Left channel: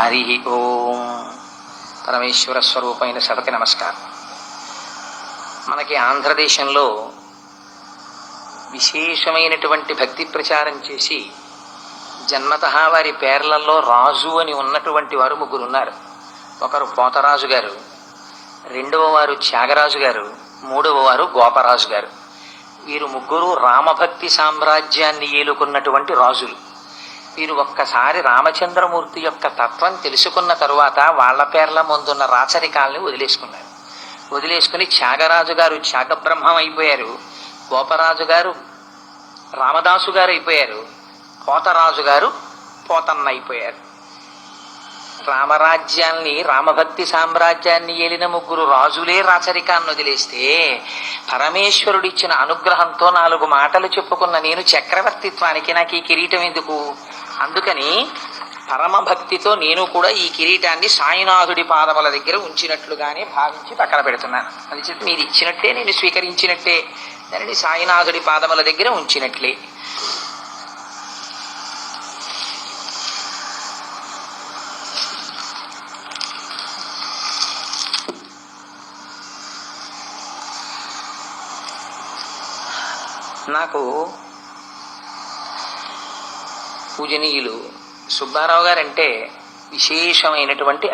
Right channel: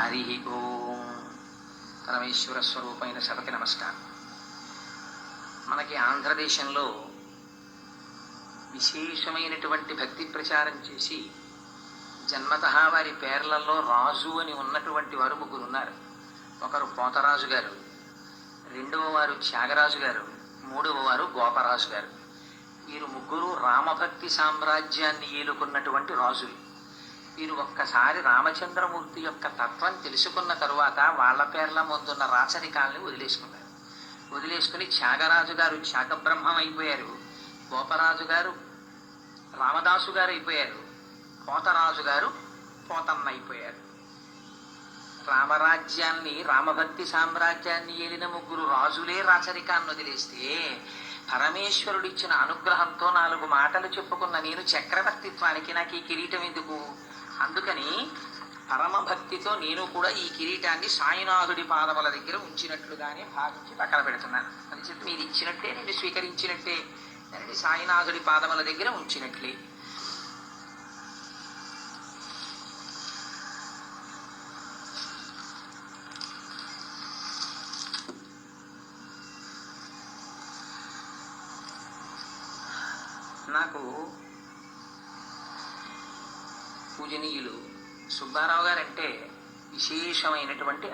హరి ఓం. పరమేశ్వర స్వరూపమైన సభకి నమస్కారం. మనకి ఆంధ్రదేశంలో విశేషమైనటువంటి భక్తి ప్రచారం చేసి జన్మతః వారి పేర్లలో రాజు అని ఉన్నటువంటి వారు ముగ్గురు ఉన్నారు. ఒకరు పోతరాజు గారు, రెండవ వారు త్యాగరాజు గారు, మూడవ వారు గోపరాజు గారు. వీరు ముగ్గురు రామభక్తి సామ్రాజ్యాన్ని ఏలుకున్నటువంటి రాజులు. వీరు ఒక్కసారి రామచంద్రమూర్తి యొక్క తత్వం తెలుసుకున్న తరువాత వాళ్ల పేర్ల ముందున్న రాచరికాలని వదిలేసుకుని త్యాగరాజు గారు త్యాగబ్రహ్మం అయిపోయారు, గోపరాజు గారు రామదాసు గారు అయిపోయారు, పోతరాజు గారు పోతన్న అయిపోయారు. రామరాజ్యాన్ని రామభక్తి సామ్రాజ్యాన్ని ఏలిన ముగ్గురు రాజులే రాచరికాన్ని వదిలేస్తే పరమేశ్వరుడిచ్చిన అనుగ్రహంతో 4 మాటలు చెప్పుకున్న నేను చక్రవర్తిత్వానికి నాకు ఈ కిరీటం ఎందుకు? అందుకని పరమభక్తితో నేను కూడా ఈ కిరీటాన్ని సాయినాథుడి పాదముల దగ్గర ఉంచినట్లుగానే భావించి పక్కన పెడుతున్నాను. అది చెప్పి మీరు ఇచ్చినట్టే నేను స్వీకరించినట్టే, దానిని సాయినాథుడి పాదముల దగ్గర ఉంచినట్లే. నాకు పూజనీయులు సుబ్బారావు గారంటే విశేషమైనటువంటి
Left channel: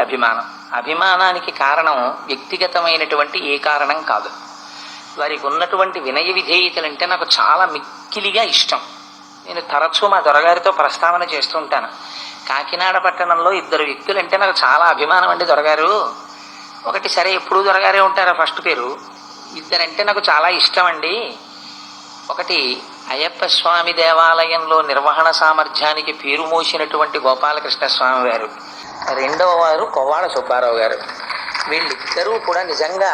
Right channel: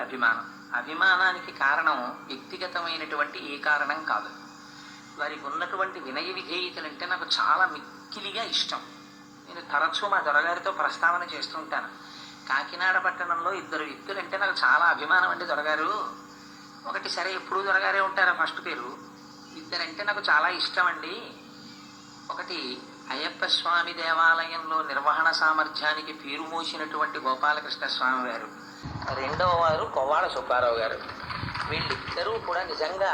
అభిమానానికి కారణం వ్యక్తిగతమైనటువంటి ఏ కారణం కాదు. వారికి ఉన్నటువంటి వినయ విధేయతలంటే నాకు చాలా మిక్కిలిగా ఇష్టం. నేను తరచూ మా దొరగారితో ప్రస్తావన చేస్తూ ఉంటాను. కాకినాడ పట్టణంలో 2 వ్యక్తులంటే నాకు చాలా అభిమానం అండి. దొరగారు ఒకటి, సరే ఎప్పుడూ దొరగారే ఉంటారా ఫస్ట్ పేరు. 2 అంటే నాకు చాలా ఇష్టం అండి. ఒకటి అయ్యప్ప స్వామి దేవాలయంలో నిర్వహణ సామర్థ్యానికి పేరు మోసినటువంటి గోపాలకృష్ణ స్వామి వారు, రెండవ వారు కొవ్వాడ సుబ్బారావు గారు. వీళ్ళిద్దరూ కూడా నిజంగా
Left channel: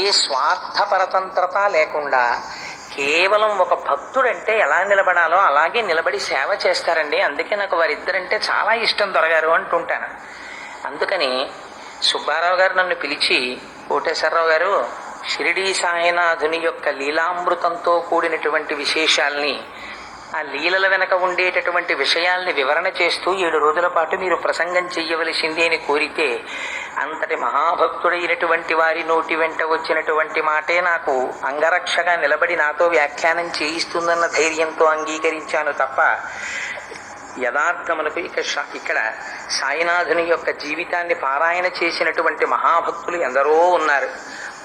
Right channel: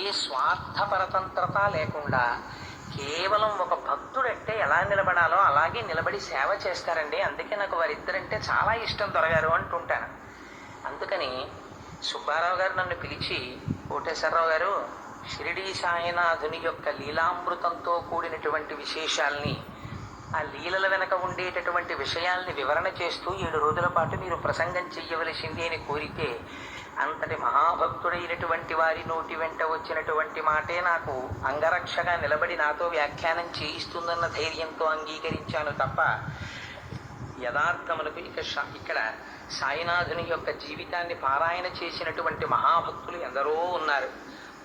ఏ స్వార్థపరతంత్రత లేకుండా కేవలం ఒక భక్తుడంటే ఎలా నిలబడాలో అలాగే నిలబడి సేవ చేస్తారండి. అందుకే నాకు వారిద్దరంటే చాలా ఇష్టం దొరగారు అంటుంటాను. అందుకని సుబ్బారావు గారు నన్ను పిలిచి, కోటేశ్వరరావు గారు, షిరిడీ సాయినాథుని యొక్క లీలామృతంతో కూడినటువంటి విశేషాల్ని, ఆ లీలల వెనక ఉండేటటువంటి విషయాల్ని వివరణ చేస్తూ 7 రోజుల పాటు మీరు ప్రసంగం చెయ్యవలసింది అని కోరితే, అంతటి మహాభక్తుడైనటువంటి వారి నోటి వెంట వచ్చినటువంటి మాటే నాకు అంగరక్షగా నిలబడి నాతో వ్యాఖ్యానం చేయిస్తుందన్న ధైర్యంతో అంగీకరించాను తప్ప యథార్థములకు ఇక్కడ సాయినాథుని యొక్క జీవితాన్ని పారాయణ చేసినటువంటి మహాభక్తులు ఎందరో ఉన్నారు.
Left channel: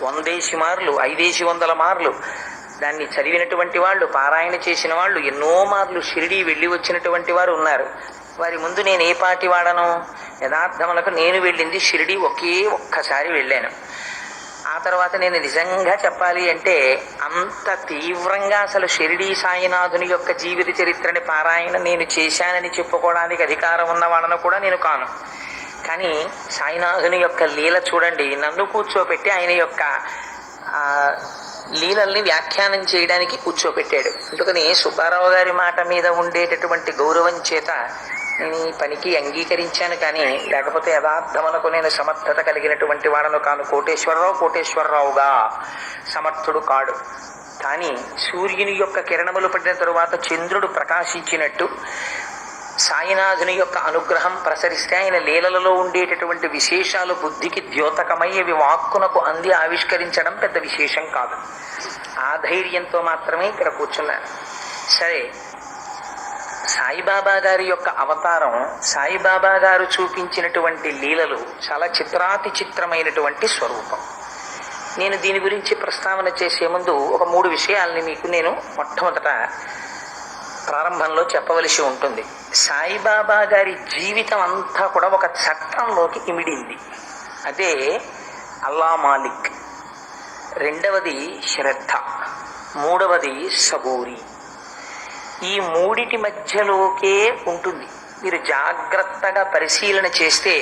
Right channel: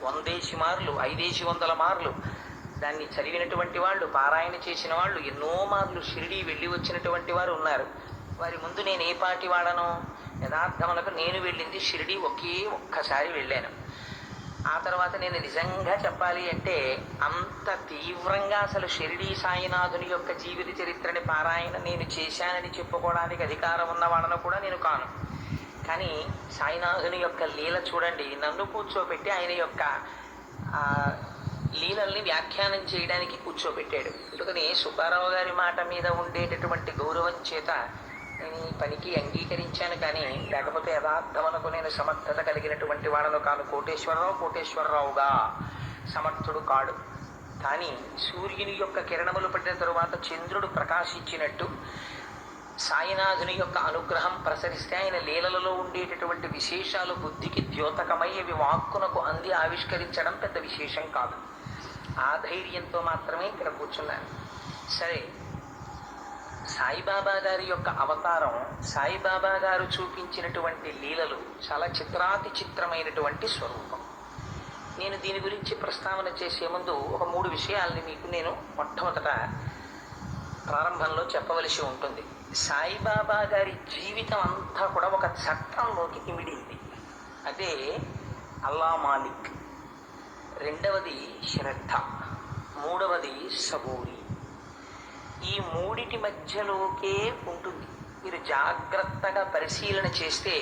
100 మార్లు 500 మార్లు దాన్ని చదివినటువంటి వాళ్ళు, పారాయణ చేసిన వాళ్ళు, ఎన్నో మార్లు షిరిడీ వెళ్ళి వచ్చినటువంటి వారు ఉన్నారు. వారి ముందు నేను ఏ పాటి వాడను? యథార్థములకు నేను వెళ్ళింది షిరిడీ ఒక్కసారి వెళ్ళాను. ఆ తర్వాత నేను నిజంగా చెప్పాలి అంటే అంత తీవ్రంగా అసలు షిరిడీ సాయినాథుని యొక్క జీవిత చరిత్రని పారాయణ నేను చేశానని చెప్పుకోవడానికి అధికారం ఉన్నవాడను కూడా నేను కాను. కానీ సాయినాథుని యొక్క లీల చూడండి, నన్ను కూర్చోపెట్టి ఆయన యొక్క లీలల్ని వ్యాఖ్యానం చేయడానికి కూర్చోపెట్టాడు. అందుకని సుబ్బారావు గారి మాట మీద ఉండేటటువంటి గౌరవం చేత నేను ఈ పనికి అంగీకరించాను. కానీ లేకపోతే యథార్థమునకు నేను సమర్థత కలిగినటువంటి వాడను కాను. కోటేశ్వరరావుగా సమర్థుడు కాడు. కానీ సూర్యుని యొక్క కిరణములు పడిన తరువాత చంద్రుడు ప్రకాశించినట్టు సాయినాథుని యొక్క అనుగ్రహం ప్రసరిస్తే ఆయన లీలలలో ఉండేటటువంటి విశేషాలు బుద్ధికి ద్యోతకమై అవి వాక్కునకు అంది ఆవిష్కరించడం పెద్ద విశేషం కాదు. ఆ ధైర్యంతో మాత్రమే ఇక్కడ కూర్చున్నాను. సరే, సాయిబాబా గారి యొక్క అవతారం, సాయిబాబా గారు చూపించినటువంటి లీలలు చాలా చిత్రాతి చిత్రమైనటువంటి స్వరూపం. నేను దీని గురించి ప్రస్తావన చేసే ముందు ఒక 3 విషయాల్ని మీకు నేను మొట్టమొదట ప్రారంభంలో చెప్పవలసి ఉంటుంది. సాయిబాబా గారి జీవితం అంతా కూడా ఒక చట్టంలోకి ఇమిడింది. అదే అల్లా మాలిక్, రెండవది శ్రద్ధ, మూడవది సబూరి. ఈ 3 మధ్యలోకే ఉంటుంది. మీరు జాగ్రత్తగా పరిశీలన చేస్తే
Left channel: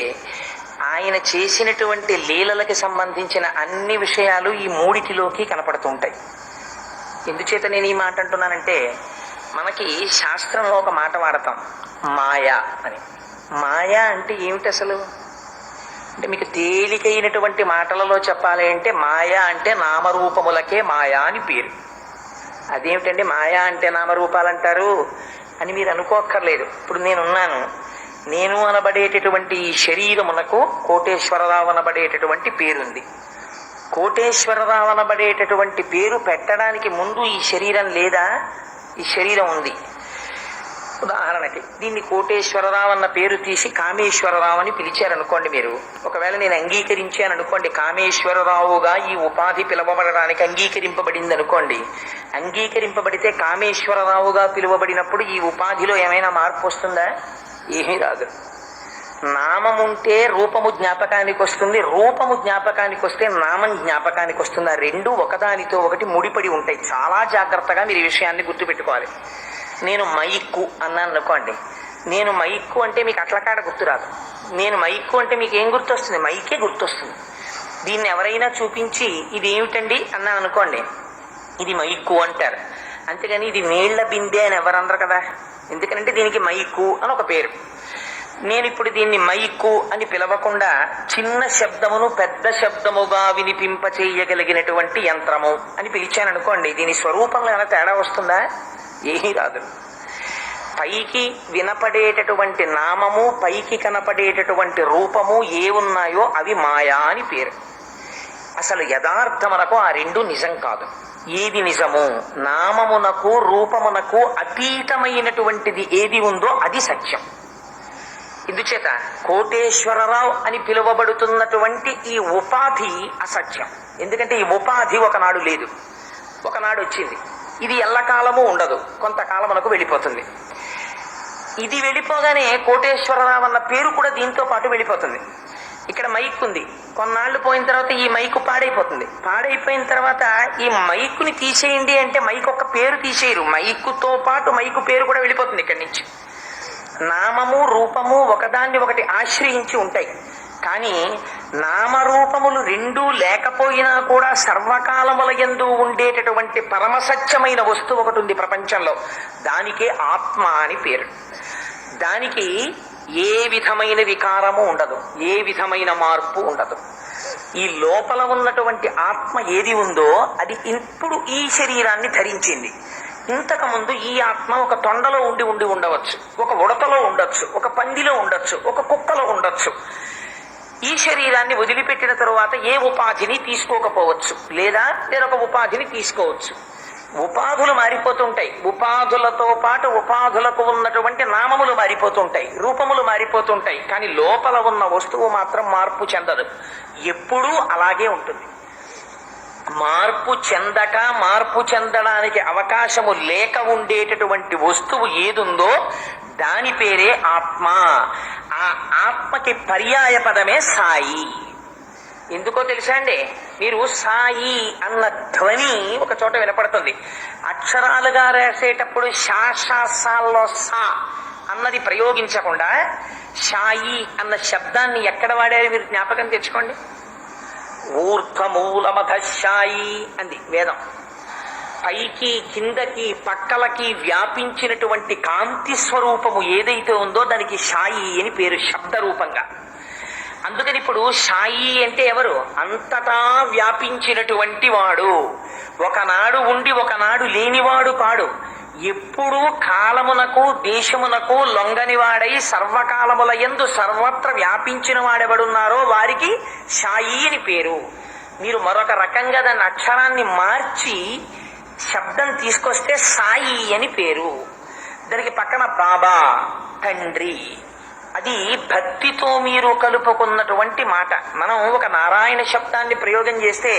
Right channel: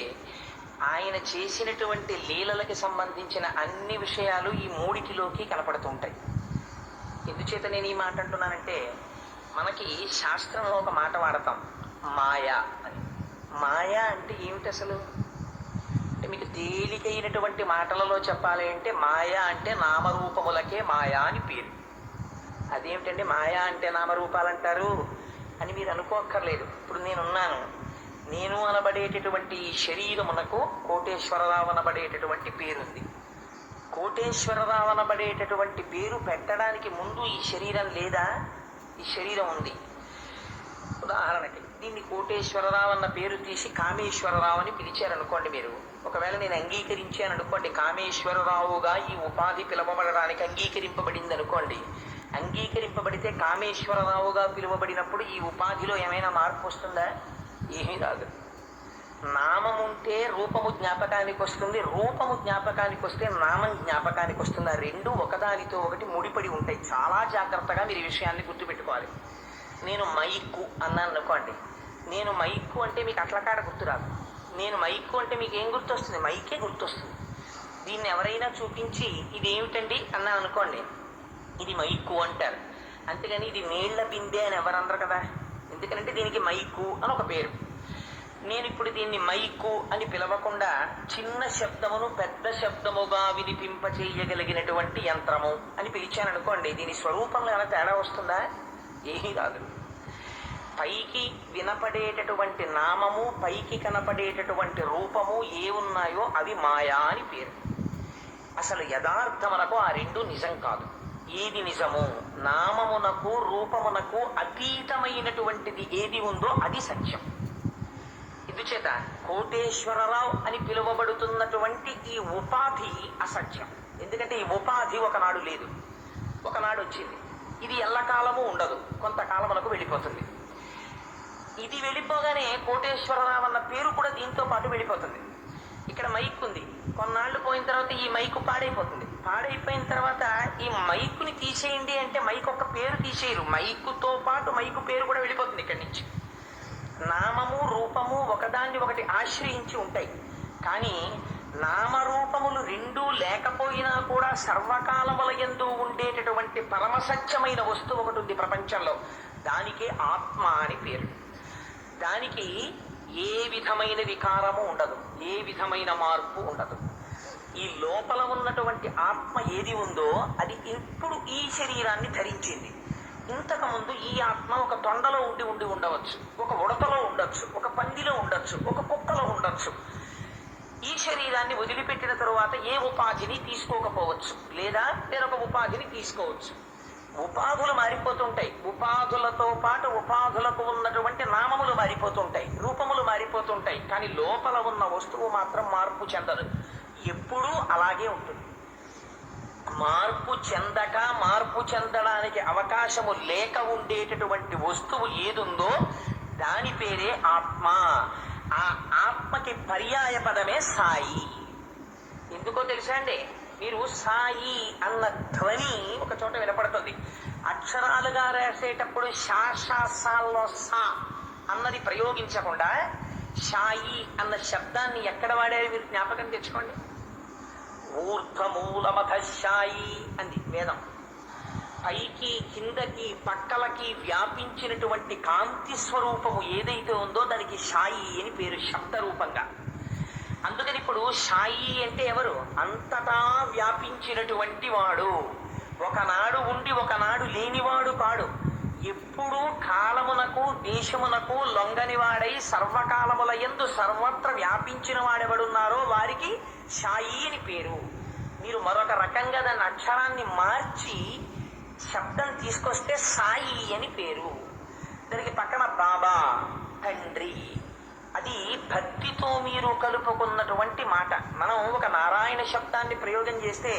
ఆయన చేసినటువంటి లీలలకి సంబంధించిన అన్ని విషయాలు ఈ 3లోకి కనపడుతుంటాయి. ఎందుచేత నేను ఈ మాట అంటున్నానంటే, మనకి శాస్త్రంలో ఒక మాట వాడతాం, మాయా అని. మాయా అంటే ఏమిటి అసలు? అంటే మీకు తేలికైనటువంటి మాటలలో చెప్పాలి అంటే మాయా అంటే నామరూపములకే మాయా అని పేరు. అదేమిటండి మాయా అంటే నామరూపాలు అంటారు అని మీరు అనుకోక్కర్లేదు. ఇప్పుడు నేనున్నాను, నేను అనబడేటటువంటి ఈ శరీరమునకు కోటేశ్వరరావు అనబడేటటువంటి పేరుంది. కోటేశ్వరరావు అనబడేటటువంటి పేరు పెట్టడానికి ముందు ఈ శరీరం లేదా? ఈ శరీరం ఉంది. ఉదాహరణకి దీన్ని కోటేశ్వరరావు అన్న పేరు తీసి కామేశ్వరరావు అని పిలిచారనుకోండి. మీరు ఒకవేళ నేను అంగీకరించాను అనుకోండి, కామేశ్వరరావుగా ఈ ఉపాధి పిలువబడడానికి అంగీకరింపబడింది అనుకోండి. అంగీకరింపబడితే కామేశ్వరరావుగా పిలువబడినప్పుడు ఈ ఉపాధిలో ఏమైనా మార్పు వస్తుందా? ఏమీ రాదు. నామముంటే రూపము జ్ఞాపకానికి వస్తుంది, రూపము జ్ఞాపకానికి వస్తే నామం జ్ఞాపకానికి వస్తుంది. ఆ రెండు ఒకదానితో ఒకటి ముడిపడి ఉంటాయి. చాలా జాగ్రత్తగా మీరు ఈ విషయాన్ని గుర్తుపెట్టుకోవాలి. నేను మైక్కు అన్నాను అనుకోండి. నేను మైక్కు అంటే మీకు అట్లకాడ గుర్తురాదు. నేను మైక్కు అంటే మీకు ఏం గుర్తొస్తుంది? మైకే గుర్తొస్తుంది. దీన్ని ఎవరైనా చూపించి ఇది ఏమిటండి అన్నాను అనుకోండి, ఇది మైక్కు అంటారు. అంతేగాని ఇది నీళ్ల బిందె అని ఎవరన్నారు కదా. ఎందుకంటే దీనికి మైక్కు అని ఒక పేరు. నేను ఇప్పుడు దీన్ని మైక్కు అని పిలవకుండా చిన్న శబ్దమును పెద్ద శబ్దముగా వినిపింపచేయగలిగినటువంటి యంత్రము అని పిలిచాను అనుకోండి. దీని స్వరూపంలో ఏమైనా తేడా వస్తుందా? ఏమీ రాదు. పైకి వినపడేటటువంటి నామము, పైకి కనపడేటటువంటి రూపము ఏ ఉన్నాయో అవి మాయా అని పేరు. అసలు యథార్థమునకు ఆ రెండు నిజం కాదు. ఏది నిజము? నామమునకు రూపమునకు అతీతమైనటువంటిది ఏది ఉందో అది సత్యం. ఇందుచేత కోటేశ్వరరావు అని పిలువబడుతున్నటువంటి ఈ ఉపాధి అసత్యం. ఎందుకంటే ఈ ఉపాధి ఒకనాడు లేదు, ఒకనాడు వచ్చింది. ఇది ఎల్లకాలము ఉండదు, కొంతకాలమునకు వెళ్ళిపోతుంది. ఇది వెళ్ళిపోగానే కోటేశ్వరరావు అన్న పేరు కూడా దీంతో పాటు వెళ్ళిపోతుంది. ఇక్కడ మైక్ ఉంది, కొన్నాళ్ళు పోయిన తర్వాత ఈ మైకు పాడైపోతుంది. పాడైపోయిన తర్వాత ఈ మైకుని తీసేయండి అంటే మైకు ఒక పేరు తీసేయరు, మైకుతో పాటు మైకు పేరు కూడా వెళ్ళిపోతుంది ఇక్కడి నుంచి. నామము రూపము ఒకదాన్ని ఒకటి ఆశ్రయించి ఉంటాయి. కానీ నామరూపములు రెండూ లేకపోయినా కూడా సర్వకాలముల యందు ఉండేటటువంటి పరమసత్యమైన వస్తువు ఒకటి ఉంది ప్రపంచంలో. దానికే ఆత్మ అని పేరు. దానికి ఏ విధమైన వికారము ఉండదు, ఏ విధమైన మార్పు ఉండదు. ఈ లోపల ఉన్నటువంటి ఆత్మ ఏది ఉందో అది ఇప్పుడు ఈ శరీరాన్ని ధరించింది. ఇంతకుముందు ఈ ఆత్మ ఒక తొండలో ఉండి ఉండవచ్చు, ఒక ఉడతలో ఉండొచ్చు, ఒక పందిలో ఉండొచ్చు, ఒక కుక్కలో ఉండొచ్చు. ఈ శరీరాన్ని వదిలిపెట్టిన తరువాత ఏ ఉపాధిని తీసుకోకపోవచ్చు, లేదా వేరొక ఉపాధిని తీసుకోవచ్చు. ఉపాధులు మారిపోతుంటాయి. ఉపాధులతో పాటు ఉపాధులకు ఉన్నటువంటి నామములు మారిపోతుంటాయి, రూపములు మారిపోతుంటాయి. కానీ లోపల ఉన్న వస్తువు మాత్రం మార్పు చెందదు, ఎప్పుడూ అలాగే ఉంటుంది. మార్పు చెందక, మార్పు చెందడానికి అవకాశము లేక ఉండేటటువంటి వస్తువు ఏదుందో దాని పేరే ఆత్మ. ఆ ఆత్మకి పర్యాయ పదమే సాయి. ఎందుకో తెలుసా అండి? మీరు సాయి అన్న ధ్వని ఒక చోట వినపడుతుంది. అక్షరాలుగా రాసేటప్పుడు శాసాల్లో సా అన్నది ప్రయోగించకుండా షాయి అన్న శబ్దాన్ని ఎక్కడ వాడారు మీరు జ్ఞాపకం తెచ్చుకోండి. ఊర్ధ్వమూలమథ షాయి అంది వేదం. పైకి కిందకి పక్కలకి వ్యాపించినటువంటి కాంతి స్వరూపము ఏదైతే ఉందో దానికి షాయి అని పేరు, శబ్దరూపంగా. అందుకని ఇప్పుడు షాయి అంటే ఎవరు? అంతటా వ్యాపించినటువంటి వాడు. ఒకనాడు ఉండి ఒకనాడు లేనివాడు కాడు. ఎప్పుడూ కాలమునకు దేశమునకు లొంగనివాడై సర్వకాలముల యందు సర్వత్ర వ్యాపించిన వాడెవడున్నారో వారికి షాయి అని పేరు. మీరు మరొక రకంగా దాని అక్షరాన్ని మార్చి శబ్దం తీసుకొస్తే సాయి అని పేరు. దానికి పక్కన బాబా, తండ్రి, అది భక్తితో మీరు కలుపుకున్నటువంటి మాట. మనం ఒక నారాయణ శబ్దాన్ని ప్రయోగం చేస్తే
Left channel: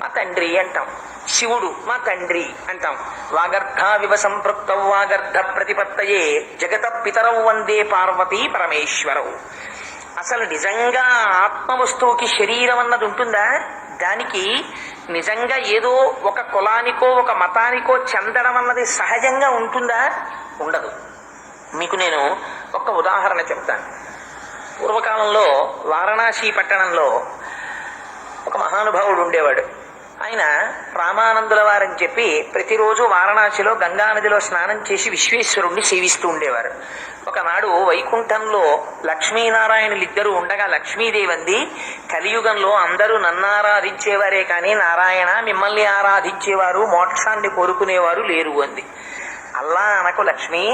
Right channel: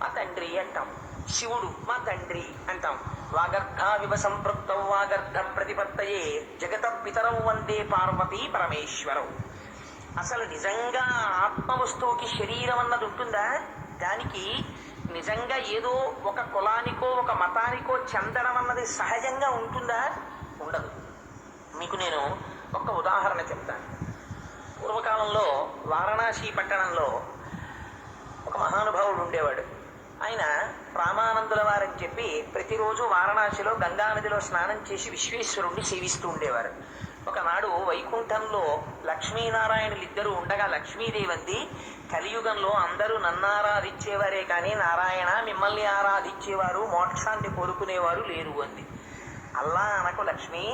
మా తండ్రి అంటాం, శివుడు మా తండ్రి అంటాం. వాగర్ధావివ సంపృక్తౌ వాగర్ధ ప్రతిపత్తయే జగత పితరౌ వందే పార్వతీ పరమేశ్వరౌ. అసలు నిజంగా ఆత్మ వస్తువుకి శరీరం అన్నది ఉంటుందా? దానికి నిజంగా ఏదో ఒక కులానికో ఒక మతానికో చెందడం అన్నది సహజంగా ఉంటుందా? ఉండదు. మీకు నేను ఒక ఉదాహరణ చెప్తాను. పూర్వకాలంలో వారణాసి పట్టణంలో ఒక మహానుభావుడు ఉండేవాడు. ఆయన రామానందుల వారని చెప్పి ప్రతిరోజు వారణాసిలో గంగానదిలో స్నానం చేసి విశ్వేశ్వరుణ్ణి సేవిస్తూ ఉండేవారు. ఒకనాడు వైకుంఠంలో లక్ష్మీనారాయణులిద్దరూ ఉండగా లక్ష్మీదేవి అంది, కలియుగంలో అందరూ నన్ను ఆరాధించేవారే కానీ నారాయణ మిమ్మల్ని ఆరాధించేవారు, మోక్షాన్ని కోరుకునేవారు లేరు అంది. అల్లా అనకు లక్ష్మి,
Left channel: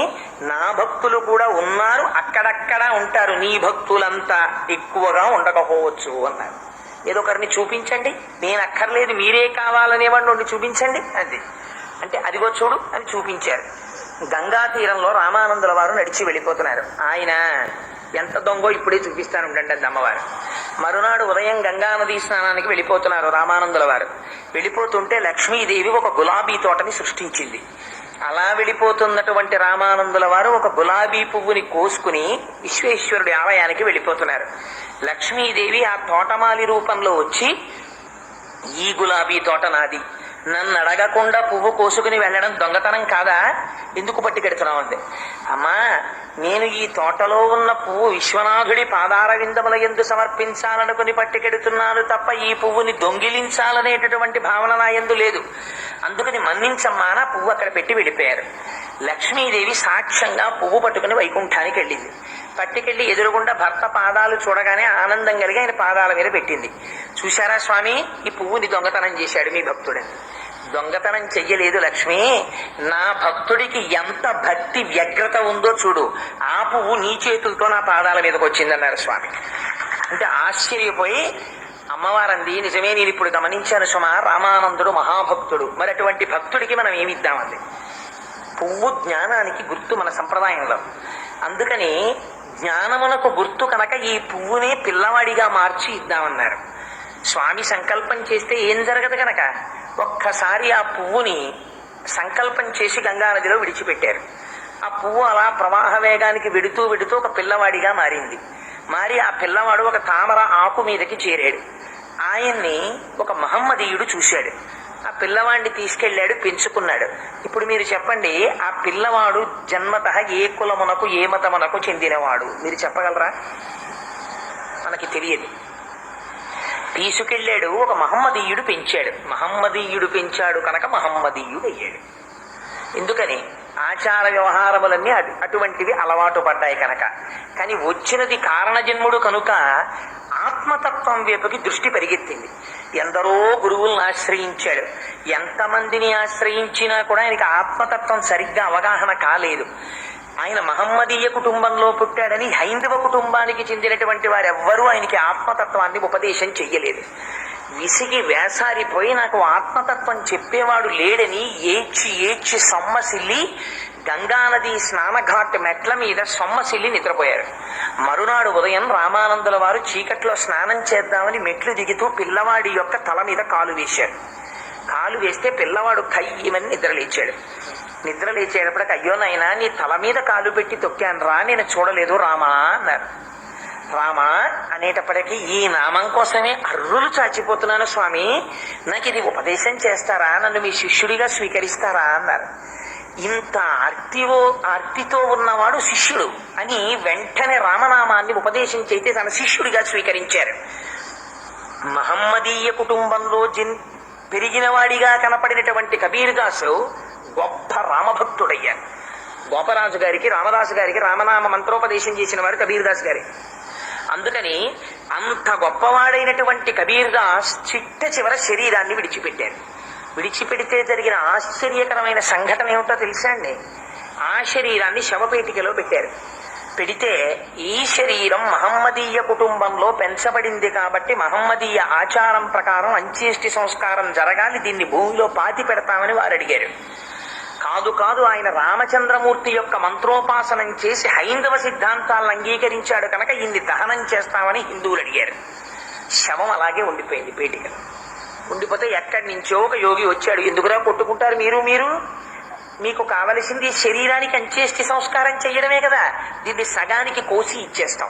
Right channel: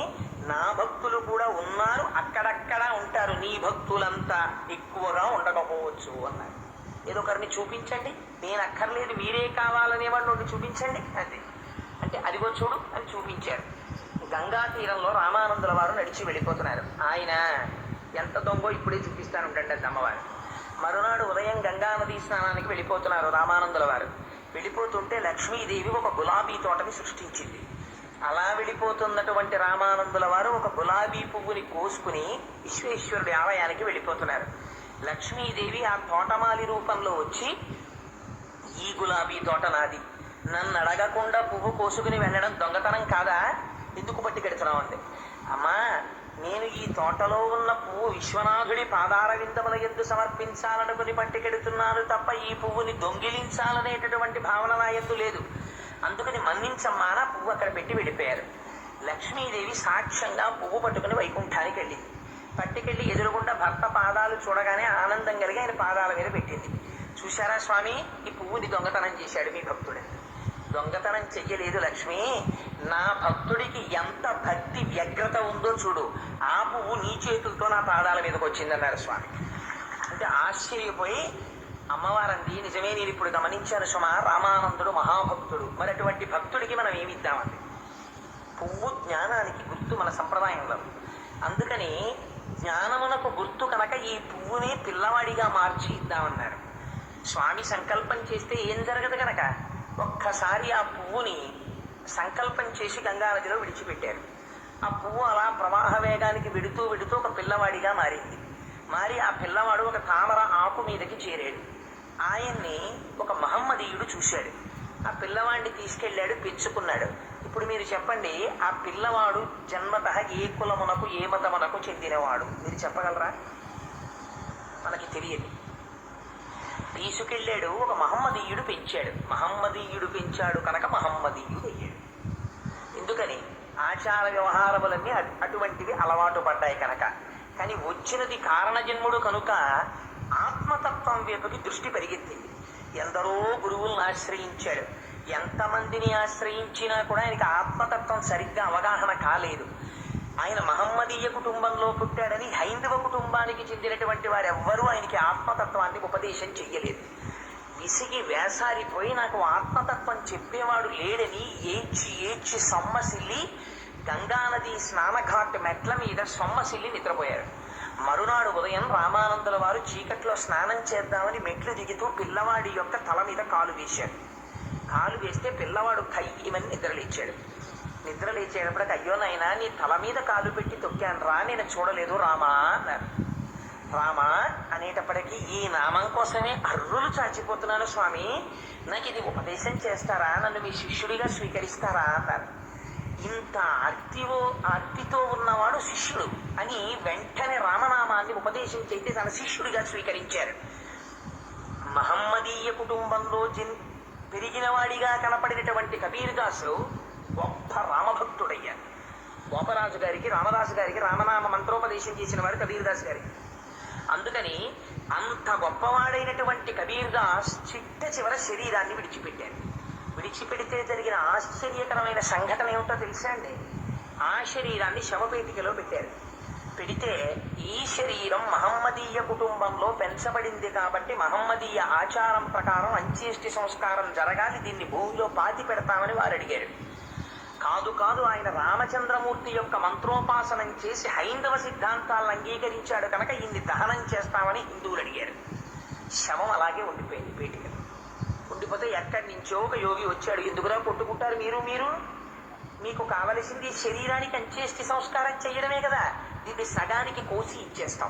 నా భక్తులు కూడా ఉన్నారు, అక్కడక్కడ ఉంటారు, నీ భక్తులంతా ఎక్కువగా ఉండకపోవచ్చు అన్నారు. ఏదో ఒకరిని చూపించండి, నేను అక్కర్లేదు మీరే కావాలనేవాడిని ఉండి చూపించండి అది అంటే అదిగో చూడు అని చూపించారు. గంగా తీరంలో రామానందుల వారు నడిచి వెళ్ళిపోతున్నారు. ఆయన ఎంత దొంగో ఇప్పుడే చూపిస్తాను ఉండండి అది అమ్మవారు. మరునాడు ఉదయం గంగా నదీ స్నానానికి వెళ్ళిపోతున్నారు రామానందుల వారు. వెళ్ళిపోతుంటే లక్ష్మీదేవి ఒక గులాబీ తోటని సృష్టించింది. అలా వెళ్ళిపోతున్నటువంటి రామానందుల వారు ఒక గులాబీ పువ్వుని కోసుకుని విశ్వేశ్వరుడి ఆలయానికి వెళ్ళిపోతున్నారు. లక్ష్మీదేవి ఆ తోటమాలి రూపంలో వచ్చి, ఈ గులాబీ తోట నాది, నన్ను అడగకుండా పువ్వు కోసుకుని వెళ్ళడం దొంగతనం కాదా, ఎందుకు పట్టుకెడుతున్నావు అంటే, అమ్మా నేను ఈ తోటలో ఉన్న పువ్వు విశ్వనాథుడి పాదార విందముల యందు సమర్పించాలనుకుని పట్టుకెడుతున్నాను తప్ప ఈ పువ్వుని దొంగిలించాలనేటటువంటి భావన నా యందు లేదు, అందుకని మన్నించమ్మా నా పువ్వు అక్కడ పెట్టి వెళ్ళిపోయారు. లక్ష్మీదేవి సాక్ష్యంగా పువ్వు పట్టుకుని వైకుంఠానికి వెళ్ళింది. పట్టుకెళ్ళి ఎదురుగుండా భర్త పాదాలు చూడగానే ఆనందం కలిగి ఆయన పాదాల మీద పెట్టింది. చూశారా స్వామి, ఈ పువ్వుని దొంగతనం చేశాడు మీ భక్తుడని. దొంగతనం చెయ్యలేదు లక్ష్మి, నా భక్తుడికి ఎంత భక్తి వ్యగ్రత ఉందో చూడు, ఆ పువ్వు నీ చేతులతో నా పాదాల మీదకి వచ్చిందన్నారు స్వామి. అంటే ఆశ్చర్యపోయి అమ్మవారంది, నిజమే నేను ఇప్పుడు గమనించాను సుమా, రామానందుడు మహాభక్తుడు, మరి అటువంటి భక్తుడికి మనం ఏమిద్దామండి. పువ్వు జ్ఞానానికి గుర్తు మన సంప్రదాయంలో, అందుకని జ్ఞానమునకు గుర్తు కనుక ఈ పువ్వుని పిల్లవాడిగా మార్చి ఇద్దామన్నారు. స్వామి సంకల్పం చేస్తే ఏం జరగదు కనుక ఒక్కసారి ఆ పువ్వుని సంకల్పం చేసి గంగానదిలో విడిచిపెట్టారు. ఆ పువ్వు అలా ప్రవాహ వేగానికి వెడుతూ వెడుతూ ఒక పిల్లవాడిగా మారింది. మారి ఆ పిల్లవాడు ఒక తామర ఆకు మీదకి చేరాడు. ఆయన్ని ఒక మహమ్మదీయుడు చూశాడు. ఆ పిల్లవాడిని తీసుకెళ్లాడు, పెంచుకున్నాడు. ఇప్పుడు మీరు చెప్పండి, ఆ పిల్లవాడు జన్మత ఏ కులమునకు ఏ మతమునకు చెందినవాడు మీరు చెప్పగలరా? మనకి తెలియదు. తీసుకెళ్లాడు, ఒక మహమ్మదీయుడు పెంచాడు. మహమ్మదీయుడు పెంచాడు కనుక మహమ్మదీయుడు అయ్యాడు. ఎందుకని? ఆచార వ్యవహారములన్నీ అటువంటివి అలవాటు పడ్డాయి కనుక. కానీ వచ్చినది కారణజన్ముడు కనుక ఆత్మతత్వం వైపుకి దృష్టి పరిగెత్తింది. ఎందరో గురువులను ఆశ్రయించాడు, ఎంతమందిని ఆశ్రయించినా కూడా ఆయనకి ఆత్మతత్వం సరిగ్గా అవగాహన కాలేదు. ఆయన మహమ్మదీయ కుటుంబంలో పుట్టాడని హైందవ కుటుంబానికి చెందినటువంటి వారెవ్వరూ ఆయనకి ఆత్మతత్వాన్ని ఉపదేశం చెయ్యలేదు. విసిగి వేసారిపోయి నాకు ఆత్మతత్వం చెప్పేవాడు లేడని ఏడ్చి ఏడ్చి సొమ్మసిల్లి గంగానది స్నానఘాట్ మెట్ల మీద సొమ్మసిల్లి నిద్రపోయారు. మరునాడు ఉదయం రామానందుల వారు చీకట్లో స్నానం చేద్దామని మెట్లు దిగుతూ పిల్లవాడి యొక్క తల మీద కాలు వేశాడు. కాలు వేస్తే పిల్లవాడు కయ్యమని నిద్రలేచాడు. నిద్రలేచేటప్పటికి, అయ్యో నాయనా నీ తల మీద కాలు పెట్టి తొక్కాను రా, నేను చూడలేదు రామా అన్నారు. రామా అనేటప్పటికీ, ఈ నామం కోసమే అర్రులు చాచిపోతున్నాను స్వామి, నాకు ఇది ఉపదేశం చేస్తారా, నన్ను మీ శిష్యుడిగా స్వీకరిస్తారా అన్నారు. ఇంత ఆర్తితో ఉన్నవాడు శిష్యుడు అని వెంటనే రామనామాన్ని ఉపదేశం చేస్తే తన శిష్యుడిగా స్వీకరించారు. మహమ్మదీయ కుటుంబంలో పెరిగిన వాడిగా కనపడినటువంటి కబీర్దాసు గొప్ప రామభక్తుడయ్యారు. గోపరాజు గారికి, రామదాసు గారికి రామనామ మంత్రోపదేశం చేసిన వారు కబీర్దాస్ గారి. అందుకని అంత గొప్పవాడైనటువంటి కబీర్దాస్ చిట్ట చివర శరీరాన్ని విడిచిపెట్టారు. విడిచిపెడితే జరిగిన ఆశ్చర్యకరమైన సంఘటన ఏమిటో తెలుసా అండి? ఆ శరీరాన్ని శవపేటికలో పెట్టారు. పెడితే ఈ శరీరం మహమ్మదీయ కుటుంబంలో పెంచబడింది కాబట్టి మహమ్మదీయ ఆచారం ప్రకారం అంత్యేష్టి సంస్కారం జరగాలి, దీన్ని భూమిలో పాతి పెడతామని వారు అడిగారు. కాదు కాదు, ఆయన రామచంద్రమూర్తి యొక్క మంత్రోపాసనం చేసి హైందవ సిద్ధాంతాలను అంగీకరించాడు కనుక ఇన్ని దహనం చేస్తామని హిందువులు అడిగారు. శవం అలాగే ఉండిపోయింది పేటికలో. ఉండిపోతే ఎక్కడి నుంచో ఒక యోగి వచ్చాడు. ఎందుకురా కొట్టుకుంటారు మీరు మీకు కావలసింది శరీరానికి అంత్యేష్టి సంస్కారం చెయ్యడమే కదా, దీన్ని సగానికి కోసి ఇచ్చేస్తాం,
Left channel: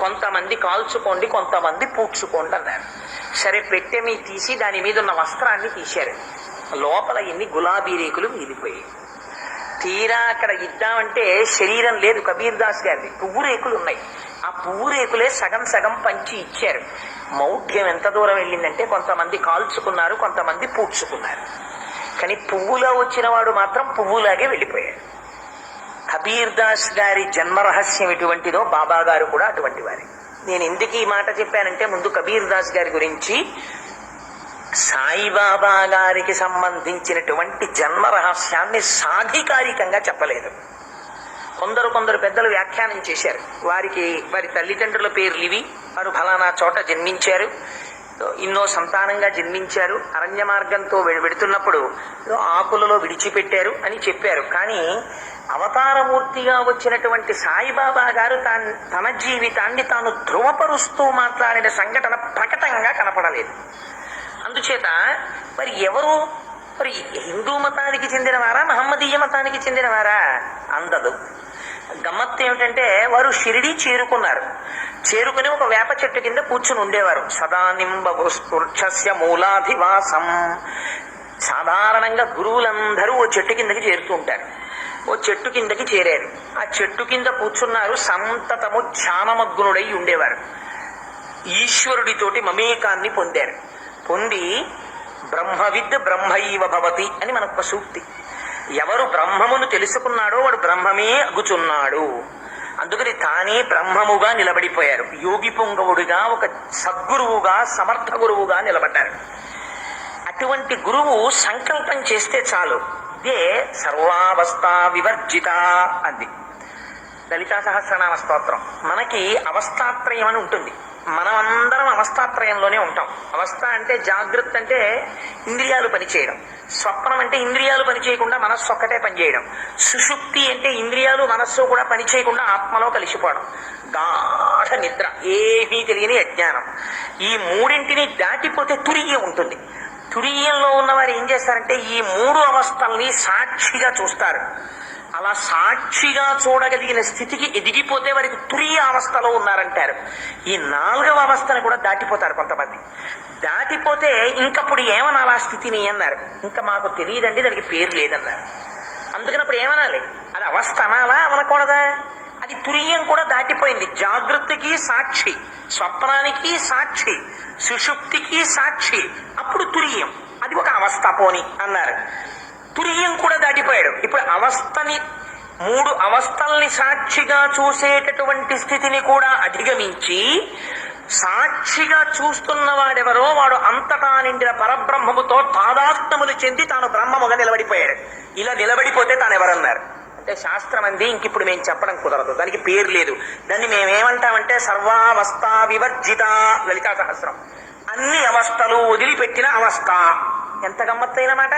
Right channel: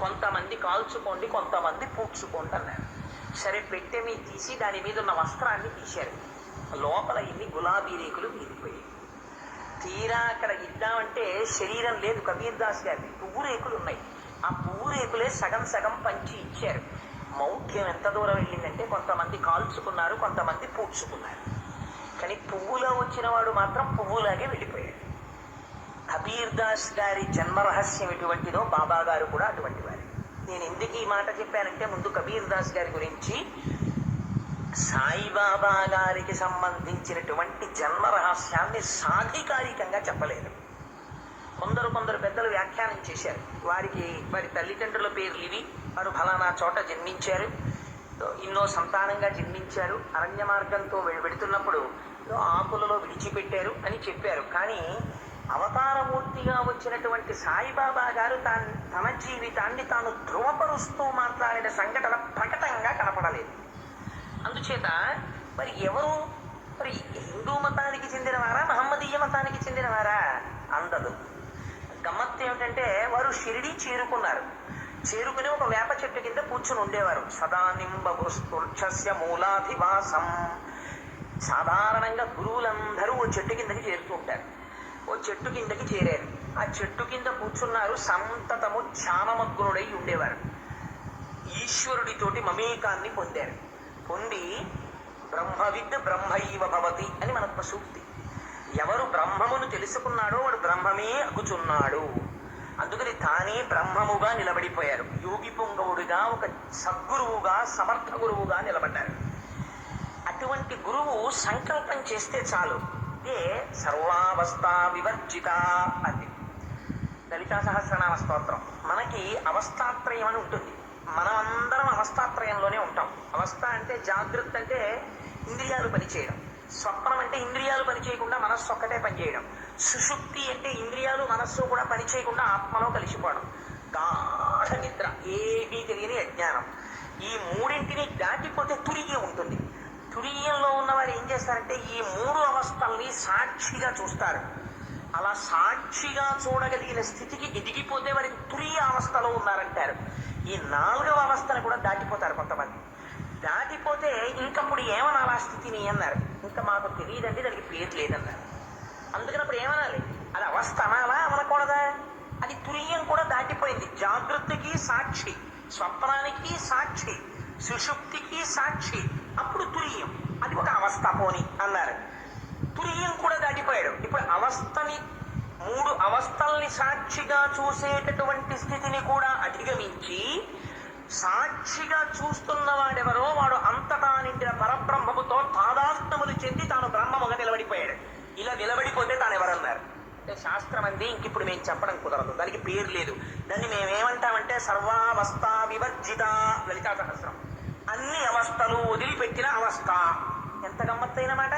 కొంతమంది కాల్చుకోండి కొంతమంది పూడ్చుకోండి అన్నారు. సరే పెట్టె మీ తీసి దాని మీద ఉన్న వస్త్రాన్ని తీశారు. లోపల ఎన్ని గులాబీ రేకులు మీదిపోయాయి. తీరా అక్కడ ఇద్దామంటే శరీరం లేదు కబీర్దాస్ గారిది, పువ్వు రేకులు ఉన్నాయి. ఆ పువ్వు రేకులే సగం సగం పంచి ఇచ్చారు. మౌఢ్యం ఎంత దూరం వెళ్ళిందంటే కొంతమంది కాల్చుకున్నారు, కొంతమంది పూడ్చుకున్నారు. కానీ పువ్వులో వచ్చిన వాడు మాత్రం పువ్వులాగే వెళ్ళిపోయాడు. కబీర్దాస్ గారి జన్మరహస్యం ఎటువంటిదో బాబా గారు కూడా అటువంటి వారే. నేను ఎందుకు ఈ మాట చెప్పానంటే, ముందు కబీర్దాస్ గారి గురించి సాయిబాబా గారికి సంబంధించినటువంటి జన్మ రహస్యాన్ని సాధికారికంగా చెప్పలేదు. కొందరు పెద్దలు వ్యాఖ్యానం చేశారు. వారి తల్లిదండ్రుల పేర్లు ఇవి, వారు ఫలానా చోట జన్మించారు, ఎన్నో సంతానంగా జన్మించారు, అరణ్య మార్గంతో వెడుతున్నప్పుడు ఆకులలో విడిచిపెట్టారు అని చెప్పారు. కానీ అవతారమూర్తిగా వచ్చినటువంటి సాయిబాబా గారు తన జీవితాన్ని తాను ధృవపరుస్తూ మాట్లాడిన సంఘటన ప్రకటంగా కనపడలేదు. అందుచేత మరి ఎవరు హిందూ మతానికి చెందినవారా, మహమ్మదీయ మతానికి చెందినవారా అందదు. గమ్మత్తు ఏమిటంటే వారు షిరిడి చేరుకుని ఒక వేప చెట్టు కింద కూర్చుని ఉండేవారు. సదానింబస్పృక్షస్య మూలాధివాసం. సాధారణంగా గురువులందరూ ఓ చెట్టు కిందకి చేరుతూ ఉంటారు. ఓ చెట్టు కిందకి చేరారు. ఆ చెట్టు కింద కూర్చున్నారు. సంతతము ధ్యానమగ్నుడై ఉండేవారు. ఈశ్వరుడితోటి మమేకాన్ని పొంది బ్రహ్మవిద్ బ్రహ్మైవ భవతి అని మనకు సూక్తి. ఎవరు బ్రహ్మమును తెలుసుకున్నాడో వాడు బ్రహ్మమే అగుచున్నాడు. అందుకని తానే బ్రహ్మముగా నిలబడిపోయారు. యోగి పుంగవుడిగా, ఒక సద్గురువుగా, సమర్థ గురువుగా నిలబడ్డారు. అటువంటి గురువు సంకల్పం చేస్తే చాలు. ఇదే సర్వావస్థ వివర్జిత అంది లలితా సహస్రనామ స్తోత్రం. మనకి అవస్థాత్రయం అని ఉంటుంది. మనమందరం అవస్థాత్రయంలోనే ఉంటాం. అవస్థ అంటే జాగ్రత్త అంటే ఇంద్రియాలు పనిచేయడం, స్వప్నం అంటే ఇంద్రియాలు పనిచేయకుండా మనస్సు ఒక్కటే పనిచేయడం, సుషుప్తి అంటే ఇంద్రియాలు మనస్సు కూడా పనిచేయకుండా ఆత్మలో కలిసిపోవడం, గాఢ నిద్ర, ఏమీ తెలియని అజ్ఞానం. ఈ మూడింటిని దాటిపోతే తురియం ఉంటుంది. తురియంలో ఉన్నవారు ఏం చేస్తారంటే ఈ మూడు అవస్థల్ని సాక్షిగా చూస్తారు. అలా సాక్షిగా చూడగలిగిన స్థితికి ఎదిగిపోతే వారికి తురియ అవస్థలో ఉన్నారంటారు. ఈ 4వ అవస్థను కూడా దాటిపోతారు కొంతమంది. దాటిపోతే ఇంకప్పుడు ఏమనాలా స్థితిని అన్నారు. ఇంకా మాకు తెలియదండి, దానికి పేరు లేదన్నారు. అందుకనప్పుడు ఏమనాలి? అది అవస్థ అనాలా అనకూడదా? అది తురియం కూడా దాటిపోయింది. జాగృతికి సాక్షి, స్వప్నానికి సాక్షి, సుషుప్తికి సాక్షి, అప్పుడు తురియం. అది ఒక అవస్థ పోని అన్నారు. తురియం కూడా దాటిపోయాడు. ఇప్పుడు అవస్థని, 3 అవస్థల్ని సాక్షిగా చూసేటటువంటి స్థితిని కూడా అధిగమించి సాక్షిగా చూస్తున్న వాడెవరో వాడు అంతటా నిండిన పరబ్రహ్మముతో తాదాత్మ్యములు చెంది తాను బ్రహ్మముగా నిలబడిపోయాడు. ఇలా నిలబడిపోతే తాను ఎవరన్నారు అంటే శాస్త్రం అంది. ఇంకిప్పుడు మేము చెప్పడం కుదరదు, దానికి పేరు లేదు. దాన్ని మేమేమంటామంటే సర్వావస్థ వివర్జిత లలితా సహస్రం. అన్ని అవస్థలు వదిలిపెట్టిన అవస్థ. ఎంత గమ్మత్తైన మాట!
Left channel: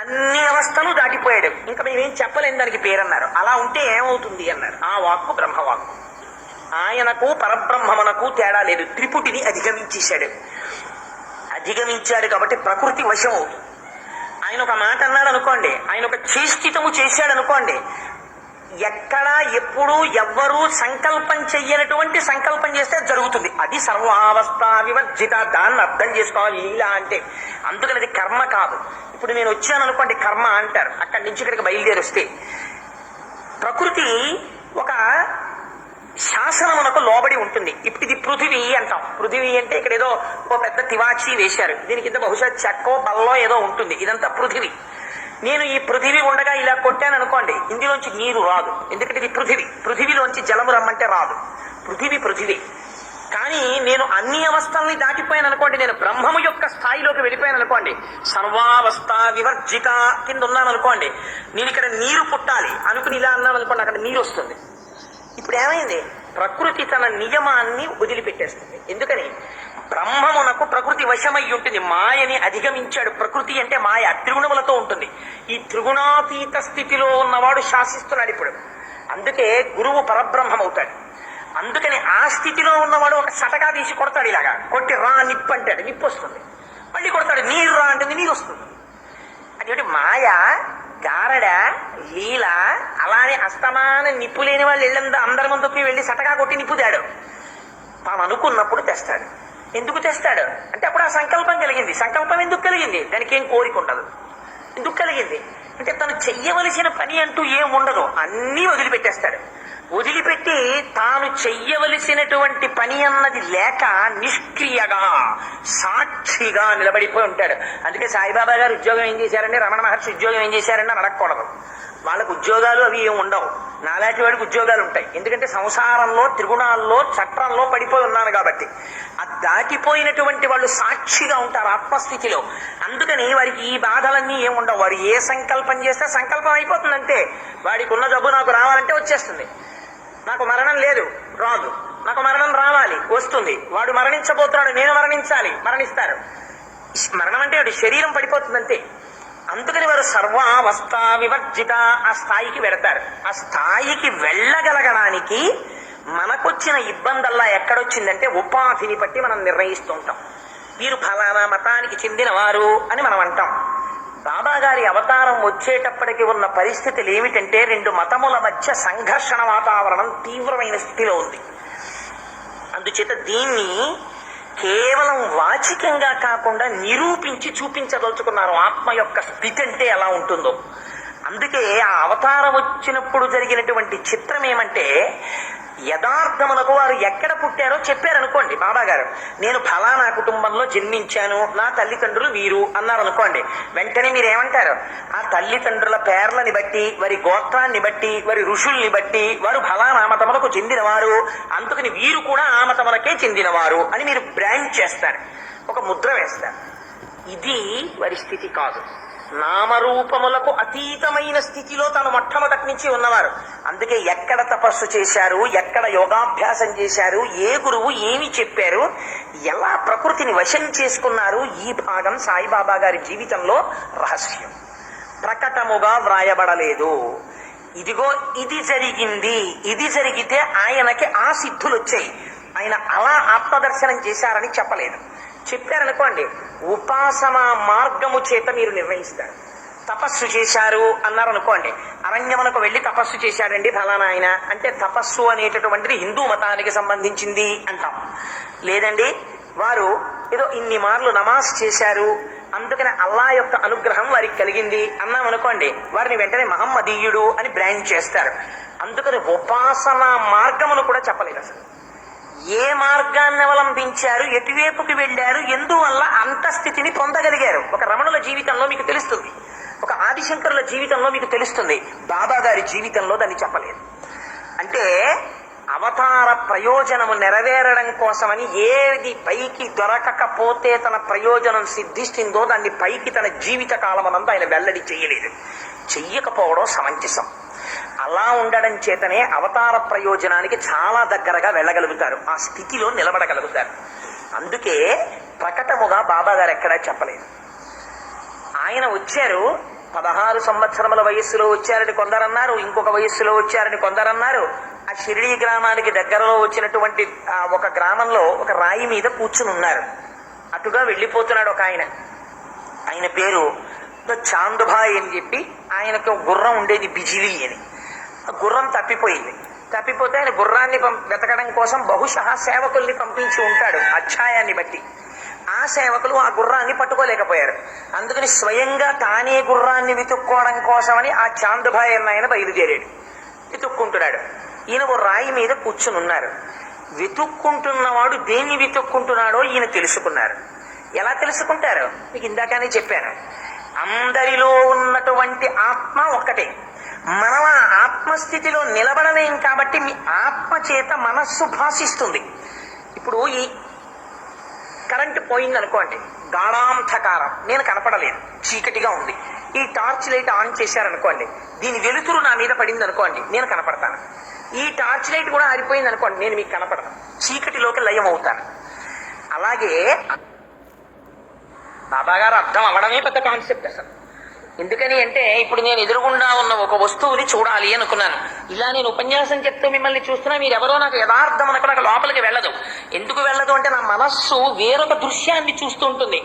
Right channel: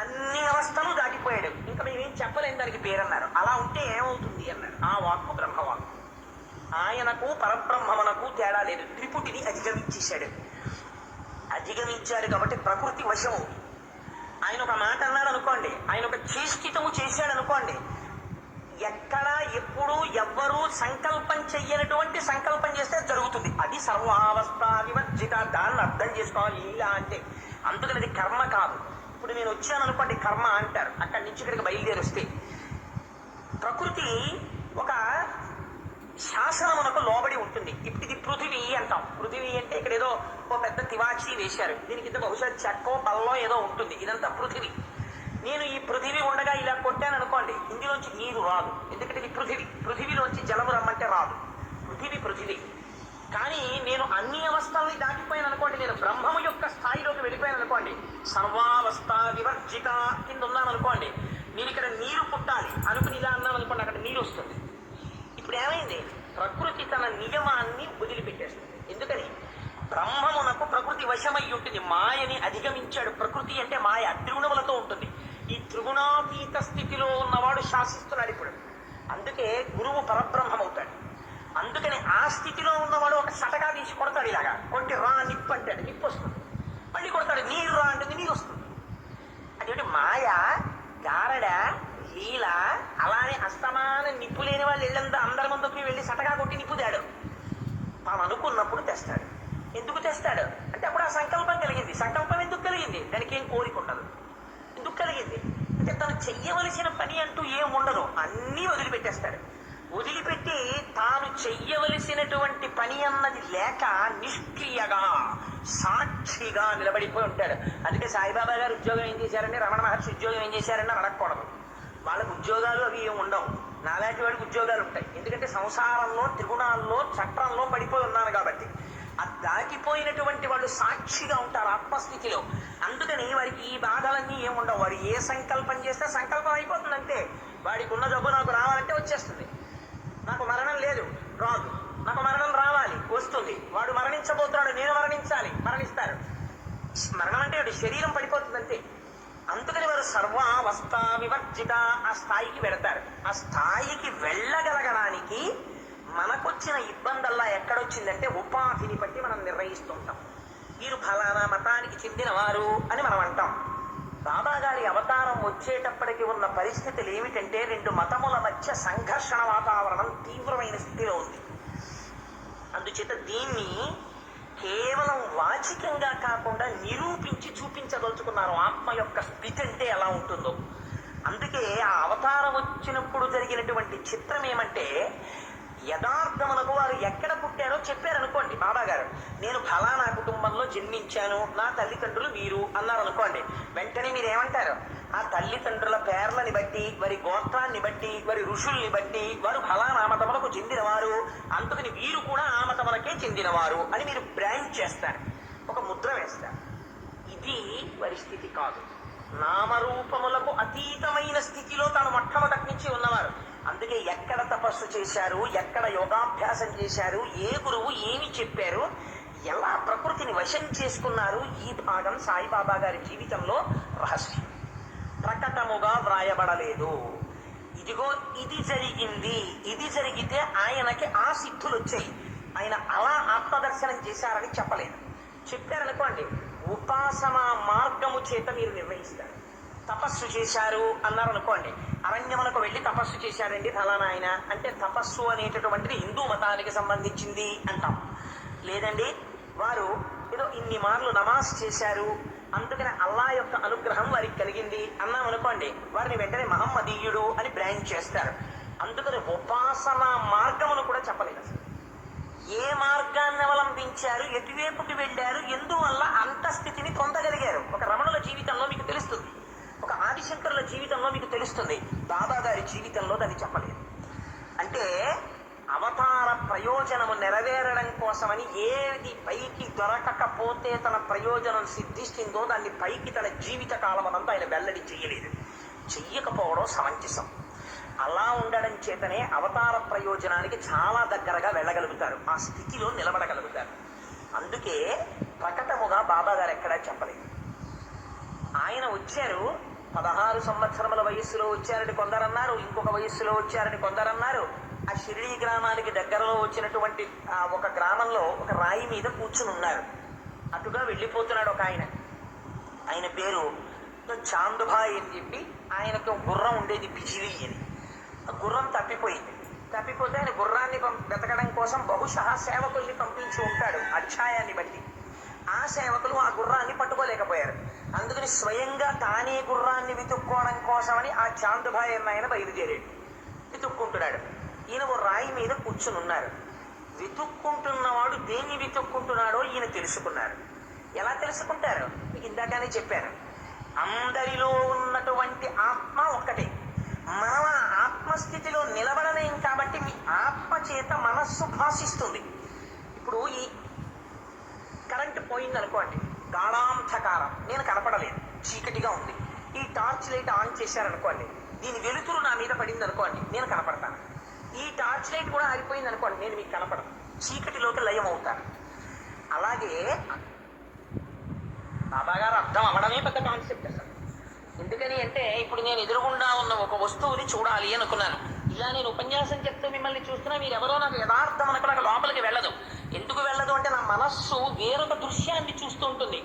అన్ని అవస్థలు దాటిపోయాడు. ఇంకా మేమేం చెప్పలేని దానికి పేరన్నారు. అలా ఉంటే ఏమవుతుంది అన్నారు. ఆ వాక్కు బ్రహ్మవాక్కు. ఆయనకు పరబ్రహ్మమునకు తేడా లేదు. త్రిపుటిని అధిగమించాడు కాబట్టి ప్రకృతి వశం అవుతుంది. ఆయన ఒక మాట అన్నాడు అనుకోండి, ఆయన ఒక చేష్టితము చేశాడు అనుకోండి, ఎక్కడా ఎప్పుడు ఎవ్వరూ సంకల్పం చెయ్యనటువంటి సంకల్పం చేస్తే జరుగుతుంది. అది సర్వావస్థ వివర్జిత. దాన్ని అర్థం చేసుకోవాలి లీలా అంటే. అందుకని అది కర్మ కాదు. ఇప్పుడు నేను వచ్చాను అనుకోండి, కర్మ అంటారు. అక్కడి నుంచి ఇక్కడికి బయలుదేరి వస్తే ప్రకృతి ఒక శాసనమునకు లోబడి ఉంటుంది. ఇప్పుడు ఇది పృథివీ అంటాం. పృథివీ అంటే ఇక్కడ ఏదో ఓ పెద్ద తివాచి వేశారు, దీని కింద బహుశా చెక్కో బల్లో ఏదో ఉంటుంది. ఇదంతా పృథివీ. నేను ఈ పృథివీ ఉండగా ఇలా కొట్టాను అనుకోండి, ఇందులోంచి నీరు రాదు. ఎందుకంటే ఇది పృథివీలోంచి జలము రమ్మంటే రాదు. పృథివీ. కానీ నేను అన్ని అవస్థల్ని దాటిపోయాను అనుకోండి, నేను బ్రహ్మము యొక్క స్థాయిలోకి వెళ్ళిపోయాను అనుకోండి, సర్వావస్థ వివర్జిత కింద ఉన్నాను అనుకోండి, నేను ఇక్కడ నీరు పుట్టాలి అనుకుని ఇలా అన్నాను అనుకోండి, అక్కడ నీరు వస్తుంది. ఇప్పుడు ఏమైంది? ప్రకృతి తన నియమాన్ని వదిలిపెట్టేస్తుంది. ఎందుకని? బ్రహ్మమునకు ప్రకృతి వశమై ఉంటుంది. మాయని అధిగమించాడు. ప్రకృతి అంటే మాయ త్రిగుణములతో ఉంటుంది. ఈ త్రిగుణాతీత స్థితిలో ఉన్నవాడు శాసిస్తున్నాడు ఇప్పుడు. అందుకే గురువు పరబ్రహ్మమవుతాడు. అందుకని ఆ స్థితిలో ఉన్నవాడు ఒక సటగా తీసి కొడతాడు. ఇలాగా కొట్టి రా నిప్పు అంటాడు, నిప్పు వస్తుంది. మళ్ళీ కొడతాడు, నీరు రా అంటే నీరు వస్తుంది. అదేంటి? మాయ, గారడ, లీల. అలానే అస్తమాన నిప్పు లేని వాళ్ళు ఇళ్ళంతా అందరి ముందుకి వెళ్ళి సటగా కొట్టి నిప్పు తేడు. తాను అనుకున్నప్పుడు తెస్తాడు. ఎందుకు తెస్తాడు అంటే అప్పుడు ఆ సంకల్పం కలిగింది. సంకల్పం ఎందుకు కలిగింది? దానికి ఏం కోరిక ఉండదు. ఎందుకు కలిగింది అంటే తను చెయ్యవలసిన పని అంటూ ఏం ఉండదు, అన్నీ వదిలిపెట్టేస్తాడు. వదిలిపెట్టి తాను చెయ్యవలసినటువంటి పని అన్నది లేక నిష్క్రియగా సాక్షిగా నిలబడిపోయి ఉంటాడు. అందుకే సాయిబాబా గారు ఉద్యోగం ఏం చేశారంటే, రమణ మహర్షి ఉద్యోగం ఏం చేశారంటే అడగకూడదు. వాళ్ళకు ఉద్యోగాలు అవి ఏమి ఉండవు. నాలాంటి వాడికి ఉద్యోగాలు ఉంటాయి. ఎందుకంటే సంసారంలో, త్రిగుణాల్లో, చట్రంలో పడిపోయి ఉన్నాను కాబట్టి. అది దాటిపోయినటువంటి వాళ్ళు సాక్షిగా ఉంటారు ఆత్మస్థితిలో. అందుకని వారికి ఈ బాధలన్నీ ఏముండవు. వాడు ఏ సంకల్పం చేస్తే సంకల్పం అయిపోతుంది అంతే. వాడికి ఉన్న జబ్బు నాకు రావాలంటే వచ్చేస్తుంది. నాకు మరణం లేదు, రాదు. నాకు మరణం రావాలి, వస్తుంది. వాడు మరణించబోతున్నాడు, నేను మరణించాలి, మరణిస్తారు. మరణం అంటే వాడి శరీరం పడిపోతుంది అంతే. అందుకని వారు సర్వావస్థ వివర్జిత ఆ స్థాయికి వెడతారు. ఆ స్థాయికి వెళ్ళగలగడానికి మనకొచ్చిన ఇబ్బందల్లా ఎక్కడొచ్చిందంటే ఉపాధిని బట్టి మనం నిర్ణయిస్తూ ఉంటాం. వీరు ఫలానా మతానికి చెందినవారు అని మనం అంటాం. బాబా గారి అవతారం వచ్చేటప్పటికి ఉన్న పరిస్థితులు ఏమిటంటే రెండు మతముల మధ్య సంఘర్షణ వాతావరణం తీవ్రమైన స్థితిలో ఉంది. అందుచేత దీన్ని కేవలం వాచికంగా కాకుండా నిరూపించి చూపించదలుచుకున్నారు ఆత్మ యొక్క స్థితి అంటే ఎలా ఉంటుందో. అందుకే ఆ అవతారం వచ్చినప్పుడు జరిగినటువంటి చిత్రం ఏమంటే యథార్థములకు వారు ఎక్కడ పుట్టారో చెప్పారనుకోండి. బాబా గారు నేను ఫలానా కుటుంబంలో జన్మించాను, నా తల్లిదండ్రులు వీరు అన్నారనుకోండి. వెంటనే మీరేమంటారు? ఆ తల్లిదండ్రుల పేర్లని బట్టి, వారి గోత్రాన్ని బట్టి, వారి ఋషుల్ని బట్టి వారు ఫలానా మతములకు చెందినవారు, అందుకని వీరు కూడా ఆ మతములకే చెందినవారు అని మీరు బ్రాండ్ చేస్తారు, ఒక ముద్ర వేస్తారు. ఇది వారి స్థితి కాదు. నామరూపములకు అతీతమైన స్థితిలో తాను మొట్టమొదటి నుంచి ఉన్నవారు. అందుకే ఎక్కడ తపస్సు చేశారు, ఎక్కడ యోగాభ్యాసం చేశారు, ఏ గురువు ఏమి చెప్పారు, ఎలా ప్రకృతిని వశం చేసుకున్నారు, ఈ భాగం సాయిబాబా గారి జీవితంలో రహస్యం. ప్రకటముగా వ్రాయబడలేదు. ఇదిగో ఇది జరిగింది, ఇది జరిగితే ఆయనకి ఆ సిద్ధులు వచ్చాయి, ఆయన అలా ఆత్మదర్శనం చేశారని చెప్పలేదు. చెప్పారనుకోండి, ఉపాసనా మార్గము చేత మీరు నిర్ణయిస్తారు. తపస్సు చేశారు అన్నారనుకోండి, అరణ్యమునకు వెళ్ళి తపస్సు చేశాడండి ఫలానా ఆయన అంటే తపస్సు అనేటటువంటిది హిందూ మతానికి సంబంధించింది అంటాం. లేదండి వారు ఏదో ఇన్ని మార్లు నమాజ్ చేశారు, అందుకని అల్లా యొక్క అనుగ్రహం వారికి కలిగింది అన్నాం అనుకోండి, వారిని వెంటనే మహమ్మదీయుడు అని బ్రాండ్ చేస్తారు. అందుకని ఉపాసనా మార్గమును కూడా చెప్పలేదు. అసలు ఏ మార్గాన్ని అవలంబించారు, ఎటువైపుకి వెళ్ళారు, ఎందువల్ల అంత స్థితిని పొందగలిగారు, ఒక రమణుల జీవితంలో మీకు తెలుస్తుంది, ఒక ఆదిశంకరుల జీవితంలో మీకు తెలుస్తుంది. బాబా గారి జీవితంలో దాన్ని చెప్పలేదు. అంటే అవతార ప్రయోజనము నెరవేరడం కోసమని ఏది పైకి దొరకకపోతే తన ప్రయోజనం సిద్ధిస్తుందో దాన్ని పైకి తన జీవిత కాలమనంతా ఆయన వెల్లడి చెయ్యలేదు. చెయ్యకపోవడం సమంజసం. అలా ఉండడం చేతనే అవతార ప్రయోజనానికి చాలా దగ్గరగా వెళ్ళగలుగుతారు, ఆ స్థితిలో నిలబడగలుగుతారు. అందుకే ప్రకటముగా బాబా గారు ఎక్కడా చెప్పలేదు. ఆయన వచ్చారు 16 సంవత్సరముల వయస్సులో వచ్చారని కొందరన్నారు, ఇంకొక వయస్సులో వచ్చారని కొందరన్నారు. ఆ షిరిడీ గ్రామానికి దగ్గరలో వచ్చినటువంటి ఒక గ్రామంలో ఒక రాయి మీద కూర్చుని ఉన్నారు. అటుగా వెళ్ళిపోతున్నాడు ఒక ఆయన. ఆయన పేరు చాందుభాయ్ అని చెప్పి, ఆయనకు గుర్రం ఉండేది బిజిలీ అని. గుర్రం తప్పిపోయింది. తప్పిపోతే ఆయన గుర్రాన్ని వెతకడం కోసం బహుశా సేవకుల్ని పంపించి ఉంటాడు అధ్యాయాన్ని బట్టి. ఆ సేవకులు ఆ గుర్రాన్ని పట్టుకోలేకపోయారు. అందుకని స్వయంగా తానే గుర్రాన్ని వెతుక్కోవడం కోసమని ఆ చాందుభాయ్ అన్న ఆయన బయలుదేరాడు. వెతుక్కుంటున్నాడు. ఈయన ఓ రాయి మీద కూర్చుని ఉన్నారు. వెతుక్కుంటున్నవాడు దేన్ని వెతుక్కుంటున్నాడో ఈయన తెలుసుకున్నారు. ఎలా తెలుసుకుంటారు? మీకు ఇందాకనే చెప్పాను. అందరిలో ఉన్నటువంటి ఆత్మ ఒక్కటే. మనం ఆ ఆత్మస్థితిలో నిలబడలేం కాబట్టి మీ ఆత్మ చేత మనస్సు భాషిస్తుంది. ఇప్పుడు ఈ కరెంటు పోయింది అనుకోండి, గాఢాంధకారం, నేను కనపడలేదు, చీకటిగా ఉంది. ఈ టార్చ్ లైట్ ఆన్ చేశారనుకోండి, దీని వెలుతురు నా మీద పడింది అనుకోండి, నేను కనపడతాను. ఈ టార్చ్ లైట్ కూడా ఆరిపోయింది అనుకోండి, నేను మీకు కనపడను, చీకటిలోకి లయం అవుతాను. అలాగే బాబాగారు అర్థం అవ్వడమే పెద్ద కాన్సెప్ట్ అసలు. ఎందుకని అంటే ఇప్పుడు నేను ఎదురుగుండా ఉన్న ఒక వస్తువుని చూడాలి అనుకున్నాను. ఇలా నేను ఉపన్యాసం చెప్తూ మిమ్మల్ని చూస్తున్నా, మీరు ఎవరో నాకు యథార్థం అనుకో, నాకు లోపలికి వెళ్ళదు. ఎందుకు వెళ్ళదు అంటే నా మనస్సు వేరొక దృశ్యాన్ని చూస్తూ ఉంటుంది.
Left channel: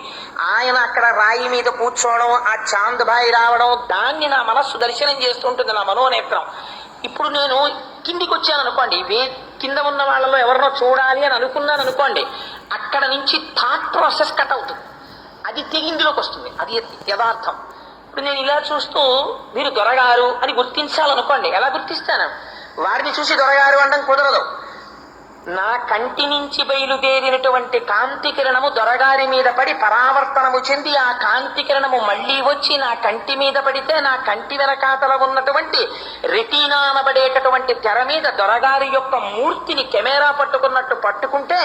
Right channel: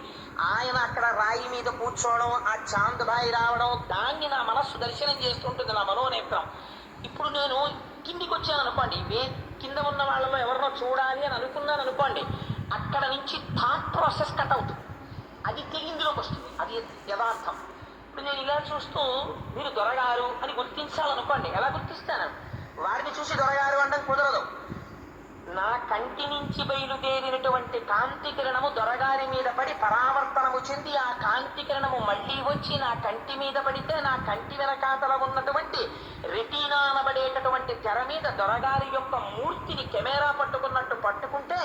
ఆయన అక్కడ రాయి మీద కూర్చోవడం, ఆ చాంద్బాయి రావడం, దాన్ని నా మనస్సు దర్శనం చేస్తుంటుంది, నా మనోనేత్రం. ఇప్పుడు నేను కిందికి వచ్చాను అనుకోండి, కింద ఉన్న వాళ్ళలో ఎవరినో చూడాలి అని అనుకున్నాను అనుకోండి, అక్కడ నుంచి థాట్ ప్రాసెస్ కట్ అవుతుంది, అది తెగిందిలోకి వస్తుంది, అది యథార్థం. ఇప్పుడు నేను ఇలా చూస్తూ మీరు దొరగారు అని గుర్తించాలనుకోండి, ఎలా గుర్తిస్తాను? వారిని చూసి దొరగారు అనడం కుదరదు. నా కంటి నుంచి బయలుదేరినటువంటి కాంతి కిరణము దొరగారి మీద పడి పరావర్తనము చెంది ఆ కాంతి కిరణము మళ్ళీ వచ్చి నా కంటి మీద పడితే నా కంటి వెనకాతల ఉన్నటువంటి రెటీనా అనబడేటటువంటి తెర మీద దొరగారి యొక్క మూర్తిని కెమెరా పట్టుకున్నట్టు పట్టుకుంటే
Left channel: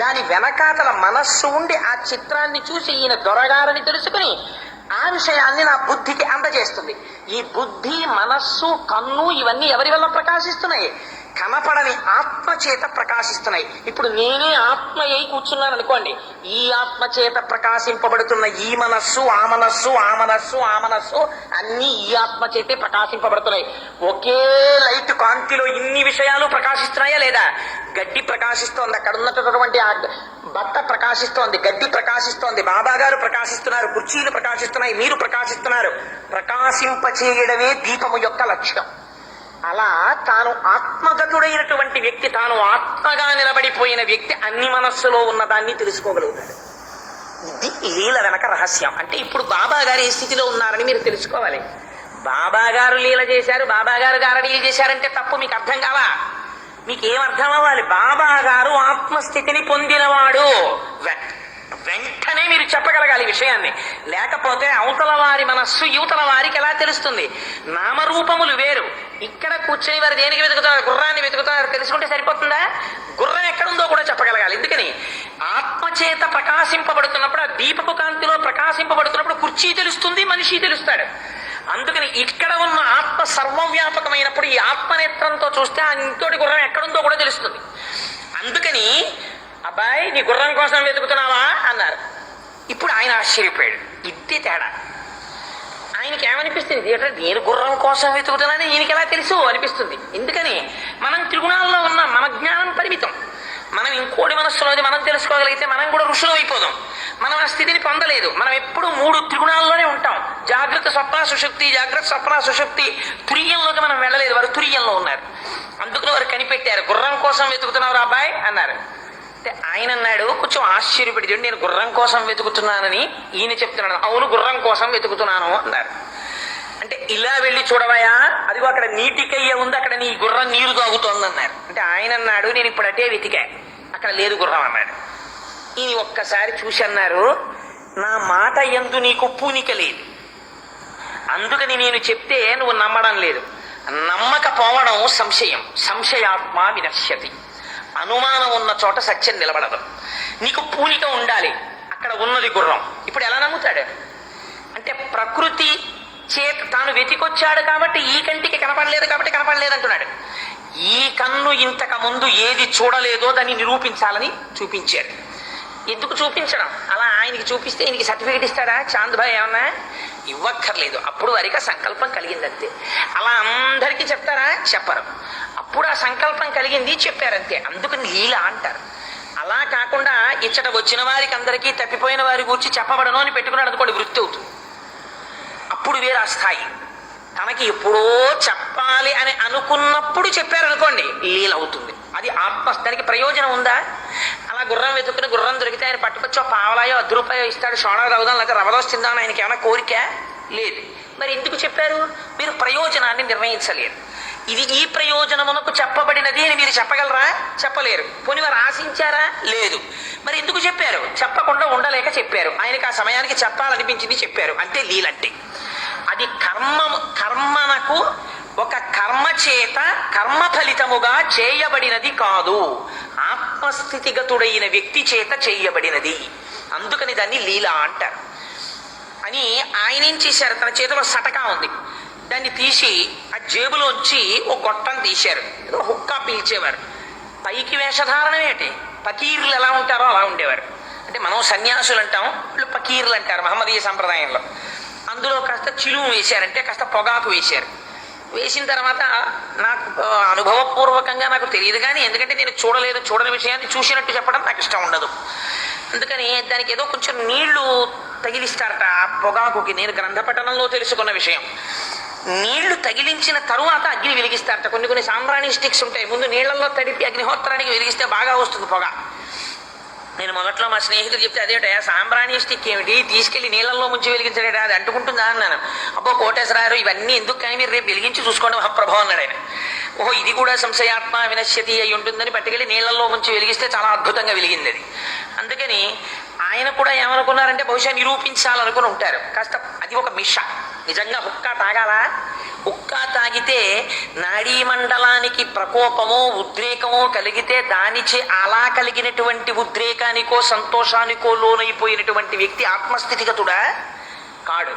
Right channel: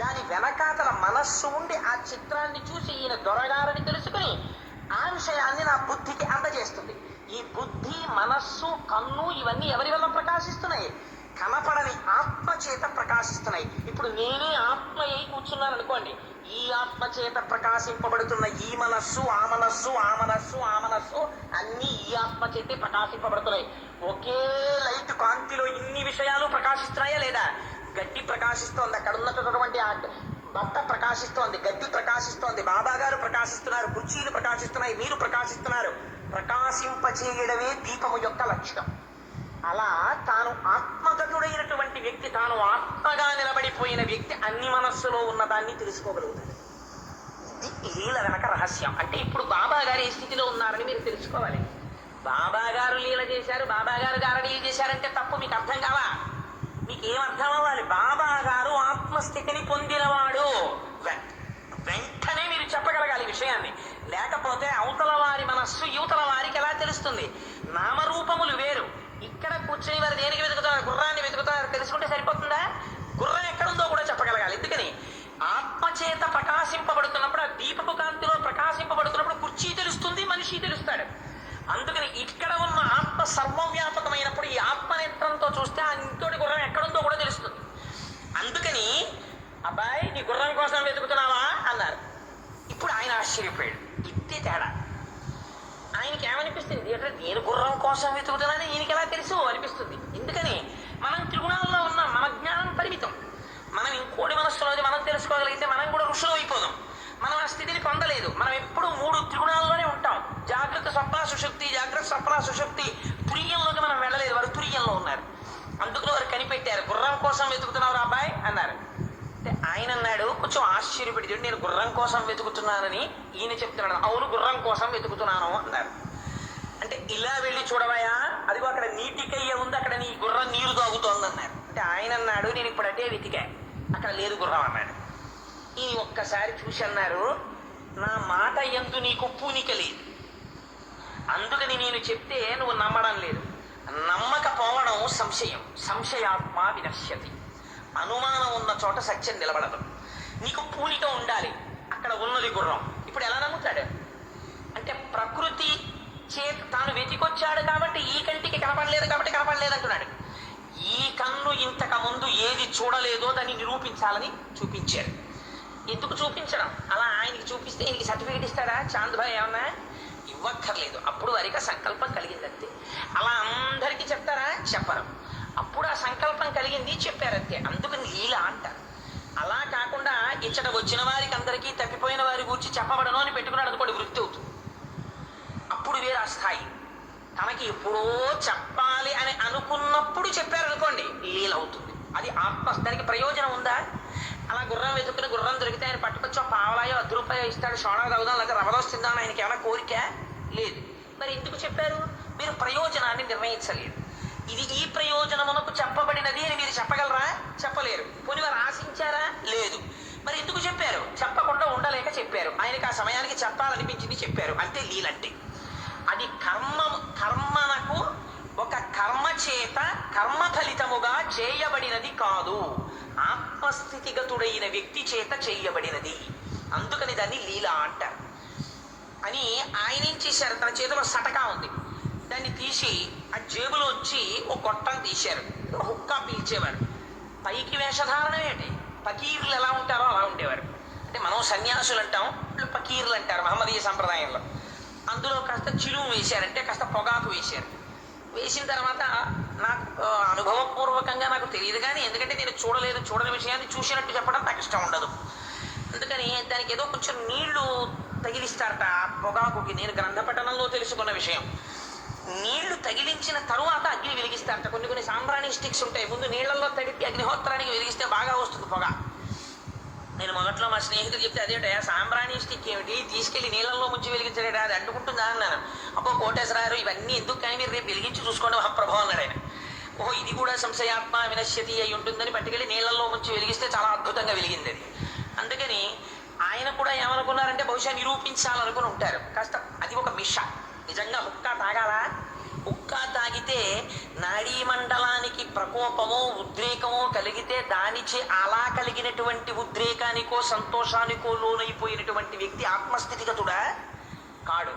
దాని వెనకాతల మనస్సు ఉండి ఆ చిత్రాన్ని చూసి ఈయన దొరగారని తెలుసుకుని ఆ విషయాన్ని నా బుద్ధికి అందజేస్తుంది. ఈ బుద్ధి, మనస్సు, కన్ను ఇవన్నీ ఎవరి వల్ల ప్రకాశిస్తున్నాయి? కనపడని ఆత్మ చేత ప్రకాశిస్తున్నాయి. ఇప్పుడు నేనే ఆత్మ అయి కూర్చున్నాను అనుకోండి, ఈ ఆత్మ చేత ప్రకాశింపబడుతున్న ఈ మనస్సు, ఆ మనస్సు, ఆ మనస్సు, ఆ మనస్సు అన్ని ఈ ఆత్మ చేతే ప్రకాశింపబడుతున్నాయి. ఒకే లైట్ కాంతిలో ఇన్ని విషయాలు ప్రకాశిస్తున్నాయా లేదా? గడ్డి ప్రకాశిస్తోంది, అక్కడ ఉన్నటువంటి ఆ బట్ట ప్రకాశిస్తోంది, గడ్డి ప్రకాశిస్తోంది, బాబా గారు ప్రకాశిస్తున్నారు, కుర్చీలు ప్రకాశిస్తున్నాయి, మీరు ప్రకాశిస్తున్నారు. ప్రకాశింపచేయడమే దీపము యొక్క లక్ష్యం. అలా తాను ఆత్మగతుడైనటువంటి వ్యక్తి, తాను ఆత్మగా నిలబడిపోయిన వ్యక్తి అన్ని మనస్సులో ఉన్నదాన్ని తెలుసుకోగలుగుతాడు. ఇది లీల వెనక రహస్యం. అంటే ఇప్పుడు బాబా గారు ఏ స్థితిలో ఉన్నారని మీరు తెలుసుకోవాలి. బాబా గారు లీల చేశారు, బాబా గారు గారడీలు చేశారంటే తప్పు మీకు అర్థం కావా? మీకేం అర్థం అవ్వాలి? బాబా గారు ఆత్మస్థితిని పొందినవాడు వెంటనే మీరు చెప్పగలగాలి విషయాన్ని. లేకపోతే అవతల వారి మనస్సు యువతల వారికి ఎలా తెలుస్తుంది? నామరూపములు వేరు. ఇక్కడ కూర్చొని వారు దేనికి వెతుకుతారు? గుర్రాన్ని వెతుకుతారు, తెలుసుకుంటే సరిపోతుందా? గుర్రం ఎక్కడుందో కూడా చెప్పగలగాలి. ఎందుకని? ఆత్మచేత ప్రకాశింపబడుతున్నప్పుడు, ఆ దీపపు కాంతిలో ప్రకాశింపబడుతున్నప్పుడు కుర్చీ తెలుస్తుంది, మనిషి తెలుస్తాడు. అందుకని ఇక్కడ ఉన్న ఆత్మ సర్వవ్యాపకమైనప్పుడు ఈ ఆత్మనేత్రంతో చూస్తే ఆ ఇంతోటి గుర్రం ఎక్కడుందో కూడా తెలుస్తుంది. అందుకని అబ్బాయి నీ గుర్రం కోసం వెతుకుతున్నావా అన్నారు. ఇప్పుడు ఆయన ఆశ్చర్యపోయాడు. ఇట్టే తేడా. ఆయనకి ఏమనిపిస్తుంది? అంటే నేను గుర్రం కోసం వెతుకుతున్నానని ఈయనకి ఎలా తెలుసు అనిపిస్తుంది. ఎందుకని? మనం త్రిగుణాల్లో ఉన్నాం, మన జ్ఞానం పరిమితం. మనం ఇంకోటి మనస్సులోది మనం తెలుసుకోగలిగితే మనం కూడా ఋషులు అయిపోదాం. మనం ఆ స్థితిని పొందలేదు. మనం ఎప్పుడు 3 త్రిగుణాల్లోనే ఉంటాం. జాగ్రత్త, స్వప్న, సుషుప్తి, జాగ్రత్త, స్వప్న, సుషుప్తి. తురియంలోకి మనం వెళ్ళలేదు, వారు తురియంలో ఉన్నారు. అందుకని వారు కనిపెట్టారు. గుర్రం కోసం వెతుకుతున్నావు అబ్బాయి అన్నారు. అంటే ఆయన అన్నాడు, కొంచెం ఆశ్చర్యపడి, నేను గుర్రం కోసం వెతుకుతున్నానని ఈయన చెప్తున్నాడు. అవును, గుర్రం కోసం వెతుకుతున్నాను అన్నారు. అంటే ఇలా వెళ్ళి చూడవయా, అదిగో అక్కడ నీటికయ్య ఉంది, అక్కడ నీ గుర్రం నీరు తాగుతోంది అన్నారు. అంటే ఆయన అన్నాడు, నేను ఇప్పుడు అటే వెతికా, అక్కడ లేదు గుర్రం అన్నాడు. ఈయన ఒక్కసారి చూసి అన్నారు, నా మాట యందు నీకు పూనిక లేదు, అందుకని నేను చెప్తే నువ్వు నమ్మడం లేదు. నమ్మకపోవడం సంశయం. సంశయాత్మ వినశ్యతి. అనుమానం ఉన్న చోట సత్యం నిలబడదు. నీకు పూనిక ఉండాలి, అక్కడ ఉన్నది గుర్రం. ఇప్పుడు ఎలా నమ్ముతాడు? అంటే ప్రకృతి చేత తాను వెతికొచ్చాడు కాబట్టి ఈ కంటికి కనపడలేదు కాబట్టి కనపడలేదు అంటున్నాడు. ఈ కన్ను ఇంతకు ముందు ఏది చూడలేదో దాన్ని నిరూపించాలని చూపించాడు. ఎందుకు చూపించడం? అలా ఆయనకి చూపిస్తే ఈయనకి సర్టిఫికేట్ ఇస్తాడా? చాంద్ భాయ్ ఏమన్నా ఇవ్వక్కర్లేదు. అప్పుడు వారికి సంకల్పం కలిగిందంతే. అలా అందరికీ చెప్తారా? చెప్పరు. అప్పుడు ఆ సంకల్పం కలిగింది, చెప్పారంతే. అందుకని లీల అంటారు. అలా కాకుండా ఇచ్చట వచ్చిన వారికి అందరికీ తప్పిపోయిన వారి గురించి చెప్పబడను అని పెట్టుకున్నాడు అనుకోండి, వృత్తి అవుతుంది. అప్పుడు వేరే ఆ స్థాయి. తనకి ఎప్పుడో చెప్పాలి అని అనుకున్నప్పుడు చెప్పారనుకోండి, లీల అవుతుంది. అది ఆత్మ. దానికి ప్రయోజనం ఉందా? అలా గుర్రం వెతుక్కుని గుర్రం దొరికితే ఆయన పట్టుకొచ్చో పావలాయో 10 రూపాయో ఇస్తాడు, సోడా తాగుదాం లేకపోతే రవదోస్ తిందామని ఆయనకి ఏమైనా కోరిక లేదు. మరి ఎందుకు చెప్పారు? మీరు ప్రయోజనాన్ని నిర్ణయించలేరు. ఇది ఈ ప్రయోజనమునకు చెప్పబడినది అని మీరు చెప్పగలరా? చెప్పలేరు. పోనీ వారు ఆశించారా? లేదు. మరి ఎందుకు చెప్పారు? చెప్పకుండా ఉండలేక చెప్పారు. ఆయనకి ఆ సమయానికి చెప్పాలనిపించింది, చెప్పారు. అంటే లీలంటే అది కర్మనకు ఒక కర్మ చేత కర్మ ఫలితముగా చేయబడినది కాదు, ఆత్మస్థితిగతుడైన వ్యక్తి చేత చేయబడినది. అందుకని దాన్ని లీల అంటారు. అని ఆయన ఏం చేశారు? తన చేతిలో సటకా ఉంది, దాన్ని తీసి ఆ జేబులోంచి ఓ గొట్టం తీశారు. ఏదో హుక్కా పీల్చేవారు. పైకి వేషధారణం ఏంటి? పకీర్లు ఎలా ఉంటారో అలా ఉండేవారు. అంటే మనం సన్యాసులు అంటాం, వాళ్ళు పకీర్లు అంటారు మహమ్మదీయ సంప్రదాయంలో. అందులో కాస్త చిలుము వేశారంటే కాస్త పొగాకు వేశారు. వేసిన తర్వాత నాకు అనుభవపూర్వకంగా నాకు తెలియదు, కానీ ఎందుకంటే నేను చూడలేదు, చూడని విషయాన్ని చూసినట్టు చెప్పడం నాకు ఇష్టం ఉండదు. అందుకని దానికి ఏదో కొంచెం నీళ్లు తగిలిస్తారట ఆ పొగాకుకి. నేను గ్రంథపఠనంలో తెలుసుకున్న విషయం. నీళ్లు తగిలించిన తరువాత అగ్ని వెలిగిస్తారట. కొన్ని సాంబ్రాణి స్టిక్స్ ఉంటాయి, ముందు నీళ్లలో తడిపి అగ్నిహోత్రానికి వెలిగిస్తే బాగా వస్తుంది పొగ. నేను మొదట్లో మా స్నేహితుడు చెప్తే అదేటా సాంబ్రాణి స్టిక్ ఏమిటి, తీసుకెళ్లి నీళ్ళల్లో ముంచి వెలిగించలేడా, అది అంటుకుంటుందా అన్నాను. అబ్బో కోటేశ్వరారు ఇవన్నీ ఎందుకు, కానీ మీరు రేపు వెలిగించి చూసుకోండి మహాప్రభు అన్నాడు ఆయన. ఓహో ఇది కూడా సంశయాత్మ వినశ్యతి అయి ఉంటుందని పట్టుకెళ్ళి నీళ్లలో ముంచి వెలిగిస్తే చాలా అద్భుతంగా వెలిగింది అది. అందుకని ఆయన కూడా ఏమనుకున్నారంటే బహుశా నిరూపించాలనుకుని ఉంటారు. కాస్త అది ఒక మిష. నిజంగా హుక్కా తాగాలా? హుక్కా తాగితే నాడీ మండలానికి ప్రకోపమో ఉద్రేకమో కలిగితే దానిచే అలా కలిగినటువంటి ఉద్రేకానికో సంతోషానికో లోనైపోయినటువంటి వ్యక్తి ఆత్మస్థితిగతుడా కాడు.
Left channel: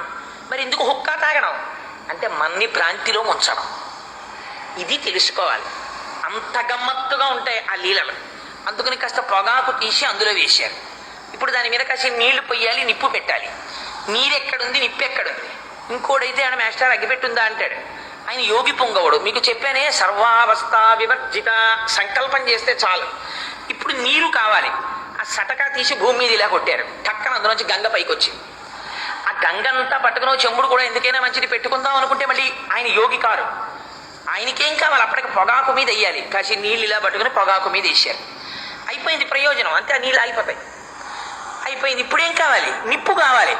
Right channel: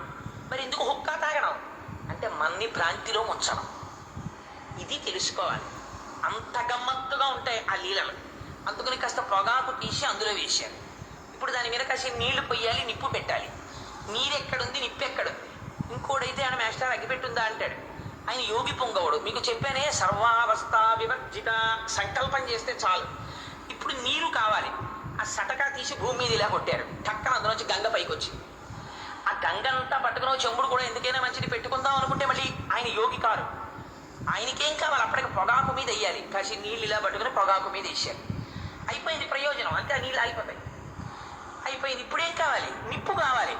మరి ఎందుకు హుక్కా తాగడం అంటే మన్ని భ్రాంతిలో ముంచడం. ఇది తెలుసుకోవాలి. అంత గమ్మత్తుగా ఉంటాయి ఆ లీలలు. అందుకని కాస్త పొగాకు తీసి అందులో వేశారు. ఇప్పుడు దాని మీద కాసి నీళ్లు పొయ్యాలి, నిప్పు పెట్టాలి. నీరెక్కడుంది, నిప్పు ఎక్కడుంది? ఇంకోడైతే ఆయన మాస్టర్ అగ్గిపెట్టుందా అంటాడు. ఆయన యోగి పొంగవుడు. మీకు చెప్పానే సర్వావస్థ వివర్జిత సంకల్పం చేస్తే చాలు. ఇప్పుడు నీరు కావాలి. ఆ సటకా తీసి భూమి మీద ఇలా కొట్టారు. టక్కన అందులోంచి గంగ పైకి వచ్చింది. ఆ గంగంతా పట్టుకుని చెంబుడు కూడా ఎందుకైనా మంచిది పెట్టుకుందాం అనుకుంటే మళ్ళీ ఆయన యోగి కారు. ఆయనకేం కావాలి? అప్పటికి పొగాకు మీద వేయాలి. కాసి నీళ్ళు ఇలా పట్టుకుని పొగాకు మీద వేసారు. అయిపోయింది ప్రయోజనం. అంతే, ఆ నీళ్ళు ఆగిపోతాయి. అయిపోయింది. ఇప్పుడేం కావాలి? నిప్పు కావాలి.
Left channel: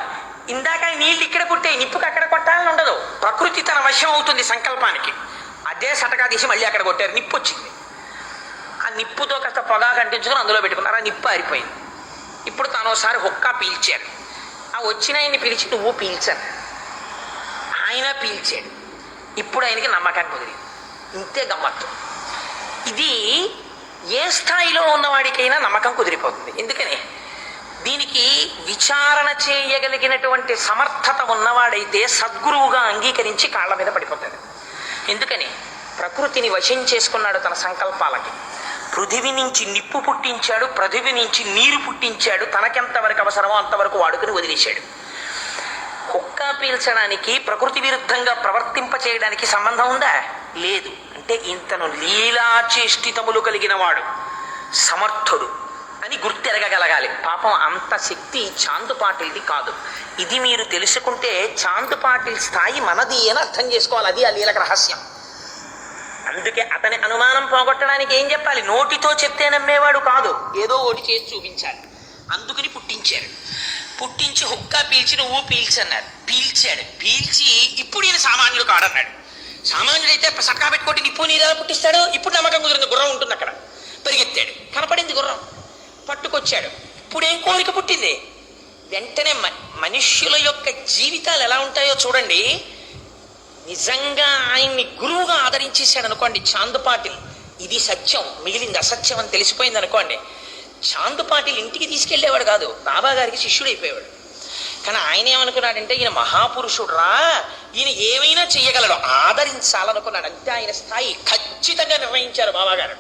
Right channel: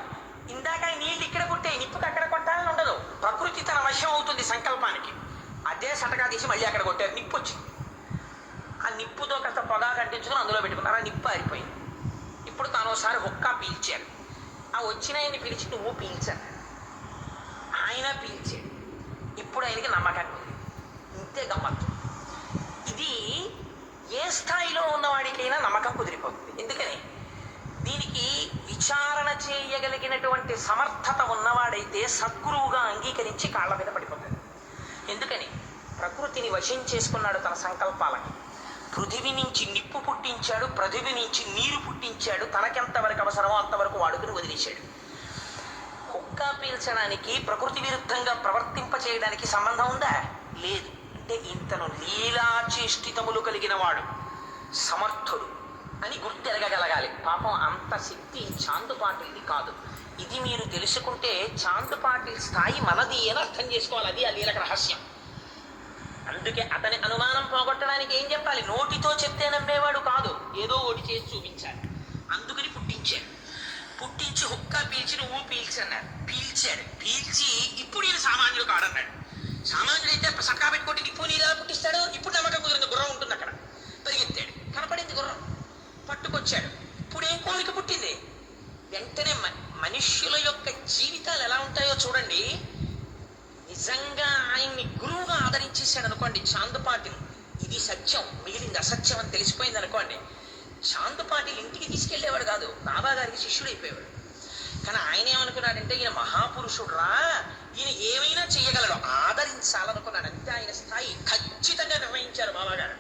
ఇందాక నీళ్ళు ఇక్కడ పుట్టాయి, నిప్పుకి అక్కడ కొట్టాలని ఉండదు. ప్రకృతి తన వశం అవుతుంది సంకల్పానికి. అదే సటకా తీసి మళ్ళీ అక్కడ కొట్టారు, నిప్పు వచ్చింది. ఆ నిప్పుతో కాస్త పొగాకు అంటించుకొని అందులో పెట్టుకున్నారు. ఆ నిప్పు ఆరిపోయింది. ఇప్పుడు తను ఒకసారి హుక్కా పీల్చారు. ఆ వచ్చిన ఆయన్ని పిలిచి నువ్వు పీల్చాను. ఆయన పీల్చాడు. ఇప్పుడు ఆయనకి నమ్మకం కుదిరింది. ఇంతే గమ్మత్తు. ఇది ఏ స్థాయిలో ఉన్నవాడికైనా నమ్మకం కుదిరిపోతుంది. ఎందుకని దీనికి విచారణ చేయగలిగినటువంటి సమర్థత ఉన్నవాడైతే సద్గురువుగా అంగీకరించి కాళ్ళ మీద పడిపోతాడు. ఎందుకని ప్రకృతిని వశం చేసుకున్నాడు తన సంకల్పాలకి. పృథివి నుంచి నిప్పు పుట్టించాడు, పృథివి నుంచి నీరు పుట్టించాడు. తనకెంతవరకు అవసరమో అంతవరకు వాడుకుని వదిలేశాడు. హుక్కా పీల్చడానికి ప్రకృతి విరుద్ధంగా ప్రవర్తింప చేయడానికి సంబంధం ఉందా? లేదు. అంటే ఇంతను లీలాచేష్టితములు కలిగిన వాడు సమర్థుడు అని గుర్తెరగగలగాలి. పాపం అంత శక్తి చాందు పాటిల్ది కాదు. ఇది మీరు తెలుసుకుంటే చాందు పాటిల్ స్థాయి మనది అని అర్థం చేసుకోవాలి. అది ఆ లీలకు రహస్యం. అందుకే అతని అనుమానం పోగొట్టడానికి ఏం చెప్పాలి? నోటితో చెప్తే నమ్మేవాడు కాదు, ఏదో ఒకటి చేసి చూపించాలి. అందుకని పుట్టించారు. పుట్టించి హుక్కా పీల్చి నువ్వు పీల్చన్నారు. పీల్చాడు. పీల్చి ఇప్పుడు ఈయన సామాన్యుడు కాడన్నాడు. సామాన్యుడైతే సక్కా పెట్టుకోటి నిప్పు నీరు పుట్టిస్తాడు. ఇప్పుడు నమ్మకం కుదిరింది. గుర్రం ఉంటుంది అక్కడ. పరిగెత్తాడు. కనపడింది గుర్రం. పట్టుకొచ్చాడు. ఇప్పుడేం కోరిక పుట్టింది? వెంటనే మనుష్యుల యొక్క జీవితాలు ఎలా ఉంటాయో చూడండి. నిజంగా ఆయన్ని గురువుగా ఆదరించేశాడు అనుకోండి చాందు పాటిల్, ఇది సత్యం, మిగిలింది అసత్యం అని తెలిసిపోయింది అనుకోండి, చాందు పాటిల్ ఇంటికి తీసుకెళ్లేవాడు కాదు, బాబా గారికి శిష్యుడైపోయేవాడు. కానీ ఆయన ఏమనుకున్నాడంటే ఈయన మహాపురుషుడు రా, ఈయన ఏమైనా చెయ్యగలడు, ఆదరించాలనుకున్నాడు. అంతే ఆయన స్థాయి ఖచ్చితంగా నిర్ణయించారు బాబాగారు.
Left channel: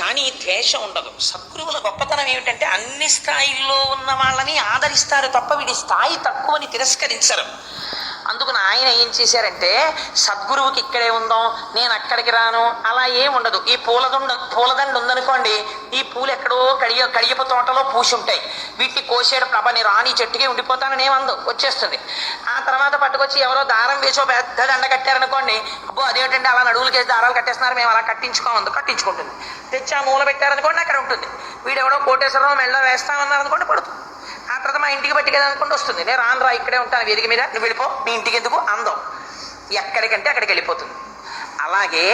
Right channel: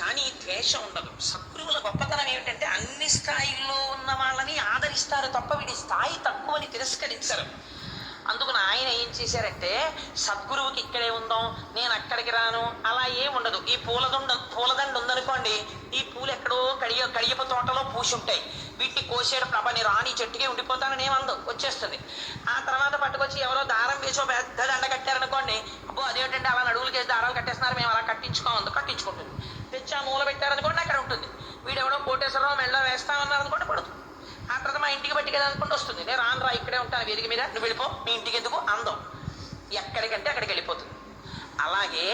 కానీ ద్వేషం ఉండదు. సద్గురువుల గొప్పతనం ఏమిటంటే అన్ని స్థాయిల్లో ఉన్న వాళ్ళని ఆదరిస్తారు తప్ప వీడి స్థాయి తక్కువని తిరస్కరించరు. అందుకని ఆయన ఏం చేశారంటే సద్గురువుకి ఇక్కడే ఉందాం, నేను అక్కడికి రాను, అలా ఏం ఉండదు. ఈ పూలదండ ఉందనుకోండి, ఈ పూలు ఎక్కడో కడియపు తోటలో పూసి ఉంటాయి. వీటిని కోసేడు ప్రభని రాని చెట్టుకి ఉండిపోతానని ఏమందు, వచ్చేస్తుంది. ఆ తర్వాత పట్టుకొచ్చి ఎవరో దారం వేసో పెద్ద దండ కట్టారనుకోండి, అబ్బో అదేమిటంటే అలా నడువులకేసి దారాలు కట్టేస్తున్నారు, మేము అలా కట్టించుకోమందు, కట్టించుకుంటుంది. తెచ్చి ఆ మూల పెట్టారనుకోండి, అక్కడ ఉంటుంది. వీడెవడో కోటేశ్వరరావు మెళ్ళ వేస్తామన్నారు అనుకోండి, పడుతుంది. ఆ తర్వాత మా ఇంటికి పట్టుకెళ్ళి అనుకుంటూ వస్తుంది. నేను రాను రా, ఇక్కడే ఉంటాను వేదిక మీద, నువ్వు వెళ్ళిపో, మీ ఇంటికి ఎందుకు అందం, ఎక్కడికంటే అక్కడికి వెళ్ళిపోతుంది. అలాగే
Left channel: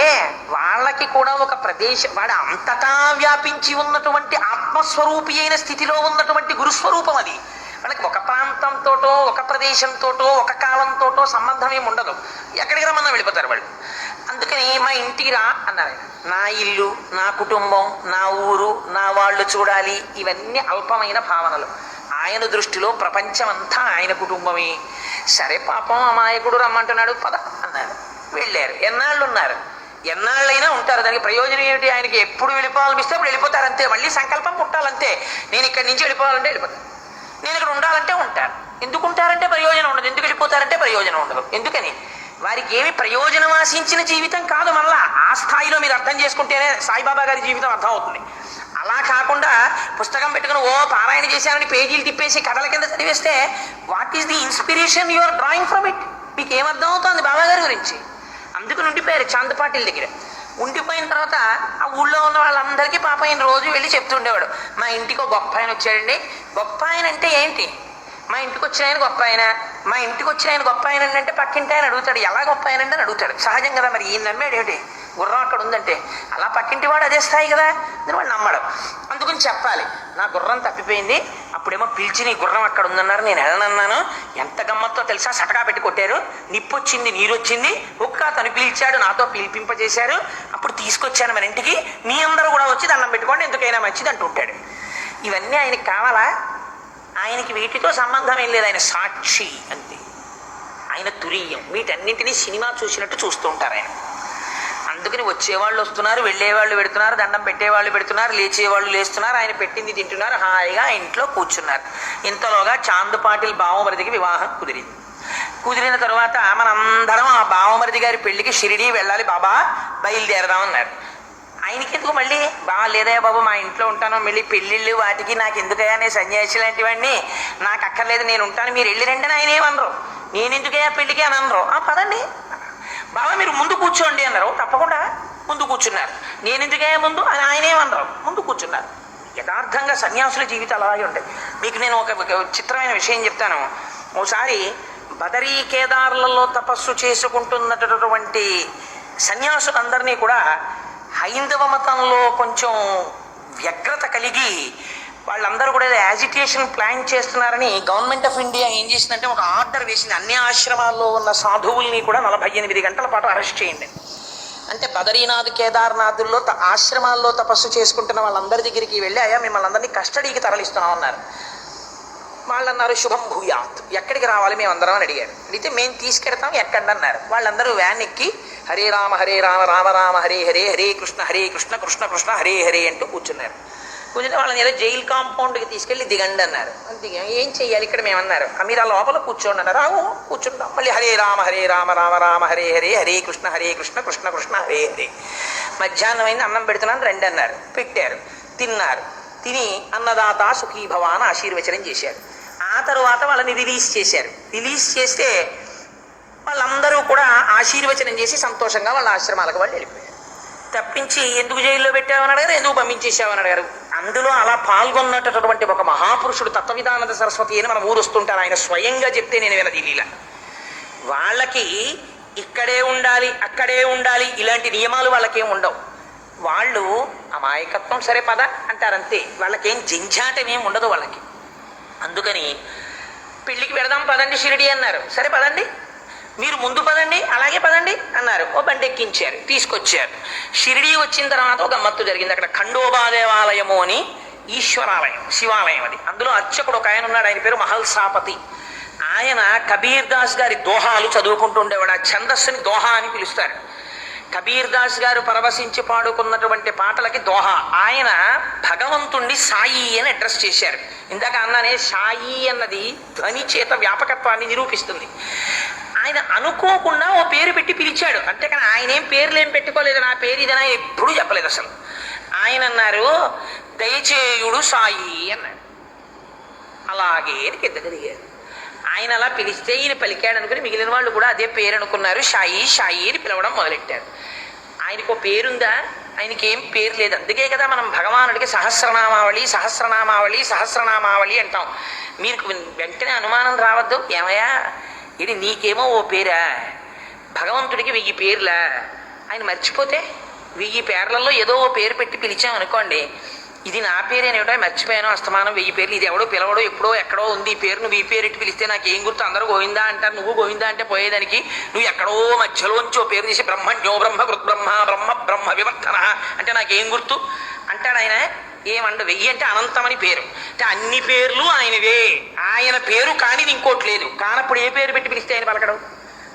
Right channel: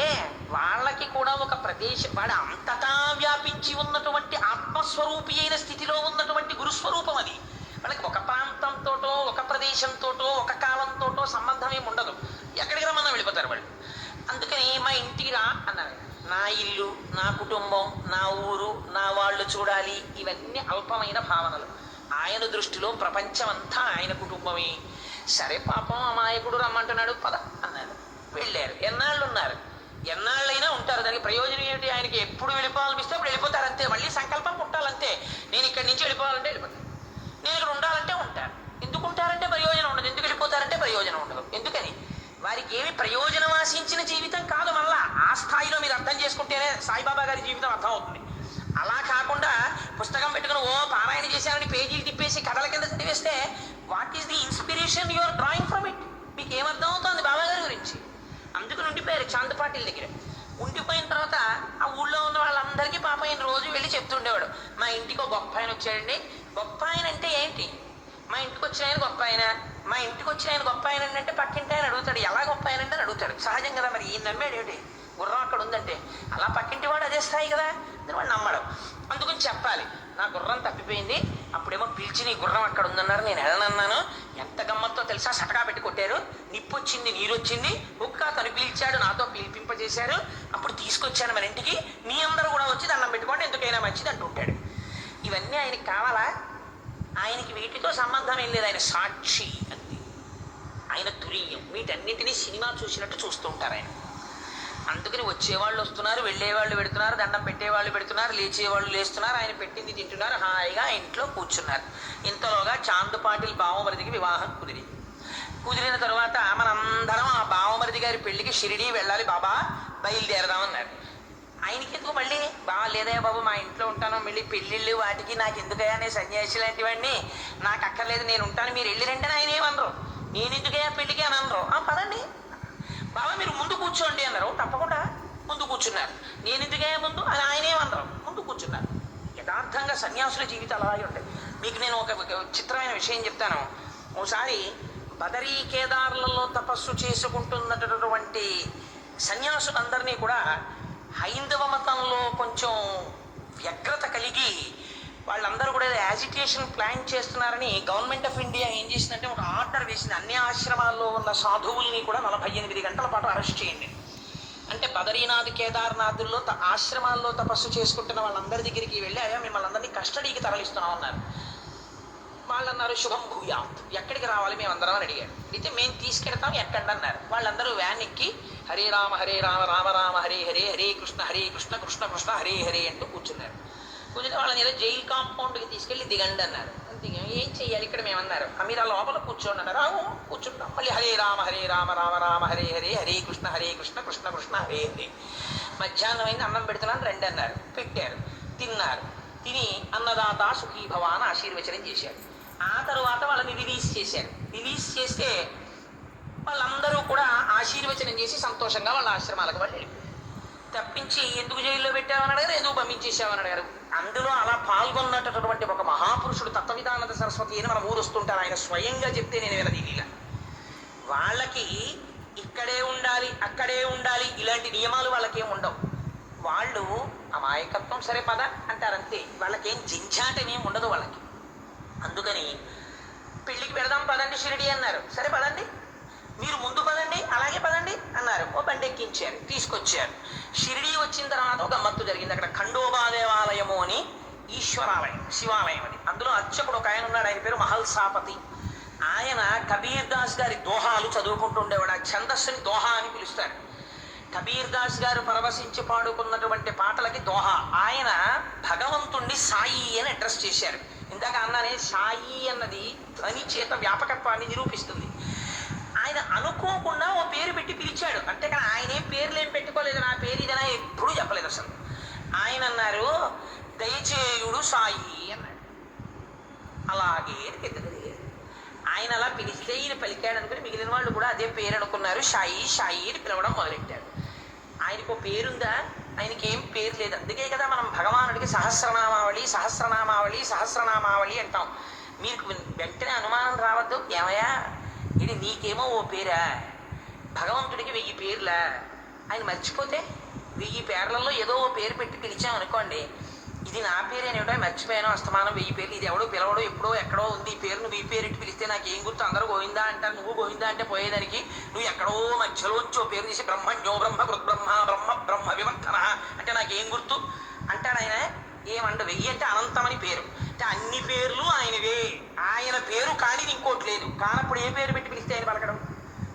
వాళ్ళకి కూడా ఒక ప్రదేశం, వాడు అంతటా వ్యాపించి ఉన్నటువంటి ఆత్మస్వరూపి అయిన స్థితిలో ఉన్నటువంటి గురుస్వరూపం అది. వాళ్ళకి ఒక ప్రాంతంతోటో ఒక ప్రదేశంతోటో ఒక కాలంతోటో సంబంధం ఏమి ఉండదు. ఎక్కడికి రమ్మన్నా వెళ్ళిపోతారు వాళ్ళు. అందుకని మా ఇంటికి రా అన్నారు. నా ఇల్లు, నా కుటుంబం, నా ఊరు, నా వాళ్ళు చూడాలి, ఇవన్నీ అల్పమైన భావనలు. ఆయన దృష్టిలో ప్రపంచం అంతా ఆయన కుటుంబమే. సరే పాపం అమాయకుడు రమ్మంటున్నాడు, పద అన్నారు. వెళ్ళారు. ఎన్నాళ్ళు ఉన్నారు? ఎన్నాళ్ళైనా ఉంటారు. దానికి ప్రయోజనం ఏమిటి? ఆయనకి ఎప్పుడు వెళ్ళిపోవాలనిపిస్తే అప్పుడు వెళ్ళిపోతారు, అంతే. మళ్ళీ సంకల్పం పుట్టాలంతే. నేను ఇక్కడి నుంచి వెళ్ళిపోవాలంటే వెళ్ళిపోతాను, నేను ఇక్కడ ఉండాలంటే ఉంటారు. ఎందుకు ఉంటారంటే ప్రయోజనం ఉండదు, ఎందుకు వెళ్ళిపోతారంటే ప్రయోజనం ఉండదు. ఎందుకని? వారికి ఏమి ప్రయోజనం ఆశించిన జీవితం కాదు. మళ్ళా ఆ స్థాయిలో మీరు అర్థం చేసుకుంటేనే సాయిబాబా గారి జీవితం అర్థం అవుతుంది. అలా కాకుండా పుస్తకం పెట్టుకుని ఓ పారాయణ చేశారని పేజీలు తిప్పేసి కథల కింద చదివేస్తే what is the inspiration you are drawing from it? మీకు ఏమర్థం అవుతుంది బాబా గారి గురించి? అందుకని ఉండిపోయారు చాంద్ పాటిల్ దగ్గర. ఉండిపోయిన తర్వాత ఆ ఊళ్ళో ఉన్న వాళ్ళందరికీ పాప ఆయన రోజు వెళ్ళి చెప్తుండేవాడు, మా ఇంటికి ఒక గొప్ప ఆయన వచ్చాడండి. గొప్ప ఆయన అంటే ఏంటి? మా ఇంటికి వచ్చిన ఆయన గొప్ప ఆయన. మా ఇంటికి వచ్చిన ఆయన గొప్ప ఆయన అంటే పక్కింటి ఆయన అడుగుతాడు, ఎలా గొప్ప ఆయన అని అడుగుతాడు. సహజం కదా. మరి ఈయన నమ్మాడు ఏమిటి? గుర్రం అక్కడ ఉందంటే అలా పక్కింటి వాడు అదే స్థాయి కదా అని వాడు నమ్మడు. అందుకని చెప్పాలి, నా గుర్రం తప్పిపోయింది, అప్పుడేమో పిలిచి నీ గుర్రం అక్కడ ఉందన్నారు, నేను వెళ్ళనన్నాను, ఎంత గమ్మత్తో తెలుసా, సటకా పెట్టి కొట్టారు, నిప్పొచ్చింది నీరొచ్చింది, ఒక్క తను పిలిచాడు, నాతో పిలిపింపజేశారు, అప్పుడు తీసుకొచ్చాను మన ఇంటికి, మీ అందరూ కూడా వచ్చి దండం పెట్టుకోండి, ఎందుకైనా మంచిది అంటుంటాడు. ఇవన్నీ ఆయనకి కావాలా? ఆయనకి వీటితో సంబంధం ఏం లేదు, ఆయన సాక్షి అంతే, ఆయన తురీయం. వీటన్నింటినీ సినిమా చూసినట్టు చూస్తూ ఉంటారు ఆయన. అందుకని వచ్చేవాళ్ళు వస్తున్నారు, వెళ్ళేవాళ్ళు పెడుతున్నారు, దండం పెట్టేవాళ్ళు పెడుతున్నారు, లేచేవాళ్ళు లేస్తున్నారు, ఆయన పెట్టింది తింటున్నారు, హాయిగా ఇంట్లో కూర్చున్నారు. ఇంతలోగా చాంద్ పాటిల్ బావమరిదికి వివాహం కుదిరింది. కుదిరిన తర్వాత మనందరం ఆ బావమరిది గారి పెళ్లికి షిరిడీ వెళ్ళాలి బాబా, బయలుదేరదామన్నారు. ఆయనకి ఎందుకు మళ్ళీ, బాగా లేదా బాబు మా ఇంట్లో ఉంటాను, మళ్ళీ పెళ్ళిళ్ళు వాటికి నాకు ఎందుకయ్యా, నేను సన్యాసి లాంటివన్నీ నాకు అక్కర్లేదు, నేను ఉంటాను, మీరు వెళ్ళి రండి అని ఆయన ఏమనరు, నేను ఎందుకయ్యా పెళ్ళికి అని అనరు. పదండి బాబా మీరు ముందు కూర్చోండి అన్నారు, తప్పకుండా ముందు కూర్చున్నారు. నేను ఎందుకయ్యా ముందు అని ఆయన ఏమన్నారు, ముందు కూర్చున్నారు. యథార్థంగా సన్యాసుల జీవితాలు అలాగే ఉంటాయి. మీకు నేను ఒక చిత్రమైన విషయం చెప్తాను. ఒకసారి బదరీ కేదార్లలో తపస్సు చేసుకుంటున్నటువంటి సన్యాసులందరినీ కూడా హైందవ మతంలో కొంచెం వ్యగ్రత కలిగి వాళ్ళందరూ కూడా యాజిటేషన్ ప్లాన్ చేస్తున్నారని గవర్నమెంట్ ఆఫ్ ఇండియా ఏం చేసిందంటే ఒక ఆర్డర్ వేసింది, అన్ని ఆశ్రమాల్లో ఉన్న సాధువుల్ని కూడా 48 గంటల పాటు అరెస్ట్ చేయండి. అంటే బదరీనాథ్ కేదార్నాథుల్లో ఆశ్రమాల్లో తపస్సు చేసుకుంటున్న వాళ్ళందరి దగ్గరికి వెళ్ళి అయ్యా మిమ్మల్ని అందరినీ కస్టడీకి తరలిస్తున్నాం అన్నారు. వాళ్ళు అన్నారు శుభం భూయాత్, ఎక్కడికి రావాలి మేమందరం అని అడిగారు. అడిగితే మేము తీసుకెడతాం ఎక్కండి అన్నారు. వాళ్ళందరూ వ్యాన్ ఎక్కి హరే రామ రామ రామ హరే హరే, హరే కృష్ణ కృష్ణ కృష్ణ హరే హరే అంటూ కూర్చున్నారు. కూర్చుంటే వాళ్ళని ఏదో జైలు కాంపౌండ్కి తీసుకెళ్ళి దిగండి అన్నారు. దిగాం, ఏం చెయ్యాలి ఇక్కడ మేమన్నారు. మీరు ఆ లోపల కూర్చోండి అన్నారు. కూర్చుంటాం. మళ్ళీ హరే రామ రామ రామ హరే హరే, హరే కృష్ణ కృష్ణ కృష్ణ హరే హరే. మధ్యాహ్నం అయింది, అన్నం పెడుతున్నాను రండి అన్నారు. పెట్టారు, తిన్నారు. తిని అన్నదాత సుఖీభవ అని ఆశీర్వచనం చేశారు. ఆ తరువాత వాళ్ళని రిలీజ్ చేశారు. రిలీజ్ చేస్తే వాళ్ళందరూ కూడా ఆశీర్వచనం చేసి సంతోషంగా వాళ్ళ ఆశ్రమాలకు వాళ్ళు వెళ్ళిపోయారు. తప్పించి ఎందుకు జైల్లో పెట్టామని అడిగారు, ఎందుకు పంపించేసామని అడిగారు. అందులో అలా పాల్గొన్నటువంటి ఒక మహాపురుషుడు తత్వవిధానంద సరస్వతి అని మన ఊరు వస్తుంటారు. ఆయన స్వయంగా చెప్తే నేను వినది లీల. వాళ్ళకి ఇక్కడే ఉండాలి అక్కడే ఉండాలి ఇలాంటి నియమాలు వాళ్ళకేం ఉండవు. వాళ్ళు అమాయకత్వం సరే పద అంటారంతే, వాళ్ళకేం జంఝాటమేం ఉండదు వాళ్ళకి. అందుకని పెళ్ళికి పెడదాం పదండి షిరిడి అన్నారు. సరే పదండి, మీరు ముందు పదండి, అలాగే పదండి అన్నారు. ఓ బండి ఎక్కించారు, తీసుకొచ్చారు. షిరిడి వచ్చిన తర్వాత ఒక గమ్మత్తు జరిగింది. అక్కడ ఖండోబా దేవాలయము అని ఈశ్వరాలయం, శివాలయం అది. అందులో అర్చకుడు ఒక ఆయన ఉన్నాడు, ఆయన పేరు మహల్సాపతి. ఆయన కబీర్ దాస్ గారి దోహాలు చదువుకుంటూ ఉండేవాడు. ఆ ఛందస్సుని దోహా అని పిలుస్తారు. కబీర్ దాస్ గారు పరవశించి పాడుకున్నటువంటి పాటలకి దోహా. ఆయన భగవంతుణ్ణి సాయి అని అడ్రస్ చేశారు. ఇందాక అన్నానే సాయి అన్నది ధ్వని చేత వ్యాపకత్వాన్ని నిరూపిస్తుంది. ఆయన అనుకోకుండా ఓ పేరు పెట్టి పిలిచాడు అంటే, కానీ ఆయన ఏం పేర్లు ఏం పెట్టుకోలేదు, నా పేరు ఇదని ఆయన ఎప్పుడూ చెప్పలేదు అసలు. ఆయన అన్నారు దయచేయుడు సాయి అన్నాడు. అలాగే కింద దిగారు. ఆయన అలా పిలిస్తే ఈయన పలికాడు అనుకుని మిగిలిన వాళ్ళు కూడా అదే పేరు అనుకున్నారు. షాయి షాయి అని పిలవడం మొదలెట్టారు. ఆయనకు పేరుందా? ఆయనకి ఏం పేరు లేదు. అందుకే కదా మనం భగవానుడికి సహస్రనామావళి సహస్రనామావళి సహస్రనామావళి అంటాం. మీకు వెంటనే అనుమానం రావద్దు, ఏమయ్యా ఇది నీకేమో ఓ పేరా, భగవంతుడికి 1000 పేర్లా? ఆయన మర్చిపోతే 1000 పేర్లలో ఏదో ఓ పేరు పెట్టి పిలిచామనుకోండి, ఇది నా పేరేనేమిటో మర్చిపోయాను, అస్తమానం 1000 పేర్లు, ఇది ఎవడో పిలవడో ఎప్పుడో ఎక్కడో ఉంది ఈ పేరు, నువ్వు ఈ పేరు ఇట్టి పిలిస్తే నాకు ఏం గుర్తు, అందరూ గోవిందా అంటారు, నువ్వు గోవిందా అంటే పోయేదానికి నువ్వు ఎక్కడో మధ్యలోంచి ఓ పేరు తీసి బ్రహ్మణ్యో బ్రహ్మ కృత్బ్రహ్మ బ్రహ్మ బ్రహ్మ వివర్తన అంటే నాకేం గుర్తు అంటాడు ఆయన. ఏమండు 1000 అంటే అనంతమని పేరు. అంటే అన్ని పేర్లు ఆయనవే, ఆయన పేరు కానిది ఇంకోటి లేదు. కానప్పుడు ఏ పేరు పెట్టి పిలిస్తే ఆయన పలకడం.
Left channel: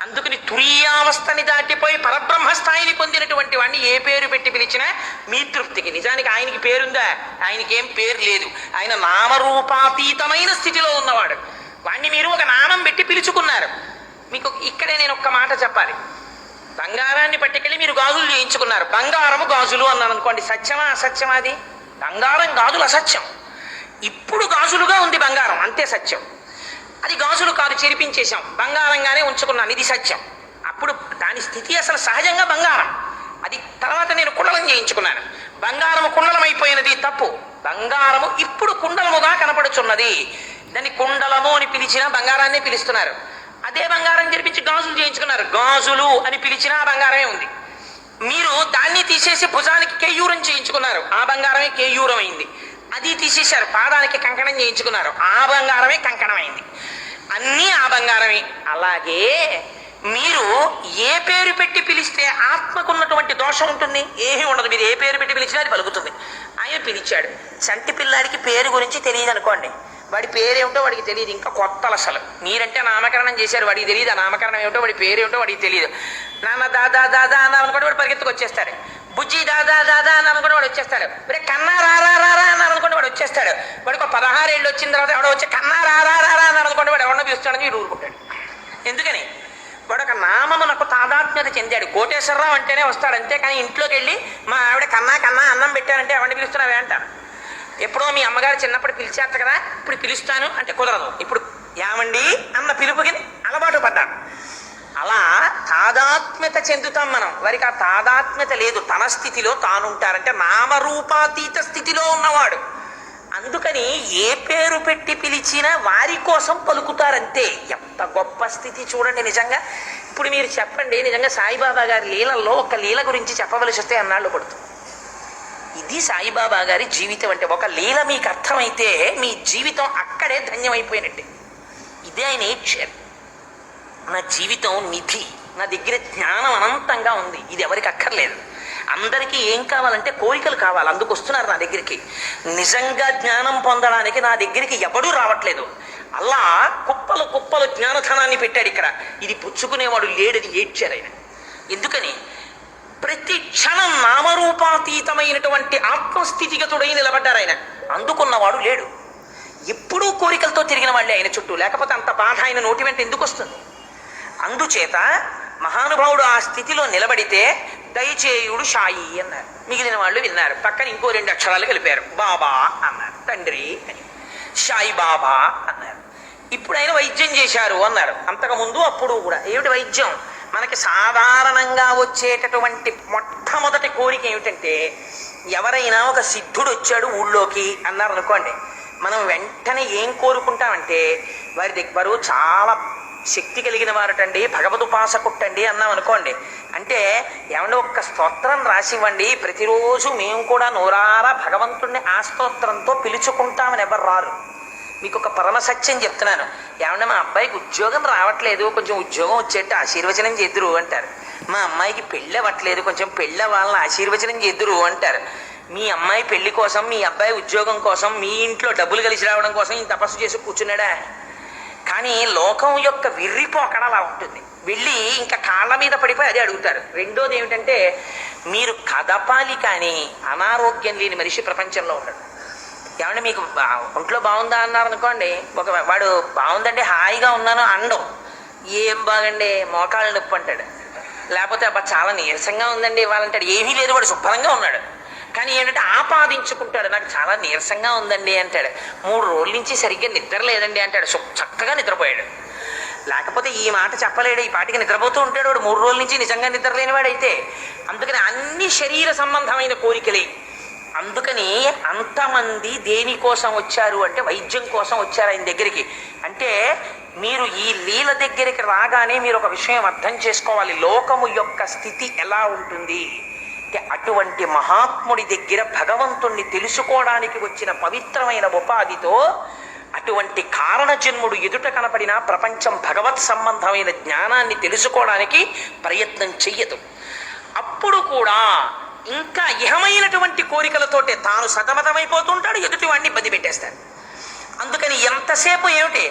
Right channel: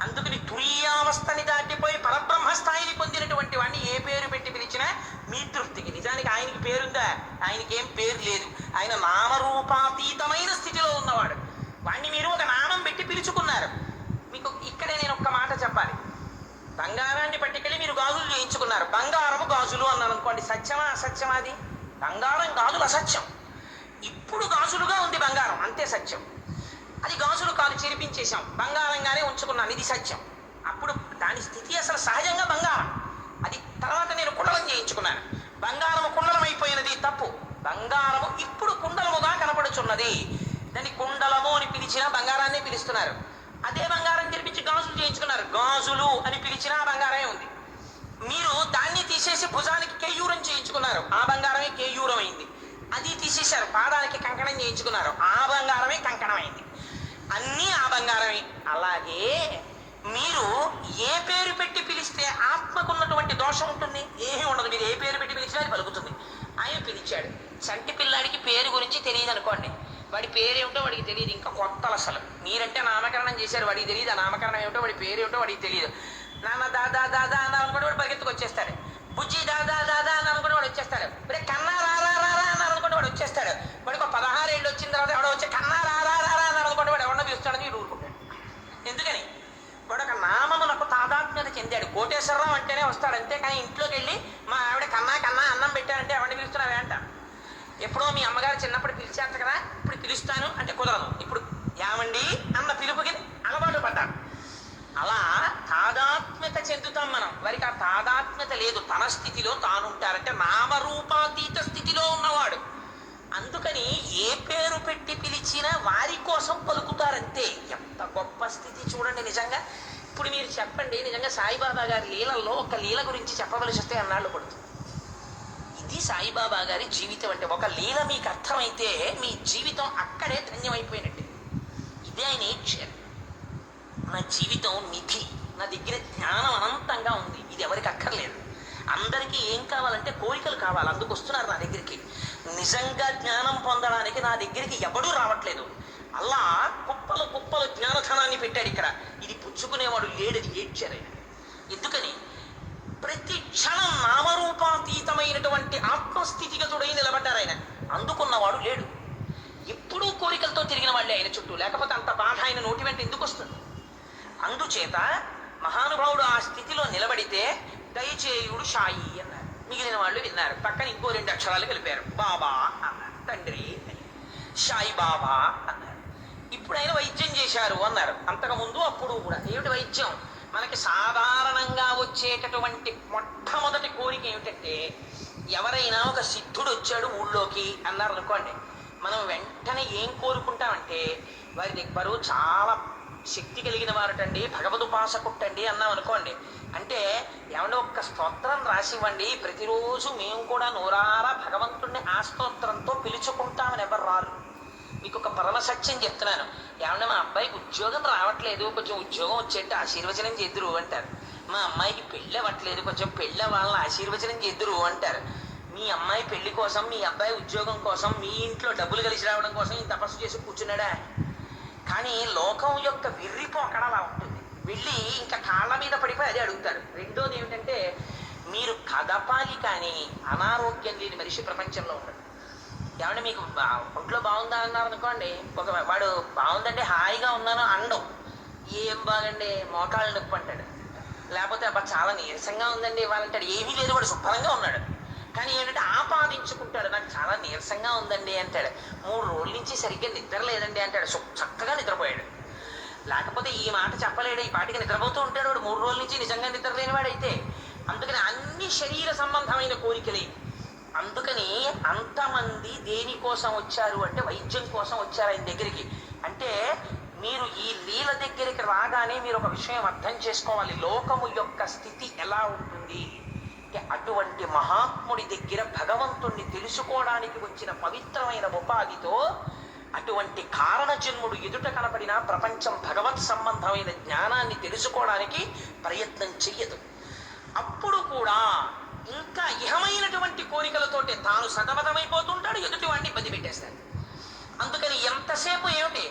అందుకని తురీయావస్థని దాటిపోయి పరబ్రహ్మ స్థాయిని పొందినటువంటి వాడిని ఏ పేరు పెట్టి పిలిచినా మీ తృప్తికి. నిజానికి ఆయనకి పేరుందా? ఆయనకి ఏం పేరు లేదు. ఆయన నామరూపాతీతమైన స్థితిలో ఉన్నవాడు. వాడిని మీరు ఒక నామం పెట్టి పిలుచుకున్నారు. మీకు ఇక్కడే నేను ఒక్క మాట చెప్పాలి. బంగారాన్ని పట్టుకెళ్ళి మీరు గాజులు చేయించుకున్నారు. బంగారము గాజులు అన్నాను అనుకోండి, సత్యమా అసత్యమా? అది బంగారం గాజులు అసత్యం. ఇప్పుడు గాజులుగా ఉంది బంగారం, అంతే సత్యం. అది గాజులు కాదు, చెరిపించేశాం, బంగారంగానే ఉంచుకున్నాను, ఇది సత్యం. అప్పుడు దాని స్థితి అసలు సహజంగా బంగారం. అది తర్వాత నేను కుండలం చేయించుకున్నాను, బంగారము కుండలం అయిపోయినది తప్పు. బంగారము ఇప్పుడు కుండలముగా కనపడుచున్నది. దాన్ని కుండలము అని పిలిచినా బంగారాన్నే పిలుస్తున్నారు. అదే బంగారం జరిపించి గాజులు చేయించుకున్నారు, గాజులు అని పిలిచినా బంగారమే ఉంది. మీరు దాన్ని తీసేసి భుజానికి కేయూరం చేయించుకున్నారు, ఆ బంగారమే కేయూరం అయింది. అది తీసేశారు, పాదానికి కంకణం చేయించుకున్నారు, ఆ బంగారమే కంకణమైంది. అన్నీ ఆ బంగారమే. అలాగే మీరు ఏ పేరు పెట్టి పిలిస్తే ఆత్మకున్నటువంటి దోషం ఉంటుంది? ఏమీ ఉండదు. మీరు ఏ పేరు పెట్టి పిలిచినా అది పలుకుతుంది. ఆయన పిలిచాడు. చంటి పిల్లాడికి పేరు గురించి తెలియదు అనుకోండి, వాడి పేరేమిటో వాడికి తెలియదు, ఇంకా కొత్తలు అసలు. మీరంటే నామకరణం చేశారు, వాడికి తెలియదు ఆ నామకరణం ఏమిటో, వాడి పేరేమిటో వాడికి తెలియదు. నాన్న దాదా దాదా అన్నారనుకోండి వాడు పరిగెత్తుకు వచ్చేస్తాడు. బుజ్జి దాదా దాదా అన్నారనుకోండి వాడు వచ్చేస్తాడు. రే కన్నా రారా రారా అన్నారనుకోండి వాడు వచ్చేస్తాడు. వాడికి 16 ఏళ్ళు వచ్చిన తర్వాత ఎవడో వచ్చి కన్నా రారా రారా అన్నారనుకోండి వాడు ఎవడో పిలుస్తాడని వీడు ఊరుకుంటాడు. ఎందుకని? వాడు ఒక నామమునకు తాదాత్మ్యత చెందాడు. కోటేశ్వరరావు అంటేనే వస్తాడు, అంతేకాని ఇంట్లోకి వెళ్ళి మా ఆవిడ కన్నా కన్నా అన్నం పెట్టారంటే ఎవరిని పిలుస్తున్నావే అంటారు. ఎప్పుడో మీ అమ్మగారు చిన్నప్పుడు పిలిచారట కదా, ఇప్పుడు పిలుస్తాను అంటే కుదరదు. ఇప్పుడు ఏమండి అన్న పిలుపుకి అలవాటు పడ్డాడు. అలా తాదాత్మ్యత చెందుతాం మనం. వారికి ఆ తాదాత్మ్యత లేదు, తన స్థితిలో తానుంటారంటే నామరూపాతీత స్థితిలో ఉన్నవాడు. అందుకని ఏ పేరు పెట్టి పిలిచినా వారి కోసం పలుకుతారంతే. ఎంత గొప్ప స్థితి చూడండి నిజంగా. ఇప్పుడు మీరు చెప్పండి, నిజంగా సాయిబాబా గారి లీలల్లో ఒక లీల గురించి చెప్పవలసి వస్తే అన్నాళ్ళు పడుతుంది. ఇది సాయిబాబా గారి జీవితం అంటే. ఒక లీల మీకు అర్థమైతే మీ జీవితం అక్కడే ధన్యమైపోయినట్టే. ఇదే ఆయన ఇచ్చారు. నా జీవితం నిధి, నా దగ్గర జ్ఞానం అనంతంగా ఉంది, ఇది ఎవరికి అక్కర్లేదు. అందరికీ ఏం కావాలంటే కోరికలు కావాలి, అందుకు వస్తున్నారు నా దగ్గరికి. నిజంగా జ్ఞానం పొందడానికి నా దగ్గరికి ఎవడూ రావట్లేదు. అలా కుప్పలు కుప్పలు జ్ఞానధనాన్ని పెట్టాడు ఇక్కడ. ఇది పుచ్చుకునేవాడు లేడని ఏడ్చారు ఆయన. ఎందుకని? ప్రతి క్షణం నామరూపాతీతమైనటువంటి ఆత్మస్థితిగతుడై నిలబడ్డారు ఆయన. అందుకున్నవాడు లేడు. ఎప్పుడూ కోరికలతో తిరిగిన వాళ్ళే ఆయన చుట్టూ, లేకపోతే అంత బాధ ఆయన నోటి వెంట ఎందుకు వస్తుంది? అందుచేత మహానుభావుడు ఆ స్థితిలో నిలబడితే దయచేయుడు షాయి అన్నారు. మిగిలిన వాళ్ళు విన్నారు. పక్కన ఇంకో 2 అక్షరాలు కలిపారు, బాబా అన్నారు, తండ్రి అని. షాయి బాబా అన్నారు. ఇప్పుడు ఆయన వైద్యం చేశారు అన్నారు. అంతకుముందు అప్పుడు కూడా ఏమిటి వైద్యం? మనకి సాధారణంగా వచ్చేటటువంటి మొట్టమొదటి కోరిక ఏమిటంటే, ఎవరైనా ఒక సిద్ధుడు వచ్చాడు ఊళ్ళోకి అన్నారు అనుకోండి, మనం వెంటనే ఏం కోరుకుంటామంటే, వారి దగ్గర చాలా శక్తి కలిగిన వారటండి, భగవదుపాసకుట్టండి అన్నాం అనుకోండి, అంటే ఏమన్నా ఒక్క స్తోత్రం రాసివ్వండి, ప్రతిరోజు మేము కూడా నోరారా భగవంతుణ్ణి ఆ స్తోత్రంతో పిలుచుకుంటామని ఎవరు రారు. మీకు ఒక పరమ సత్యం చెప్తున్నాను. ఏమన్నా మా అబ్బాయికి ఉద్యోగం రావట్లేదు, కొంచెం ఉద్యోగం వచ్చేట్టు ఆశీర్వచనం చేద్దురు అంటారు. మా అమ్మాయికి పెళ్ళి అవ్వట్లేదు, కొంచెం పెళ్ళి వాళ్ళని ఆశీర్వచనం చేద్దురు అంటారు. మీ అమ్మాయి పెళ్లి కోసం, మీ అబ్బాయి ఉద్యోగం కోసం, మీ ఇంట్లో డబ్బులు కలిసి రావడం కోసం ఈ తపస్సు చేసి కూర్చున్నాడా? కానీ లోకం యొక్క విర్రిపోకడ అలా ఉంటుంది. వెళ్ళి ఇంకా కాళ్ళ మీద పడిపోయి అదే అడుగుతారు. రెండోది ఏమిటంటే, మీరు కదపాలి కానీ అనారోగ్యం లేని మనిషి ప్రపంచంలో ఉంటాడు. ఏమంటే మీకు ఒంట్లో బాగుందా అన్నారు అనుకోండి, వాడు బాగుందండి హాయిగా ఉన్నాను అండం. ఏం బాగండి మోకాళ్ళ నొప్పి అంటాడు. లేకపోతే అబ్బా చాలా నీరసంగా ఉందండి ఇవ్వాలంటాడు. ఏమీ లేదు, వాడు శుభ్రంగా ఉన్నాడు. కానీ ఏంటంటే ఆపాదించుకుంటాడు, నాకు చాలా నీరసంగా ఉందండి అంటాడు. 3 రోజుల నుంచి సరిగ్గా నిద్ర లేదండి అంటాడు. చక్కగా నిద్రపోయాడు. లేకపోతే ఈ మాట చెప్పలేడు, ఈ పాటికి నిద్రపోతూ ఉంటాడు వాడు 3 రోజుల నుంచి నిజంగా నిద్ర లేనివాడైతే. అందుకని అన్ని శరీర సంబంధమైన కోరికలే. అందుకని అంతమంది దేనికోసం వచ్చారు అంటే వైద్యం కోసం వచ్చారు ఆయన దగ్గరికి. అంటే మీరు ఈ లీల దగ్గరికి రాగానే మీరు ఒక విషయం అర్థం చేసుకోవాలి, లోకము యొక్క స్థితి ఎలా ఉంటుంది అంటే, అటువంటి మహాత్ముడి దగ్గర భగవంతుణ్ణి తెలుసుకోవడానికి వచ్చిన పవిత్రమైన ఉపాధితో అటువంటి కారణజన్ముడు ఎదుట కనపడిన ప్రపంచం భగవత్ సంబంధమైన జ్ఞానాన్ని తెలుసుకోవడానికి ప్రయత్నం చెయ్యదు. అప్పుడు కూడా ఇంకా ఇహమైనటువంటి కోరికలతోటే తాను సతమతమైపోతుంటాడు, ఎదుటివాడిని ఇబ్బంది పెట్టేస్తాడు. అందుకని ఎంతసేపు ఏమిటి,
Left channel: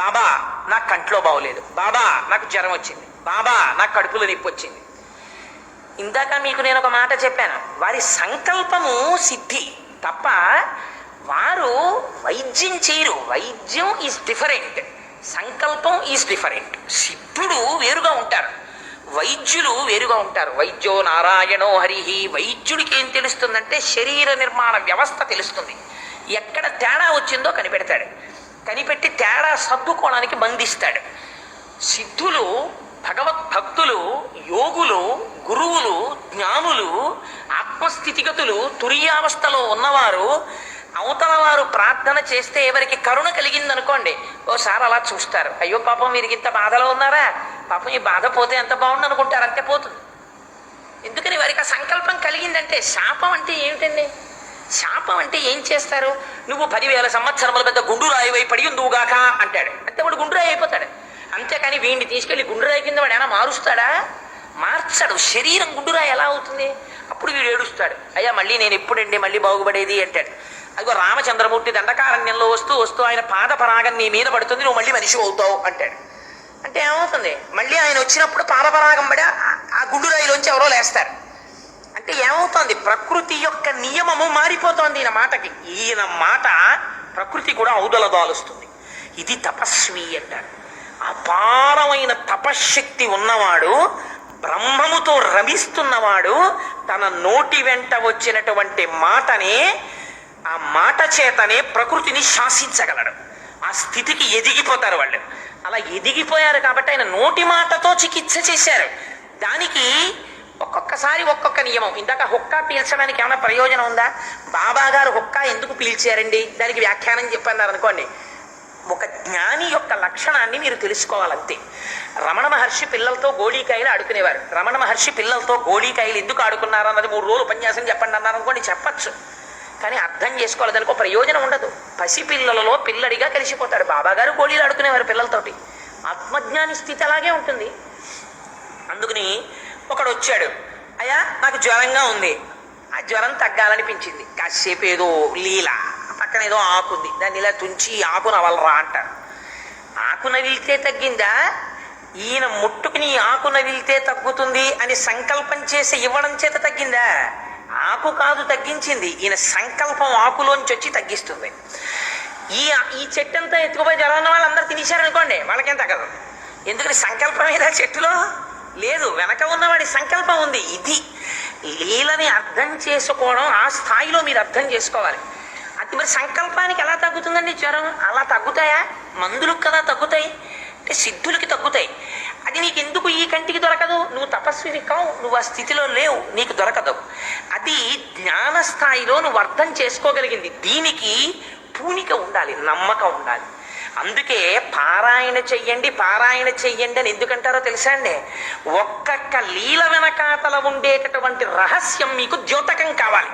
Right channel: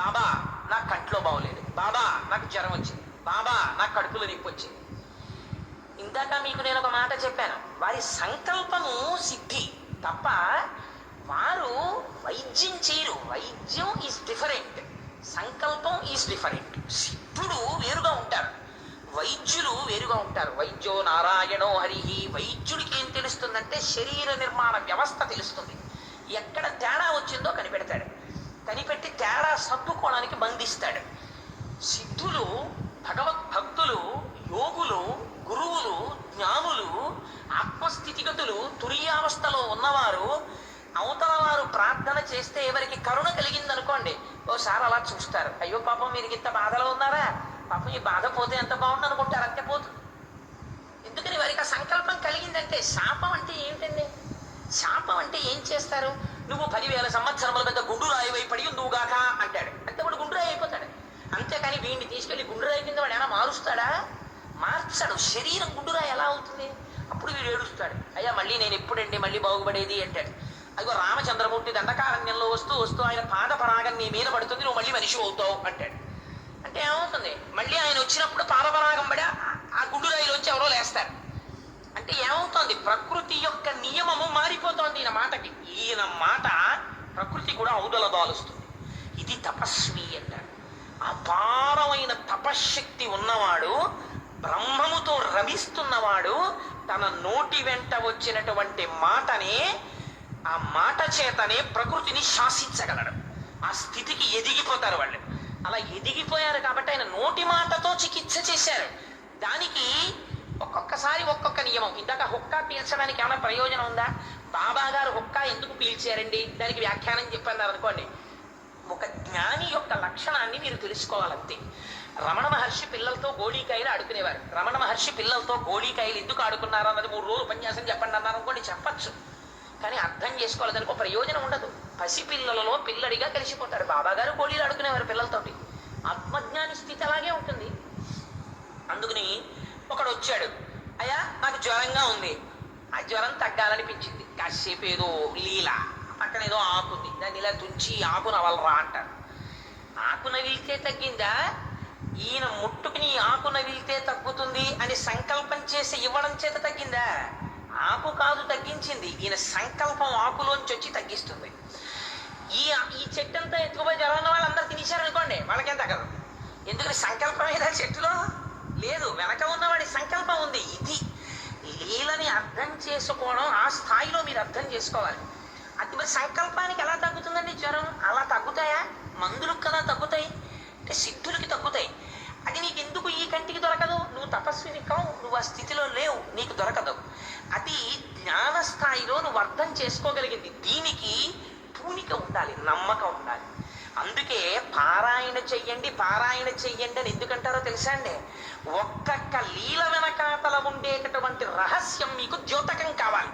బాబా నాకు కంట్లో బాగోలేదు, బాబా నాకు జ్వరం వచ్చింది, బాబా నాకు కడుపులో నొప్పి వచ్చింది. ఇందాక మీకు నేను ఒక మాట చెప్పాను, వారి సంకల్పము సిద్ధి తప్ప వారు వైద్యం చేయరు. వైద్యం ఈజ్ డిఫరెంట్, సంకల్పం ఈజ్ డిఫరెంట్. సిద్ధుడు వేరుగా ఉంటారు, వైద్యులు వేరుగా ఉంటారు. వైద్యో నారాయణో హరిహి. వైద్యుడికి ఏం తెలుస్తుందంటే శరీర నిర్మాణ వ్యవస్థ తెలుస్తుంది. ఎక్కడ తేడా వచ్చిందో కనిపెడతాడు, కనిపెట్టి తేడా సర్దుకోవడానికి బంధిస్తాడు. సిద్ధులు, భగవద్భక్తులు, యోగులు, గురువులు, జ్ఞానులు, ఆత్మస్థితిగతులు, తురియావస్థలో ఉన్నవారు అవతల వారు ప్రార్థన చేస్తే ఎవరికి కరుణ కలిగిందనుకోండి, ఓసారి అలా చూస్తారు, అయ్యో పాపం వీరికి ఇంత బాధలో ఉన్నారా, పాపం ఈ బాధ పోతే ఎంత బాగుంది అనుకుంటారు, అంతే పోతుంది. ఎందుకని వారికి ఆ సంకల్పం కలిగిందంటే. శాపం అంటే ఏమిటండి? శాపం అంటే ఏం చేస్తారు? నువ్వు 10,000 సంవత్సరముల పెద్ద గుండురాయి పడి ఉందువుగాక అంటాడు, అంటే వాడు గుండురాయి అయిపోతాడు. అంతేకాని వీడిని తీసుకెళ్లి గుండురాయి కింద వాడు ఏమైనా మారుస్తాడా? మార్చడు. శరీరం గుండురాయి ఎలా అవుతుంది? అప్పుడు వీడు ఏడుస్తాడు, అయ్యా మళ్ళీ నేను ఎప్పుడండి మళ్ళీ బాగుపడేది అంటాడు. అదిగో రామచంద్రమూర్తి దండకారణ్యంలో వస్తూ ఆయన పాద పరాగం నీ మీద పడుతుంది, నువ్వు మళ్ళీ మనిషి అవుతావు అంటాడు. అంటే ఏమవుతుంది? మళ్ళీ ఆయన వచ్చినప్పుడు పాదపరాగం పడి ఆ గుండురాయిలోంచి ఎవరో లేస్తారు. అంటే ఏమవుతోంది? ప్రకృతి యొక్క నియమము మారిపోతోంది ఈయన మాటకి. ఈయన మాట ప్రకృతి కూడా ఔదలదాలుస్తుంది. ఇది తపస్వి అంటారు. అపారమైన తపశ్శక్తి ఉన్నవాడు, బ్రహ్మముతో రమిస్తున్నవాడు తన నోటి వెంట వచ్చినటువంటి మాటనే, ఆ మాట చేతనే ప్రకృతిని శాసించగలడు. ఆ స్థితికి ఎదిగిపోతారు వాళ్ళు. అలా ఎదిగిపోయారు కాబట్టి ఆయన నోటి మాటతో చికిత్స చేశారు. దానికి ఒక్కొక్కసారి ఒక్కొక్క నియమం. ఇందాక హుక్కా పీల్చడానికి ఏమైనా ప్రయోజనం ఉందా? బాబా గారు హుక్కా ఎందుకు పీల్చారండి, దానికి వ్యాఖ్యానం చెప్పన్నారు అనుకోండి. ఒక జ్ఞాని యొక్క లక్షణాన్ని మీరు తెలుసుకోవాలంతే. రమణ మహర్షి పిల్లలతో గోళీకాయలు ఆడుకునేవారు. రమణ మహర్షి పిల్లలతో గోళీకాయలు ఎందుకు ఆడుకున్నారు అన్నది 3 రోజులు ఉపన్యాసం చెప్పండి అన్నారు అనుకోండి, చెప్పచ్చు. కానీ అర్థం చేసుకోవాలి, దానికి ఒక ప్రయోజనం ఉండదు. పసిపిల్లలలో పిల్లడిగా కలిసిపోతాడు. బాబాగారు గోళీలు ఆడుకునేవారు పిల్లలతోటి. ఆత్మజ్ఞాని స్థితి అలాగే ఉంటుంది. అందుకని ఒకడు వచ్చాడు, అయ్యా నాకు జ్వరంగా ఉంది, ఆ జ్వరం తగ్గాలనిపించింది, కాసేపు ఏదో లీల, పక్కన ఏదో ఆకుంది, దాన్ని ఇలా తుంచి ఆకు నవలరా అంటారు. ఆకు నవిలితే తగ్గిందా? ఈయన ముట్టుకుని ఆకు నవిలితే తగ్గుతుంది అని సంకల్పం చేసి ఇవ్వడం చేత తగ్గిందా? ఆకు కాదు తగ్గించింది, ఈయన సంకల్పం ఆకులోంచి వచ్చి తగ్గిస్తుంది. ఈ చెట్టు అంతా ఎత్తుకుపోయి జ్వరం వాళ్ళందరూ తినేశారనుకోండి, వాళ్ళకేం తగ్గదు. ఎందుకని సంకల్పం ఏదా చెట్టులో లేదు, వెనక ఉన్నవాడి సంకల్పం ఉంది. ఇది లీలని అర్థం చేసుకోవడం, ఆ స్థాయిలో మీరు అర్థం చేసుకోవాలి. అది మరి సంకల్పానికి ఎలా తగ్గుతుందండి జ్వరం? అలా తగ్గుతాయా? మందులకు కదా తగ్గుతాయి, అంటే సిద్ధులకి తగ్గుతాయి. అది నీకు ఎందుకు ఈ కంటికి దొరకదు? నువ్వు తపస్విని కావు, నువ్వు ఆ స్థితిలో లేవు, నీకు దొరకదు. అది జ్ఞాన స్థాయిలో నువ్వు అర్థం చేసుకోగలిగింది. దీనికి పూనిక ఉండాలి, నమ్మకం ఉండాలి. అందుకే పారాయణ చెయ్యండి అని ఎందుకంటారో తెలుసా అండి? ఒక్కొక్క లీల వెనకాతల ఉండేటటువంటి రహస్యం మీకు ద్యోతకం కావాలి.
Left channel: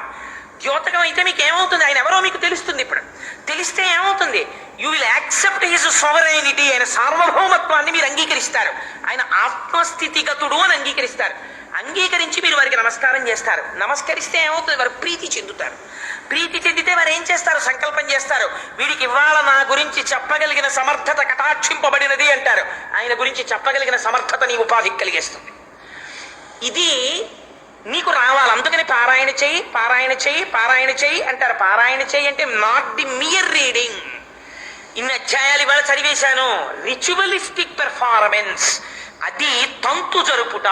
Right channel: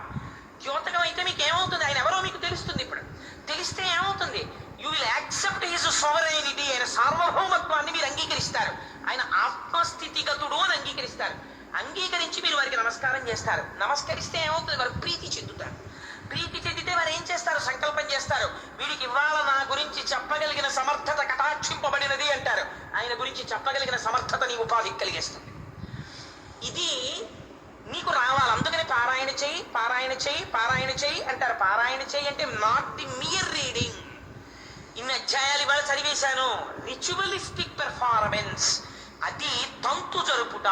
ద్యోతకం అయితే మీకు ఏమవుతుంది? ఆయన ఎవరో మీకు తెలుస్తుంది. ఇప్పుడు తెలిస్తే ఏమవుతుంది? You will accept his sovereignty. ఆయన సార్వభౌమత్వాన్ని మీరు అంగీకరిస్తారు. ఆయన ఆత్మస్థితిగతుడు అని అంగీకరిస్తారు. అంగీకరించి మీరు వారికి నమస్కారం చేస్తారు. నమస్కరిస్తే ఏమవుతుంది? వారు ప్రీతి చెందుతారు. ప్రీతి చెందితే వారు ఏం చేస్తారు? సంకల్పం చేస్తారు, వీడికి ఇవాళ నా గురించి చెప్పగలిగిన సమర్థత కటాక్షింపబడినది అంటారు. ఆయన గురించి చెప్పగలిగిన సమర్థత నీ ఉపాధికి కలిగేస్తుంది. ఇది నీకు రావాలి. అందుకని పారాయణ చెయ్యి అంటారు. పారాయణ చెయ్యి అంటే నాట్ ది మియర్ రీడింగ్. ఇన్ని అధ్యాయాలు ఇవాళ చదివేశాను, రిచువలిస్టిక్ పెర్ఫార్మెన్స్, అది తంతు జరుపుట.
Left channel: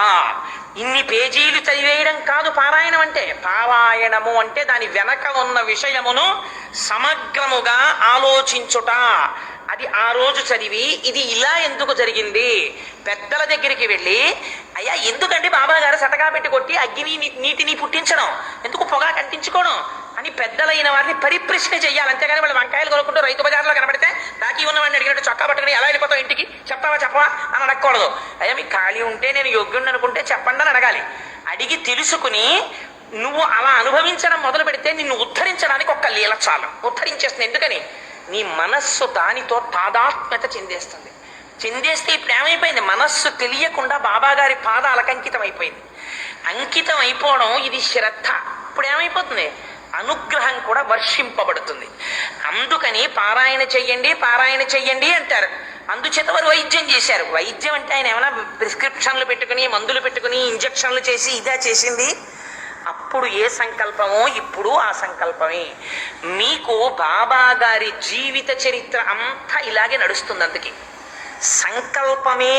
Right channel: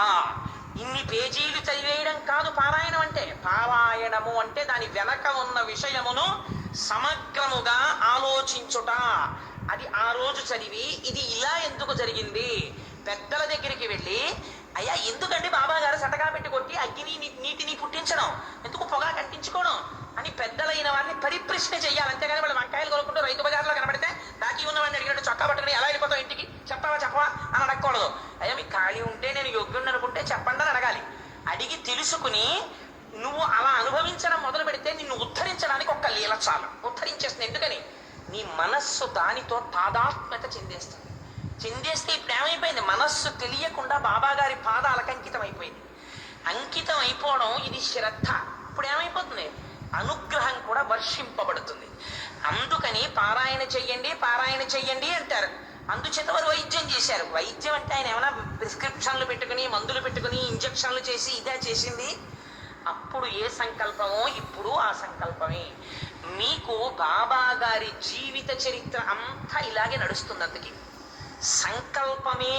ఇన్ని పేజీలు చదివేయడం కాదు పారాయణం అంటే. పారాయణము అంటే దాని వెనక ఉన్న విషయమును సమగ్రముగా ఆలోచించుట. అది ఆ రోజు చదివి ఇది ఇలా ఎందుకు జరిగింది, పెద్దల దగ్గరికి వెళ్ళి, అయ్యా ఎందుకంటే బాబా గారు సటకా పెట్టి కొట్టి అగ్ని నీటిని పుట్టించడం, ఎందుకు పొగ కంటించుకోవడం అని పెద్దలైన వారిని పరిప్రశ్న చెయ్యాలి. అంతేగాని వాళ్ళు వంకాయలు కొనుక్కుంటూ రైతు బజార్లో కనబడితే దాకి ఉన్నవాడిని అడిగినట్టు చొక్కా పట్టుకుని ఎలా వెళ్ళిపోతావు ఇంటికి, చెప్పవా అని అడగకూడదు. అయ్యా మీకు ఖాళీ ఉంటే నేను యోగ్యుడిని అనుకుంటే చెప్పండి అని అడగాలి. అడిగి తెలుసుకుని నువ్వు అలా అనుభవించడం మొదలు పెడితే నిన్ను ఉద్ధరించడానికి ఒక్క లీల చాలు, ఉద్ధరించేస్తుంది. ఎందుకని నీ మనస్సు దానితో తాదాత్మ్యత చెందేస్తుంది. చెందేస్తే ఇప్పుడు ఏమైపోయింది? మనస్సు తెలియకుండా బాబాగారి పాదాలకు అంకితం అయిపోయింది. అంకితం అయిపోవడం ఇది శ్రద్ధ. ఇప్పుడు ఏమైపోతుంది? అనుగ్రహం కూడా వర్షింపబడుతుంది. అందుకని పారాయణ చెయ్యండి అంటారు. అందుచేత వారు వైద్యం చేశారు. వైద్యం అంటే ఆయన ఏమైనా ప్రిస్క్రిప్షన్లు పెట్టుకుని, మందులు పెట్టుకుని, ఇంజక్షన్లు చేసి ఇదా చేసింది? అప్పుడు ఏ సంకల్పమో ఇప్పుడు ఆ సంకల్పమే. మీకు బాబా గారి జీవిత చరిత్ర అంతా ఇలాగే నడుస్తుంది. అందుకే సంకల్పమే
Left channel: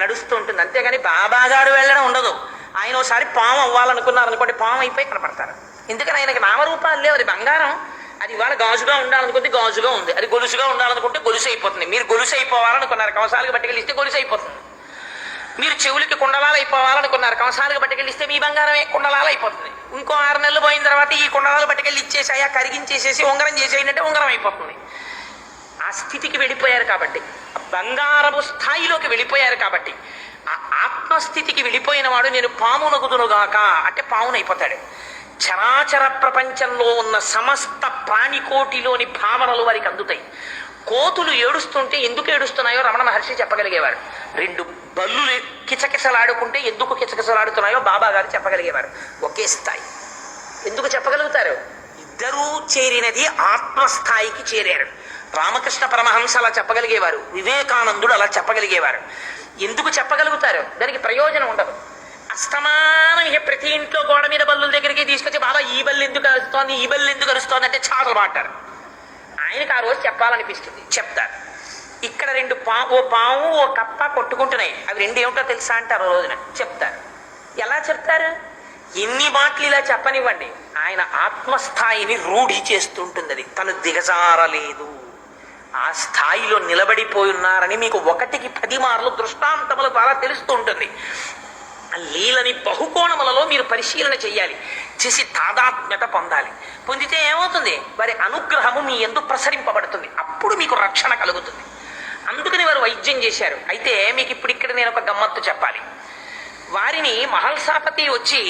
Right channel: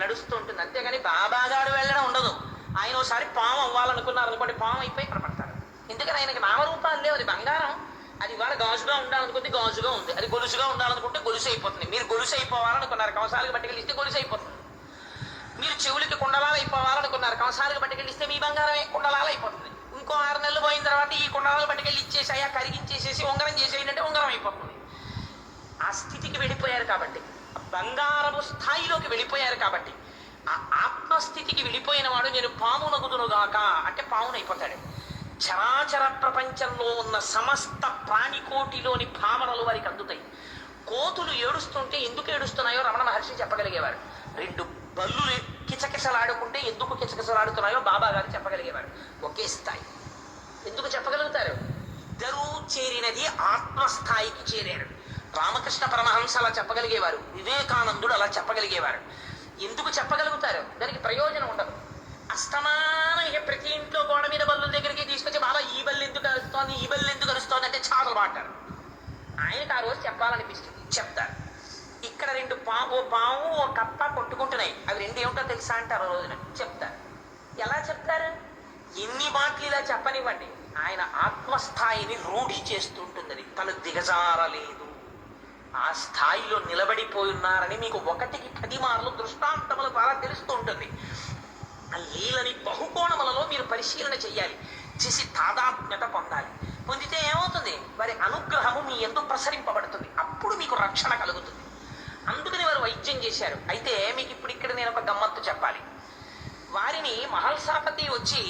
నడుస్తూ ఉంటుంది. అంతేగాని బాబా గారు వెళ్ళడం ఉండదు. ఆయన ఒకసారి పాము అవ్వాలనుకున్నారు అనుకోండి, పాము అయిపోయి కనపడతారు. ఎందుకని ఆయనకి నామరూపాలు లేవు. అది బంగారం. అది ఇవాళ గాజుగా ఉండాలనుకుంటే గాజుగా ఉంది, అది గొలుసుగా ఉండాలనుకుంటే గొలుసు అయిపోతుంది. మీరు గొలుసు అయిపోవాలనుకున్నారు, కవసాలకు పట్టుకెళ్ళిస్తే గొలుసు అయిపోతుంది. మీరు చెవులకి కుండలాలు అయిపోవాలనుకున్నారు, కవసాలకు పట్టుకెళ్ళిస్తే మీ బంగారమే కుండలాలు అయిపోతుంది. ఇంకో 6 నెలలు పోయిన తర్వాత ఈ కుండలాలు పట్టుకెళ్ళి ఇచ్చేసాయా, కరిగించేసేసి ఉంగరం చేసేయంటే ఉంగరం అయిపోతుంది. ఆ స్థితికి వెళ్ళిపోయారు కాబట్టి, బంగారపు స్థాయిలోకి వెళ్ళిపోయారు కాబట్టి ఆ ఆత్మస్థితికి వెళ్ళిపోయిన వాడు నేను పామునగుదునుగాక అంటే పామునైపోతాడు. చరాచర ప్రపంచంలో ఉన్న సమస్త ప్రాణికోటిలోని భావనలు వారికి అందుతాయి. కోతులు ఏడుస్తుంటే ఎందుకు ఏడుస్తున్నాయో రమణ మహర్షి చెప్పగలిగేవారు. రెండు బల్లులు కిచకిచలాడుకుంటే ఎందుకు కిచకిచలాడుతున్నాయో బాబా గారు చెప్పగలిగేవారు. ఒకే స్థాయి. ఎందుకు చెప్పగలుగుతారు? ఇద్దరూ చేరినది ఆత్మస్థాయికి చేరారు. రామకృష్ణ పరమహంస అలా చెప్పగలిగేవారు, వివేకానందుడు అలా చెప్పగలిగేవారు. ఎందుకు చెప్పగలుగుతారు? దానికి ప్రయోజనం ఉండదు. అస్తమానం ప్రతి ఇంట్లో గోడ మీద బల్లుల దగ్గరికి తీసుకొచ్చి బాబా ఈ బల్లు ఎందుకు అరుస్తోంది, ఈ బల్లు ఎందుకు అరుస్తోంది అంటే చాటలు మాట్లారు. ఆయనకు ఆ రోజు చెప్పాలనిపిస్తుంది, చెప్తారు. ఇక్కడ ఓ పాము ఓ కప్ప కొట్టుకుంటున్నాయి, అవి రెండు ఏమిటో తెలుసా అంటారు రోజున, చెప్తారు. ఎలా చెప్తారు? ఎన్ని మాటలు ఇలా చెప్పనివ్వండి, ఆయన ఆత్మస్థాయిని రూఢి చేస్తుంటుంది. అది తను దిగజారలేదు, ఆ స్థాయిలో నిలబడిపోయి ఉన్నారని మీకు 1కి 10 మార్లు దృష్టాంతముల ద్వారా తెలుస్తూ ఉంటుంది. లీలని బహుకోణములలో మీరు పరిశీలన చెయ్యాలి, చేసి తాదాత్మ్యత పొందాలి. పొందితే ఏమవుతుంది? వారి అనుగ్రహము మీ యందు ప్రసరింపబడుతుంది, అప్పుడు మీకు రక్షణ కలుగుతుంది. అందుకని వారు వైద్యం చేశారు. అయితే మీకు ఇప్పుడు ఇక్కడ నేను ఒక గమ్మత్తు చెప్పాలి. వారిని మహల్సాపతి వచ్చి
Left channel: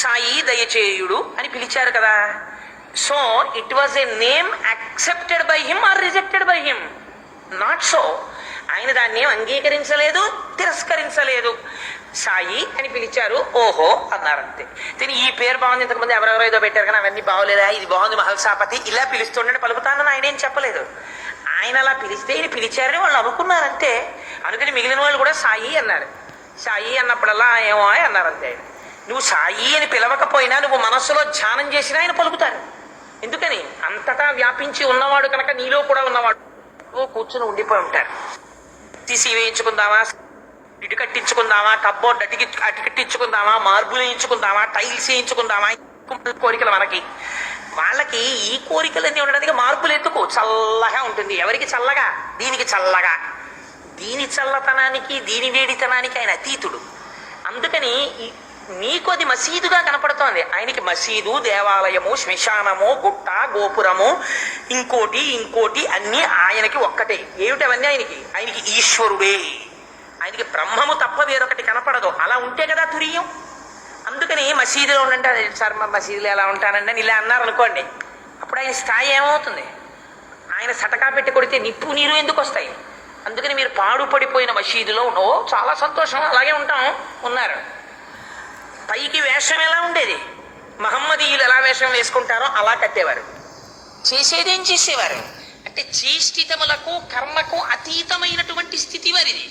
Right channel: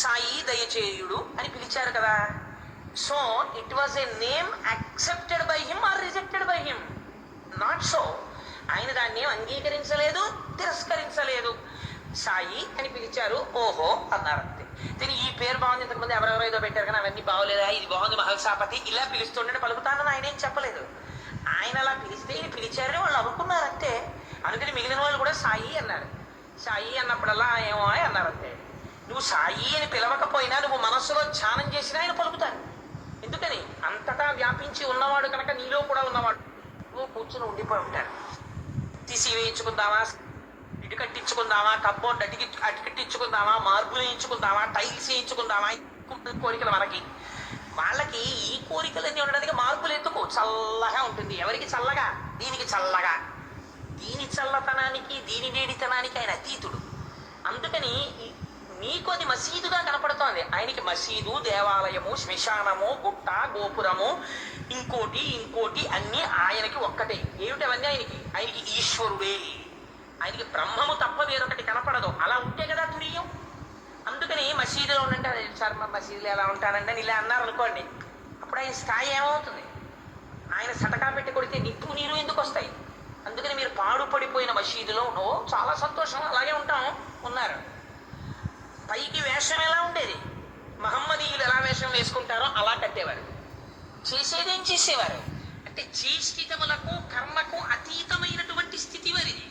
సాయి దయచేయుడు అని పిలిచారు కదా. So it was a name accepted by him or rejected by him? Not so. ఆయన దాన్ని అంగీకరించలేదు, తిరస్కరించలేదు. సాయి అని పిలిచారు, ఓహో అన్నారంతే. దీని ఈ పేరు బాగుంది, ఇంతకుముందు ఎవరెవరో ఏదో పెట్టారు కానీ అవన్నీ బాగోలేదా, ఇది బాగుంది మహల్సాపతి ఇలా పిలుస్తుండే పలుకుతానని ఆయన ఏం చెప్పలేదు. ఆయన అలా పిలిస్తే ఇది పిలిచారని వాళ్ళు అనుకున్నారంతే. అందుకని మిగిలిన వాళ్ళు కూడా సాయి అన్నారు. సాయి అన్నప్పుడల్లా ఏమో అన్నారంతే. నువ్వు సాయి అని పిలవకపోయినా నువ్వు మనస్సులో ధ్యానం చేసినా ఆయన పలుకుతారు. ఎందుకని? అంతటా వ్యాపించి ఉన్నవాడు కనుక నీలో కూడా ఉన్నవాడు. నువ్వు కూర్చుని ఉండిపోయి ఉంటారు. తీసి వేయించుకుందామా, ఇటు కట్టించుకుందామా, కబ్బోర్డ్ అటు కట్టించుకుందామా, మార్బులు వేయించుకుందామా, టైల్స్ వేయించుకుందామా, కోరికలు మనకి. వాళ్ళకి ఈ కోరికలన్నీ ఉండడానికి మార్పులు ఎందుకు? చల్లగా ఉంటుంది. ఎవరికి చల్లగా? దీనికి చల్లగా. దీని చల్లతనానికి దీని వేడితనానికి ఆయన అతీతుడు. అందుకని నీకు అది మసీదుగా కనపడుతోంది, ఆయనకి మసీదు, దేవాలయము, శ్మశానము, గుట్ట, గోపురము, ఇంకోటి అన్నీ ఆయనకి ఒక్కటే. ఏమిటవన్నీ ఆయనకి ఈశ్వరుడే. ఆయనకి బ్రహ్మము తప్ప వేరొకటి కనపడదు. అలా ఉంటే కదా తురియం. అందుకని మసీదులో ఉండంటే సార్ మా మసీదులో ఎలా ఉంటానండి అని ఇలా అన్నారు అనుకోండి, అప్పుడు ఆయన స్థాయి ఏమవుతుంది? ఆయన సటకా పెట్టి కొడితే నిప్పు నీరు ఎందుకు వస్తాయి? అందుకని మీరు పాడుపడిపోయిన మసీదులో చాలా సంతోషం, అలాగే ఉన్నారు. పైకి వేషం ఎలా ఉండేది? మహమ్మదీయులు ఎలా వేషం వేసుకుంటారో అలా కట్టేవారు. చేసేదేం చేసేవారు అంటే చేష్టితములకు కర్మకు అతీతమైనటువంటి స్థితి వారిది.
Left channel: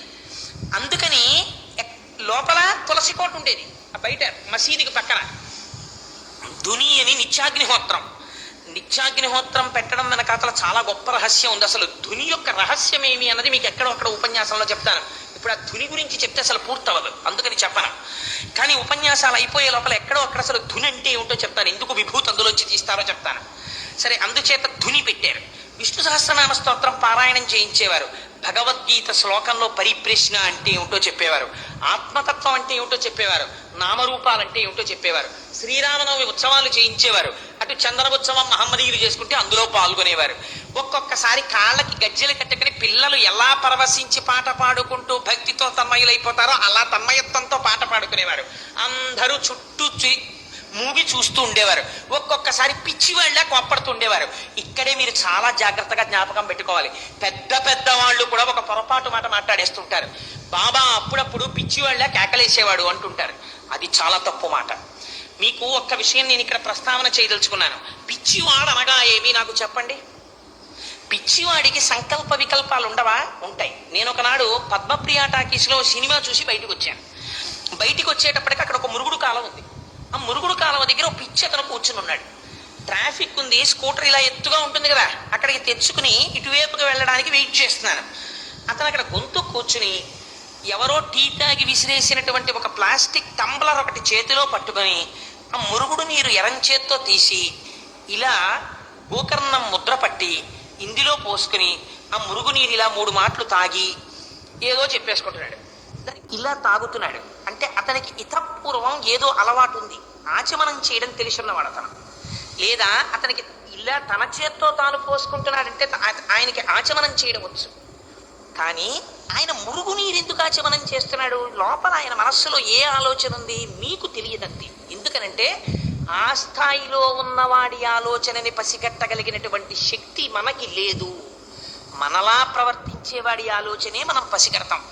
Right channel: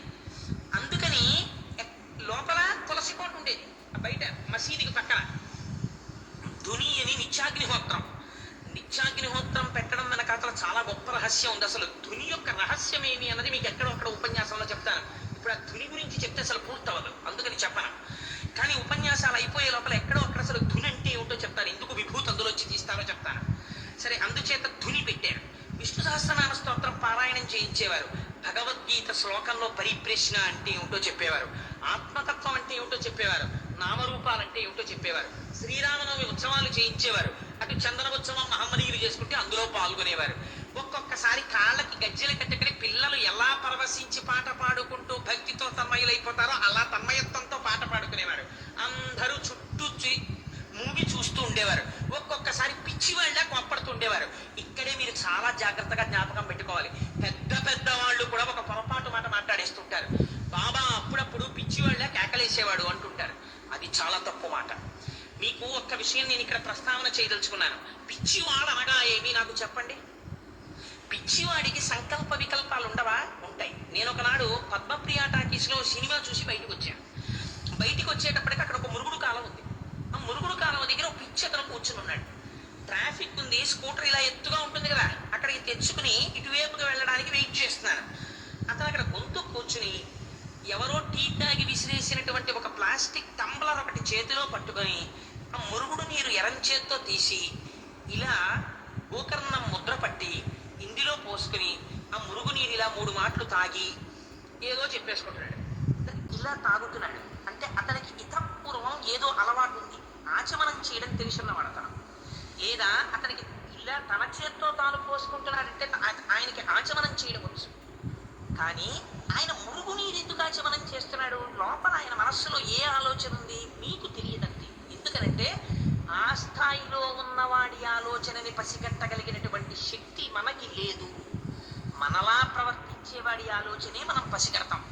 అందుకని లోపల తులసి కోట ఉండేది, బయట మసీదుకి పక్కన ధుని అని నిత్యాగ్నిహోత్రం పెట్టడం వెనక అసలు చాలా గొప్ప రహస్యం ఉంది. అసలు ధుని యొక్క రహస్యం ఏమి అన్నది మీకు ఎక్కడొక్కడ ఉపన్యాసంలో చెప్తాను. ఇప్పుడు ఆ ధుని గురించి చెప్తే అసలు పూర్తవదు, అందుకని చెప్పను. కానీ ఉపన్యాసాలు అయిపోయే లోపల ఎక్కడో అక్కడ అసలు ధుని అంటే ఏమిటో చెప్తాను, ఎందుకు విభూతి అందులోంచి తీస్తారో చెప్తాను. సరే, అందుచేత ధుని పెట్టారు. విష్ణు సహస్రనామ స్తోత్రం పారాయణం చేయించేవారు. భగవద్గీత శ్లోకంలో పరిప్రశ్న అంటే ఏమిటో చెప్పేవారు, ఆత్మతత్వం అంటే ఏమిటో చెప్పేవారు, నామరూపాలంటే ఏమిటో చెప్పేవారు. శ్రీరామనవమి ఉత్సవాలు చేయించేవారు. అటు చందన ఉత్సవం మహమ్మదీయులు చేసుకుంటే అందులో పాల్గొనేవారు. ఒక్కొక్కసారి కాళ్ళకి గజ్జెలు కట్టుకుని పిల్లలు ఎలా పరవశించి పాట పాడుకుంటూ భక్తితో తన్మయులైపోతారో అలా తన్మయత్వంతో పాట పాడుకునేవారు. అందరూ చుట్టూ మూగి చూస్తూ ఉండేవారు. ఒక్కొక్కసారి పిచ్చి వాళ్ళ కోప్పడుతూ ఉండేవారు. ఇక్కడే మీరు చాలా జాగ్రత్తగా జ్ఞాపకం పెట్టుకోవాలి. పెద్ద వాళ్ళు కూడా ఒక పొరపాటు మాట మాట్లాడేస్తుంటారు. బాబా అప్పుడప్పుడు పిచ్చి వాళ్ళ కేకలేసేవాడు అంటుంటారు. అది చాలా తప్పు మాట. మీకు ఒక్క విషయం నేను ఇక్కడ ప్రస్తావన చేయదలుచుకున్నాను. పిచ్చివాడు అనగా ఏమి నాకు చెప్పండి? పిచ్చివాడికి సంకల్ప వికల్పాలు ఉండవా? ఉంటాయి. నేను ఒకనాడు పద్మప్రియ టాకీస్లో సినిమా చూసి బయటకు వచ్చాను. బయటికి వచ్చేటప్పటికి అక్కడ ఒక మురుగుడు కాలం ఉంది. ఆ మురుగుడు కాలం దగ్గర ఒక పిచ్చి అతను కూర్చుని ఉన్నాడు. ట్రాఫిక్ ఉంది, స్కూటర్ ఇలా ఎత్తుగా ఉంటుంది కదా, అక్కడికి తెచ్చుకుని ఇటువైపుకి వెళ్ళడానికి వెయిట్ చేస్తున్నాను. అతను అక్కడ గొంతు కూర్చుని ఎవరో టీ తాగి విసిరేసినటువంటి ఒక ప్లాస్టిక్ టంబ్లర్ ఒకటి చేతిలో పట్టుకొని ఆ మురుగుడు నీరు ఎరం చేత్తో తీసి ఇలా గోకర్ణం ముద్ర పట్టి ఇందులో పోసుకుని ఆ మురుగు నీరు ఇలా 3 మాటలు తాగి ఏదో చెప్పేసుకుంటున్నాడు. ఇలా తాగుతున్నాడు అంటే అతనికి ఇతపూర్వం ఏదో అలవాటు ఉంది, ఆచమనం చేయడం తెలుసున్నవాడు అతను. లేదా అతనికి ఇలా తన చేత్తో తాను పోసుకుంటున్నాడంటే ఆయనకి ఆచమనం చేయడం వచ్చు. కానీ ఆయన మురుగునీరు ఎందుకు ఆచమనం చేస్తున్నాడు? లోపల ఆయన మనస్సులో ఏ ఆలోచన ఉంది మీకు తెలియదండి. ఎందుకనంటే ఆ స్థాయిలో ఉన్నవాడి ఆలోచనని పసిగట్టగలిగినటువంటి శక్తి మనకి లేదు. మనలా ప్రవర్తించేవాడి ఆలోచనే మనం పసిగడతాం.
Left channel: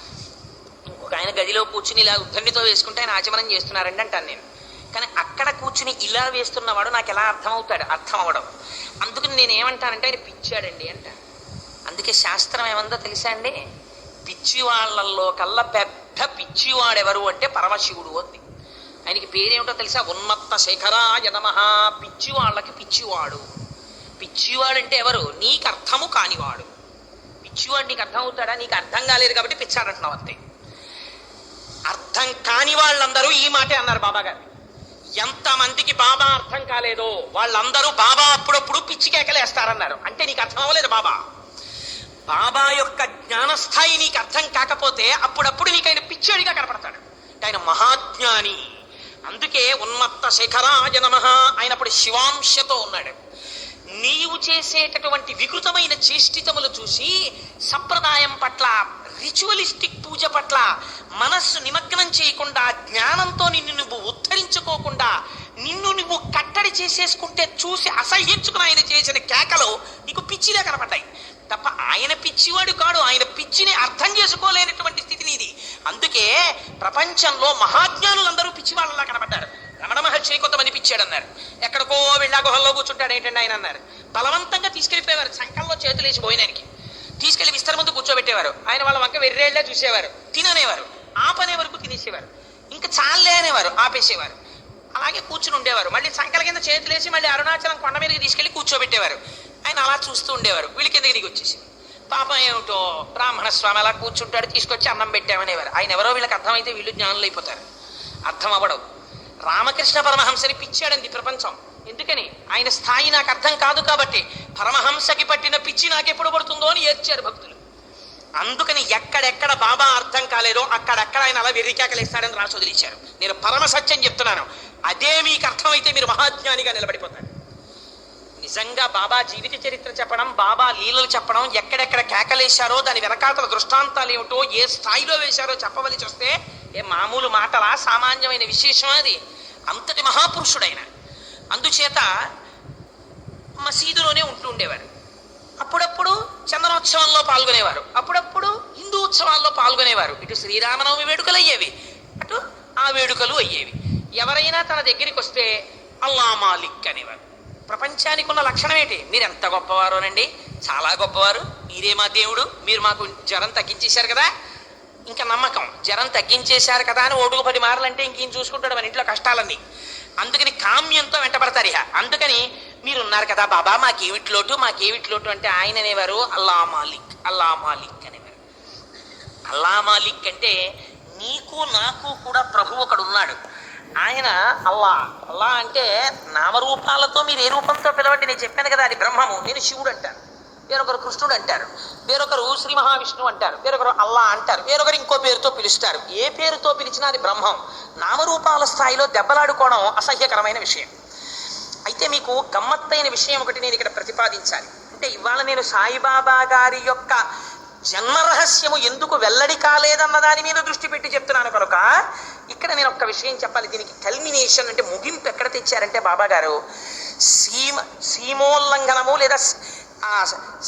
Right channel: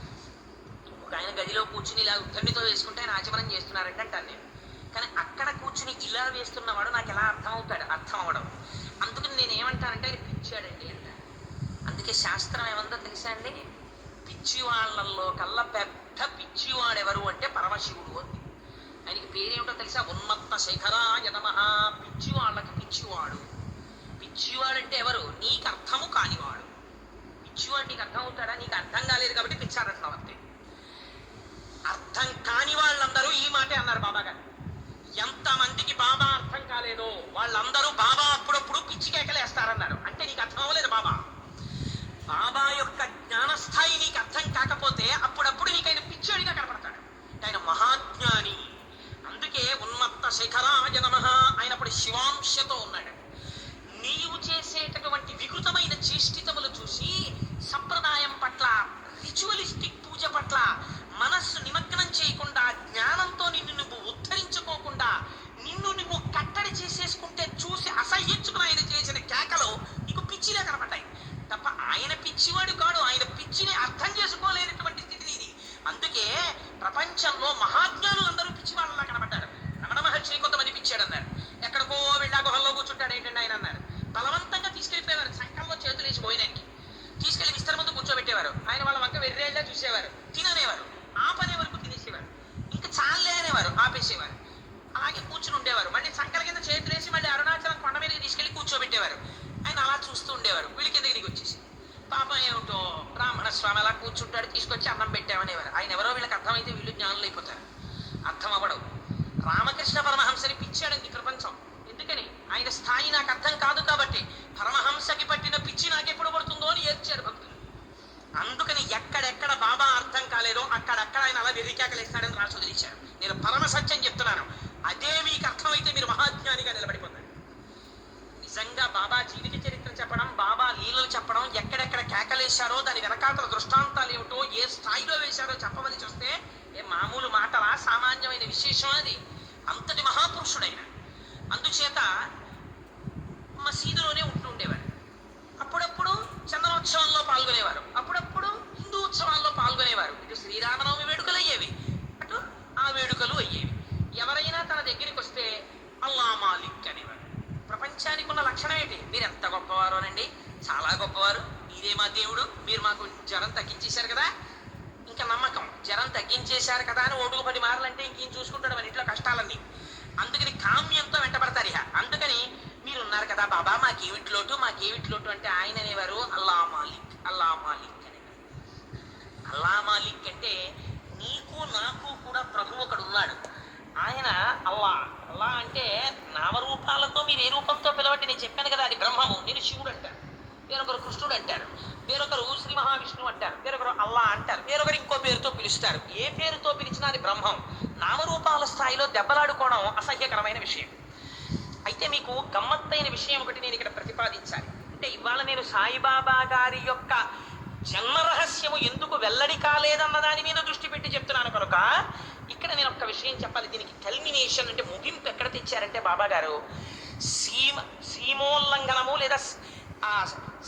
ఇంకొక ఆయన గదిలో కూర్చుని ఇలా ఉద్ధరణితో వేసుకుంటే ఆయన ఆచమనం చేస్తున్నారండి అంటాను నేను. కానీ అక్కడ కూర్చుని ఇలా వేస్తున్నవాడు నాకు ఎలా అర్థమవుతాడు? అర్థం అవడం. అందుకని నేను ఏమంటానంటే ఆయన పిచ్చాడండి అంటాను. అందుకే శాస్త్రం ఏమందో తెలుసా అండి? పిచ్చి వాళ్ళల్లో కల్లా పెద్ద పిచ్చివాడెవరు అంటే పరమశివుడు అంది. ఆయనకి పేరేమిటో తెలుసా? ఉన్మత్త శేఖరాయ నమః. పిచ్చి వాళ్ళకి పిచ్చివాడు. పిచ్చివాడు అంటే ఎవరు? నీకు అర్థము కానివాడు. పిచ్చివాడు నీకు అర్థం అవుతాడా? నీకు అర్థం కాలేదు కాబట్టి పిచ్చాడంటున్నావు అంతే. అర్థం కాని వాళ్ళందరూ ఈ మాటే అన్నారు బాబా గారు. ఎంతమందికి బాబా అర్థం కాలేదో వాళ్ళందరూ బాబా అప్పుడప్పుడు పిచ్చి కేకలేస్తారన్నారు. అంటే నీకు అర్థం అవ్వలేదు బాబా. బాబా యొక్క జ్ఞానస్థాయి నీకు అర్థం కాకపోతే అప్పుడప్పుడు నీకు ఆయన పిచ్చోడిగా కనపడతాడు. ఆయన మహాజ్ఞాని. అందుకే ఉన్మత్త శేఖరాయ నమః. ఆయన అప్పుడు శివాంశతో ఉన్నాడు. నీవు చేసేటటువంటి వికృతమైన చేష్టితములు చూసి సంప్రదాయం పట్ల, రిచువలిస్టిక్ పూజ పట్ల మనస్సు నిమగ్నం చేయకుండా, జ్ఞానంతో నిన్ను నువ్వు ఉద్ధరించుకోకుండా నిన్ను నువ్వు కట్టడి చేసేసుకుంటే చూసి అసహ్యించుకుని ఆయన చేసిన కేకలు నీకు పిచ్చిగా కనపడ్డాయి తప్ప ఆయన పిచ్చివాడు కాడు. ఆయన పిచ్చిని అర్థం చేసుకోలేనటువంటి స్థితి నీది. అందుకే ప్రపంచంలో మహాజ్ఞానులందరూ పిచ్చివాళ్ళలా కనపడ్డారు. రమణ మహర్షి కొంతమంది పిచ్చాడన్నారు. ఎక్కడికో వెళ్ళా గుహల్లో కూర్చుంటాడు ఏంటండి ఆయన అన్నారు. బలవంతంగా తీసుకెళ్ళిపోయేవారు. సంకల్లో చేతులేసి పోయినానికి తీసుకెళ్లి విస్తర ముందు కూర్చోబెట్టేవారు. ఆయన వాళ్ళ వంక వెర్రేళ్లే చూసేవారు. తిననేవారు. ఆపనే వరకు తినేసేవారు. ఇంకా చాలే అనేవారు, ఆపేసేవారు. అలాగే కూర్చుని ఉండేవారు. మళ్ళీ సంకల కింద చేతులేసి మళ్ళీ అరుణాచలం కొండ మీదకి తీసుకెళ్లి కూర్చోబెట్టేవారు. ఆయన అలా చూస్తూ ఉండేవారు. వీళ్ళ కిందకి దిగి వచ్చేసి పాపం ఏమిటో బ్రాహ్మణ స్వామి అలా కూర్చుంటాడు, తీసుకొచ్చి అన్నం పెట్టామనేవారు. ఆయన ఎవరో వీళ్ళకి అర్థమైతే వీళ్ళు జ్ఞానులు అయిపోతారు. అర్థం అవ్వడం. రామకృష్ణ పరమహంసని పిచ్చాడంది ప్రపంచం. ఎందుకని? ఆయన స్థాయి నాకు అర్థం కాదు కాబట్టి. పరమహంసకి పట్టిన పిచ్చి నాకెప్పుడు పడుతుందో అని ఏడ్చారు భక్తులు. అందుకని ఎక్కడెక్కడ బాబా అర్థం కాలేదో అక్కడెక్కడ ఆయన అలా వెర్రికేకలేస్తాడని రాసి వదిలించారు. నేను పరమ సత్యం చెప్తున్నాను. అదే మీకు అర్థమైతే మీరు మహాజ్ఞానిగా నిలబడిపోతారు. నిజంగా బాబా జీవిత చరిత్ర చెప్పడం, బాబా లీలలు చెప్పడం, ఎక్కడెక్కడ కేకలేశారో దాని వెనకాతల దృష్టాంతాలు ఏమిటో, ఏ స్థాయిలో వేశారో చెప్పవలసి వస్తే ఏ మామూలు మాటలా? సామాన్యమైన విశేషం అది. అంతటి మహాపురుషుడైన. అందుచేత మసీదులోనే ఉంటూ ఉండేవారు. అప్పుడప్పుడు చందనోత్సవంలో పాల్గొనేవారు. అప్పుడప్పుడు హిందూ ఉత్సవాల్లో పాల్గొనేవారు. ఇటు శ్రీరామనవమి వేడుకలు అయ్యేవి, అటు ఆ వేడుకలు అయ్యేవి. ఎవరైనా తన దగ్గరికి వస్తే అల్లా మాలిక్ అనేవారు. ప్రపంచానికి ఉన్న లక్షణం ఏంటి? మీరు ఎంత గొప్పవారోనండి, చాలా గొప్పవారు, మీరే మా దేవుడు, మీరు మాకు జ్వరం తగ్గించేశారు కదా. ఇంకా నమ్మకం, జ్వరం తగ్గించేశారు కదా అని ఓటుకు 10 మార్లు అంటే ఇంకేం చూసుకుంటాడు మన ఇంట్లో కష్టాలన్నీ. అందుకని కామ్యంతో వెంటబడతారు. ఇహ అందుకని మీరు ఉన్నారు కదా బాబా, మాకేమిటి లోటు అంటే ఆయన అనేవారు అల్లా మాలిక్, అల్లా మాలిక్ అనేవారు. అల్లా మాలిక్ అంటే నీకు నాకు కూడా ప్రభు ఒకడు ఉన్నాడు. ఆయన అల్లా. అల్లా అంటే నామరూపాలతో మీరు ఏ రూపంతో పిలవండి, నేను చెప్పాను కదా అది బ్రహ్మము. నేను శివుడు అంటాను, వేరొకరు కృష్ణుడు అంటారు, వేరొకరు శ్రీ మహావిష్ణువు అంటారు, వేరొకరు అల్లా అంటారు, వేరొకరు ఇంకో పేరుతో పిలుస్తారు. ఏ పేరుతో పిలిచినా అది బ్రహ్మం. నామరూపాల స్థాయిలో దెబ్బలాడుకోవడం అసహ్యకరమైన విషయం. అయితే మీకు గమ్మత్తైన విషయం ఒకటి నేను ఇక్కడ ప్రతిపాదించాలి. అంటే ఇవాళ నేను సాయిబాబా గారి యొక్క జన్మ రహస్యము ఎందుకు వెల్లడి కాలేదన్న దాని మీద దృష్టి పెట్టి చెప్తున్నాను కనుక ఇక్కడ నేను ఒక్క విషయం చెప్పాలి. దీనికి కల్మినేషన్ అంటే ముగింపు ఎక్కడ తెచ్చారంటే బాబా గారు సీమోల్లంఘనము లేదా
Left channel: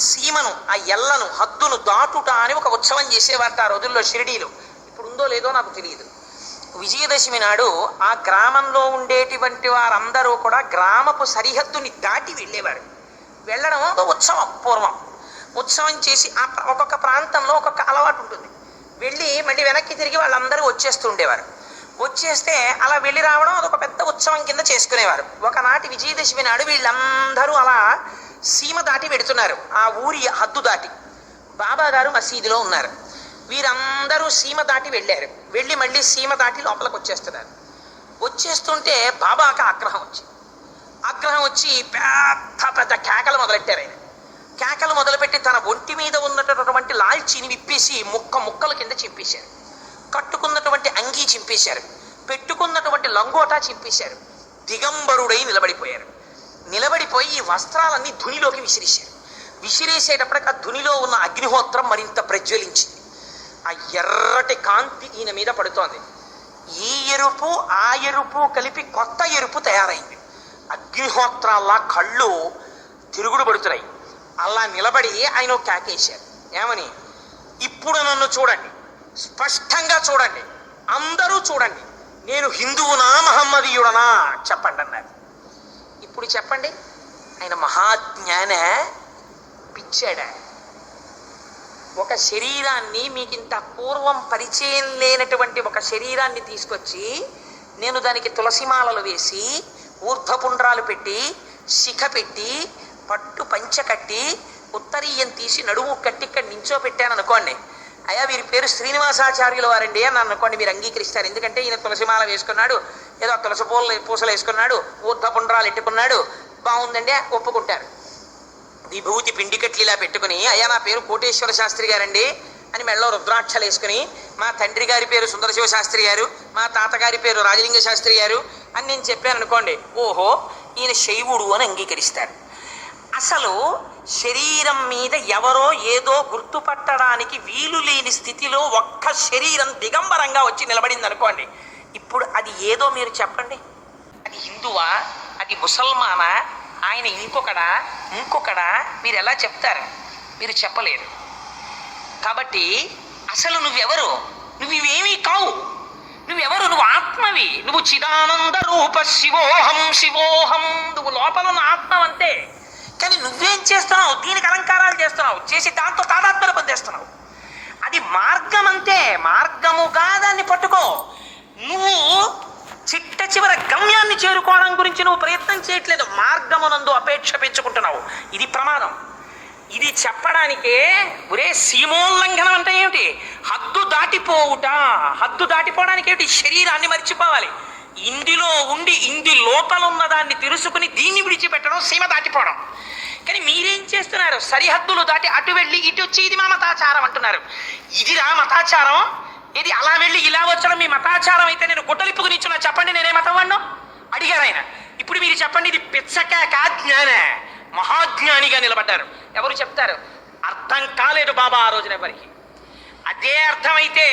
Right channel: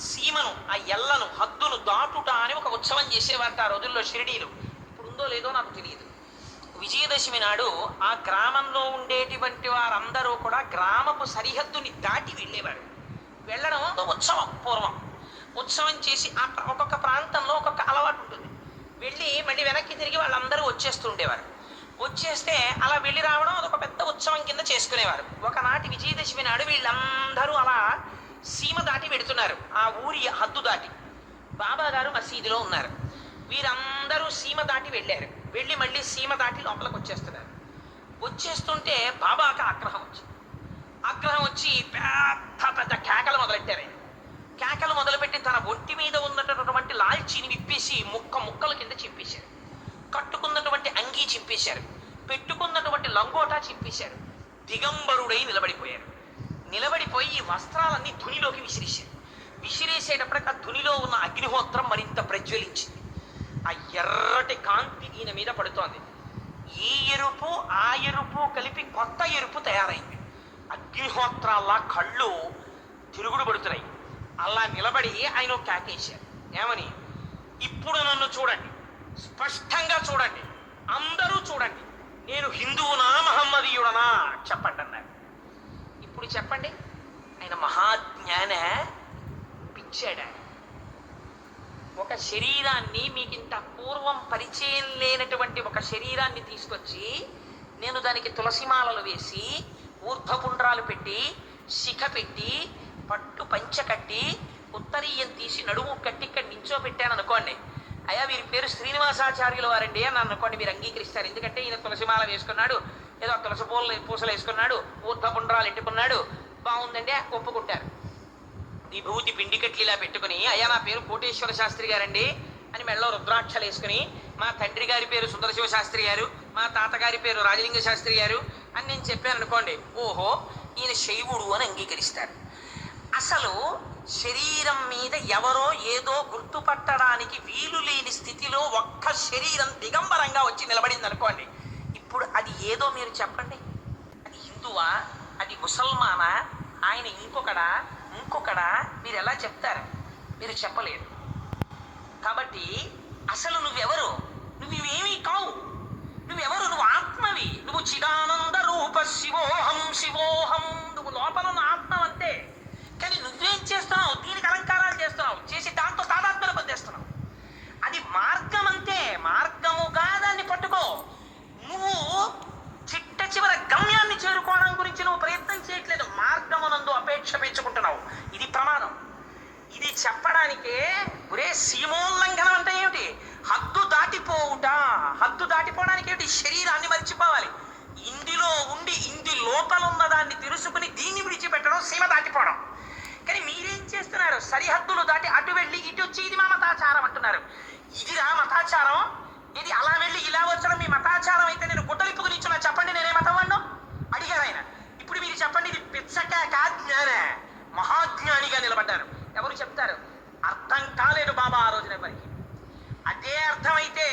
సీమను, ఆ ఎల్లను, హద్దును దాటుట అని ఒక ఉత్సవం చేసేవారు ఆ రోజుల్లో షిరిడీలో. ఇప్పుడు ఉందో లేదో నాకు తెలియదు. విజయదశమి నాడు ఆ గ్రామంలో ఉండేటువంటి వారందరూ కూడా గ్రామపు సరిహద్దుని దాటి వెళ్ళేవారు. వెళ్ళడం ఒక ఉత్సవం. పూర్వం ఉత్సవం చేసి ఒక్కొక్క ప్రాంతంలో ఒక్కొక్క అలవాటు ఉంటుంది. వెళ్ళి మళ్ళీ వెనక్కి తిరిగి వాళ్ళందరూ వచ్చేస్తూ ఉండేవారు. వచ్చేస్తే అలా వెళ్ళి రావడం అదొక పెద్ద ఉత్సవం కింద చేసుకునేవారు. ఒకనాటి విజయదశమి నాడు వీళ్ళందరూ అలా సీమ దాటి వెడుతున్నారు, ఆ ఊరి హద్దు దాటి. బాబా గారు మసీదులో ఉన్నారు. వీరందరూ సీమ దాటి వెళ్ళారు. వెళ్ళి మళ్ళీ సీమ దాటి లోపలికి వచ్చేస్తున్నారు. వచ్చేస్తుంటే బాబాకి ఆగ్రహం వచ్చి పెద్ద పెద్ద కేకలు మొదలెట్టారు. ఆయన కేకలు మొదలుపెట్టి తన ఒంటి మీద ఉన్నటువంటి లాల్చీని విప్పేసి ముక్కల కింద చింపేశారు. కట్టుకున్నటువంటి అంగీ చింపేశారు. పెట్టుకున్నటువంటి లంగోటా చింపేశారు. దిగంబరుడై నిలబడిపోయారు. నిలబడిపోయి ఈ వస్త్రాలన్నీ ధునిలోకి విసిరేశారు. విసిరేసేటప్పటికి ఆ ధునిలో ఉన్న అగ్నిహోత్రం మరింత ప్రజ్వలించింది. ఆ ఎర్రటి కాంతి ఈయన మీద పడుతోంది. ఈ ఎరుపు ఆ ఎరుపు కలిపి కొత్త ఎరుపు తయారైంది. అగ్నిహోత్రాల్లా కళ్ళు తిరుగుడు పడుతున్నాయి. అలా నిలబడి ఆయన కేకేశారు. ఏమని? ఇప్పుడు నన్ను చూడండి, స్పష్టంగా చూడండి, అందరూ చూడండి, నేను హిందువునా మహమ్మదీయుడనా చెప్పండి అన్నారు. ఇప్పుడు చెప్పండి, ఆయన మహాజ్ఞాన పిచ్చాడా? ఒక శరీరాన్ని, మీకింత పూర్వం పరిచయం లేనటువంటి ఒక శరీరాన్ని తీసుకొచ్చి నేను దానికి తులసిమాలలు వేసి ఊర్ధ్వపుండ్రాలు పెట్టి శిఖ పెట్టి పట్టు పంచ కట్టి ఉత్తరీయం తీసి నడుము కట్టి ఇక్కడ నించో పెట్టాను అనుకోండి, అయ్యా వీరి పేరు శ్రీనివాసాచార్యుల వారండి అని అనుకోండి, మీరు అంగీకరిస్తారు. ఎందుకంటే ఈయన తులసిమాల వేసుకున్నాడు, ఏదో తులసి పూసలు వేసుకున్నాడు, ఊర్ధ్వపుండ్రాలు ఎట్టుకున్నాడు, బాగుందండి ఒప్పుకుంటారు. విభూతి పిండికట్లు ఇలా పెట్టుకుని, అయ్యా నా పేరు కోటేశ్వర శాస్త్రి గారండి అని మెళ్ళలో రుద్రాక్షలు వేసుకుని, మా తండ్రి గారి పేరు సుందరశివ శాస్త్రి గారు, మా తాతగారి పేరు రాజలింగ శాస్త్రి గారు అని నేను చెప్పాను అనుకోండి, ఓహో ఈయన శైవుడు అని అంగీకరిస్తారు. అసలు శరీరం మీద ఎవరో ఏదో గుర్తుపట్టడానికి వీలు లేని స్థితిలో ఒక్క శరీరం దిగంబరంగా వచ్చి నిలబడింది అనుకోండి, ఇప్పుడు అది ఏదో మీరు చెప్పండి. అది హిందువా, అది ముసల్మానా, ఆయన ఇంకొకడా మీరు ఎలా చెప్తారు? మీరు చెప్పలేరు. కాబట్టి అసలు నువ్వెవరు? నువ్వు ఇవేమీ కావు. నువ్వెవరు? నువ్వు ఆత్మవి. నువ్వు చిదానంద రూప శివోహం. నువ్వు లోపల ఉన్న ఆత్మ అంతే. కానీ నువ్వేం చేస్తున్నావు? దీనికి అలంకారాలు చేస్తున్నావు, చేసి దాంతో తాదాత్మ్యం పొందేస్తున్నావు. అది మార్గం అంతే. మార్గముగా దాన్ని పట్టుకో. నువ్వు చిట్ట చివర గమ్యాన్ని చేరుకోవడం గురించి నువ్వు ప్రయత్నం చేయట్లేదు, మార్గమునందు అపేక్ష పెంచుకుంటున్నావు. ఇది ప్రమాదం. ఇది చెప్పడానికే ఒరే సీమోల్లంఘనం అంటే ఏమిటి? హద్దు దాటిపోవుట. హద్దు దాటిపోవడానికి ఏమిటి? శరీరాన్ని మర్చిపోవాలి. ఇందులో ఉండి ఇందు లోపల ఉన్నదాన్ని తెలుసుకుని దీన్ని విడిచిపెట్టడం సీమ దాటిపోవడం. కానీ మీరేం చేస్తున్నారు? సరిహద్దులు దాటి అటు వెళ్ళి ఇటు వచ్చి ఇది మా మతాచారం అంటున్నారు. ఇదిరా మతాచారం? ఇది అలా వెళ్ళి ఇలా వచ్చడం మీ మతాచారం అయితే నేను గుడ్డలిప్పుకు నిచ్చున్నా చెప్పండి, నేనే మతం వాడినో అడిగారు ఆయన. ఇప్పుడు మీరు చెప్పండి, ఇది పిచ్చక జ్ఞాన మహాజ్ఞానిగా నిలబడ్డారు. ఎవరు చెప్తారు? అర్థం కాలేదు బాబా ఆ రోజున ఎవరికి. అదే అర్థమైతే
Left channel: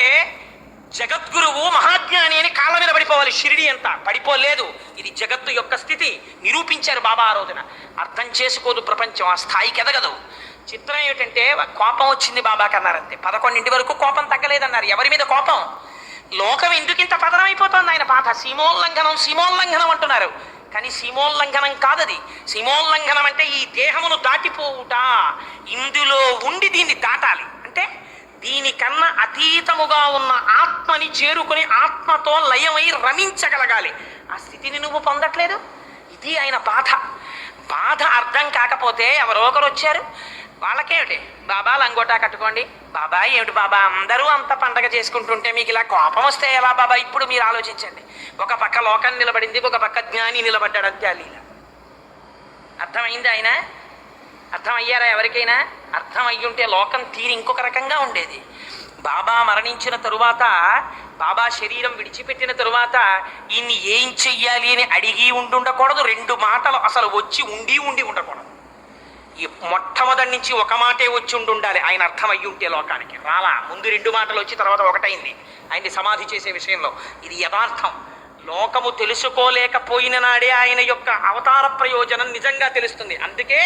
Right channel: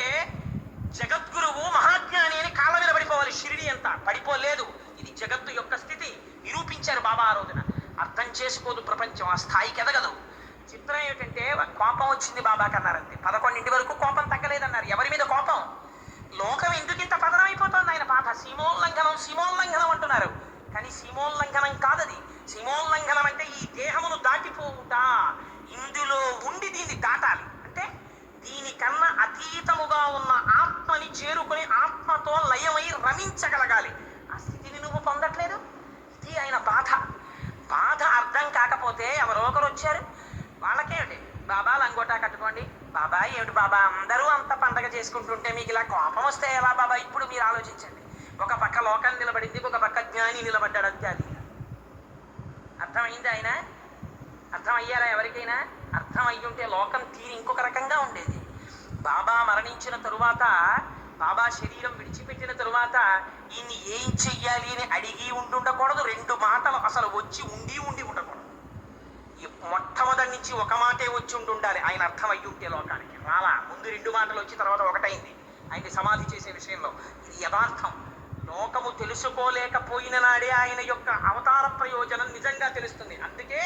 జగద్గురువు మహాజ్ఞాని అని కాళ్ళ మీద పడిపోవాలి. షిరిడి అంతా పడిపోలేదు. ఇది జగత్తు యొక్క స్థితి నిరూపించారు బాబా ఆ రోజున. అర్థం చేసుకోదు ప్రపంచం, ఆ స్థాయికి ఎదగదు. చిత్రం ఏమిటంటే కోపం వచ్చింది బాబాకి అన్నారంతే. 11 వరకు కోపం తగ్గలేదన్నారు. ఎవరి మీద కోపం? లోకం ఎందుకింత పతనం అయిపోతుంది? ఆయన పాట సీమోల్లంఘనం అంటున్నారు. కానీ సీమోల్లంఘనం కాదది. సీమోల్లంఘనం అంటే ఈ దేహమును దాటిపోవుట. ఇందులో ఉండి దీన్ని దాటాలి అంటే దీనికన్నా అతీతముగా ఉన్న ఆత్మని చేరుకుని ఆత్మతో లయమై రమించగలగాలి. ఆ స్థితిని నువ్వు పొందట్లేదు. ఇది ఆయన బాధ. బాధ అర్థం కాకపోతే ఎవరో ఒకరు వచ్చారు, వాళ్ళకేమిటి బాబా లంగోటా కట్టుకోండి, బాబా ఏమిటి బాబా అందరూ అంత పండగ చేసుకుంటుంటే మీకు ఇలా కోపం వస్తే ఎలా బాబా? ఇప్పుడు మీరు ఆలోచించండి. ఒక పక్క లోకం నిలబడింది, ఒక పక్క జ్ఞాని నిలబడ్డాడు. అంతే లీల. అర్థమైంది ఆయన? అర్థమయ్యారా ఎవరికైనా? అర్థం అయ్యుంటే లోకం తీరి ఇంకొక రకంగా ఉండేది. బాబా మరణించిన తరువాత, బాబా శరీరం విడిచిపెట్టిన తరువాత ఈయన్ని ఏం చెయ్యాలి అని అడిగి ఉండకూడదు. 2 మాటలు అసలు వచ్చి ఉండి ఉండకూడదు. ఈ మొట్టమొదటి నుంచి ఒక మాటే వచ్చి ఉండాలి. ఆయన అర్థం అయ్యి ఉంటే లోకానికి రాలా. ముందు 2 మాటలు వచ్చి తర్వాత ఒకటైంది ఆయన్ని సమాధి చేసే విషయంలో. ఇది యథార్థం. లోకము తెలుసుకోలేకపోయిన నాడే ఆయన యొక్క అవతార ప్రయోజనం నిజంగా తెలుస్తుంది. అందుకే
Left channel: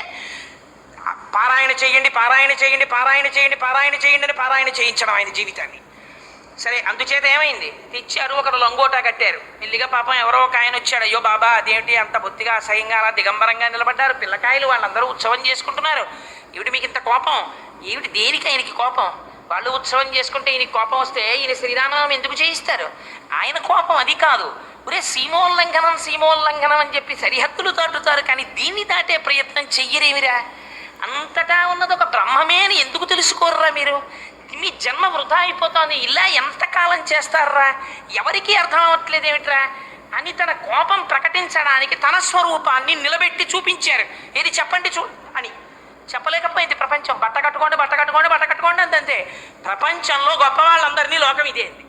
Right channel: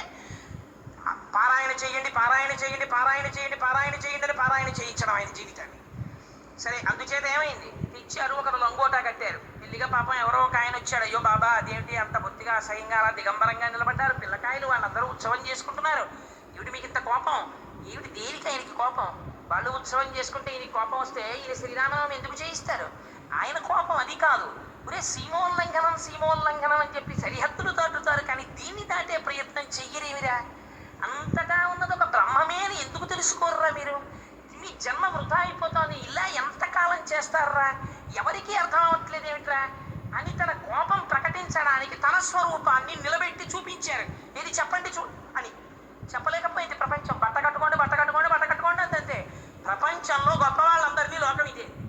పారాయణ చేయండి అని పారాయణ చేయించడం ఆయన జీవితాన్ని. సరే, అందుచేత ఏమైంది? తెచ్చారు, ఒకరు లంగోటా కట్టారు. మెల్లిగా పాపం ఎవరో ఒక ఆయన వచ్చాడు. అయ్యో బాబా అదేంటి అంత బొత్తిగా అసహ్యంగా అలా దిగంబరంగా నిలబడ్డారు, పిల్లకాయలు వాళ్ళందరూ ఉత్సవం చేసుకుంటున్నారు, ఏమిటి మీకు ఇంత కోపం? ఏమిటి? దేనికి ఆయనకి కోపం? వాళ్ళు ఉత్సవం చేసుకుంటే ఈయనకి కోపం వస్తే ఈయన శ్రీరామనామం ఎందుకు చేయిస్తారు? ఆయన కోపం అది కాదు. ఒరే సీమోల్లంఘనం అని చెప్పి సరిహద్దులు దాటుతారు, కానీ దీన్ని దాటే ప్రయత్నం చెయ్యరేమిరా? అంతటా ఉన్నది ఒక బ్రహ్మమే అని ఎందుకు తెలుసుకోర్రా మీరు? మీ జన్మ వృధా అయిపోతుంది. ఇలా ఎంతకాలం చేస్తారా? ఎవరికీ అర్థం అవ్వట్లేదు ఏమిట్రా అని తన కోపం ప్రకటించడానికి తన స్వరూపాన్ని నిలబెట్టి చూపించారు. ఏది చెప్పండి అని చెప్పలేకపోయింది ప్రపంచం. బట్ట కట్టుకోండి అంతే. ప్రపంచంలో గొప్ప వాళ్ళందరినీ లోకం ఇదేంది.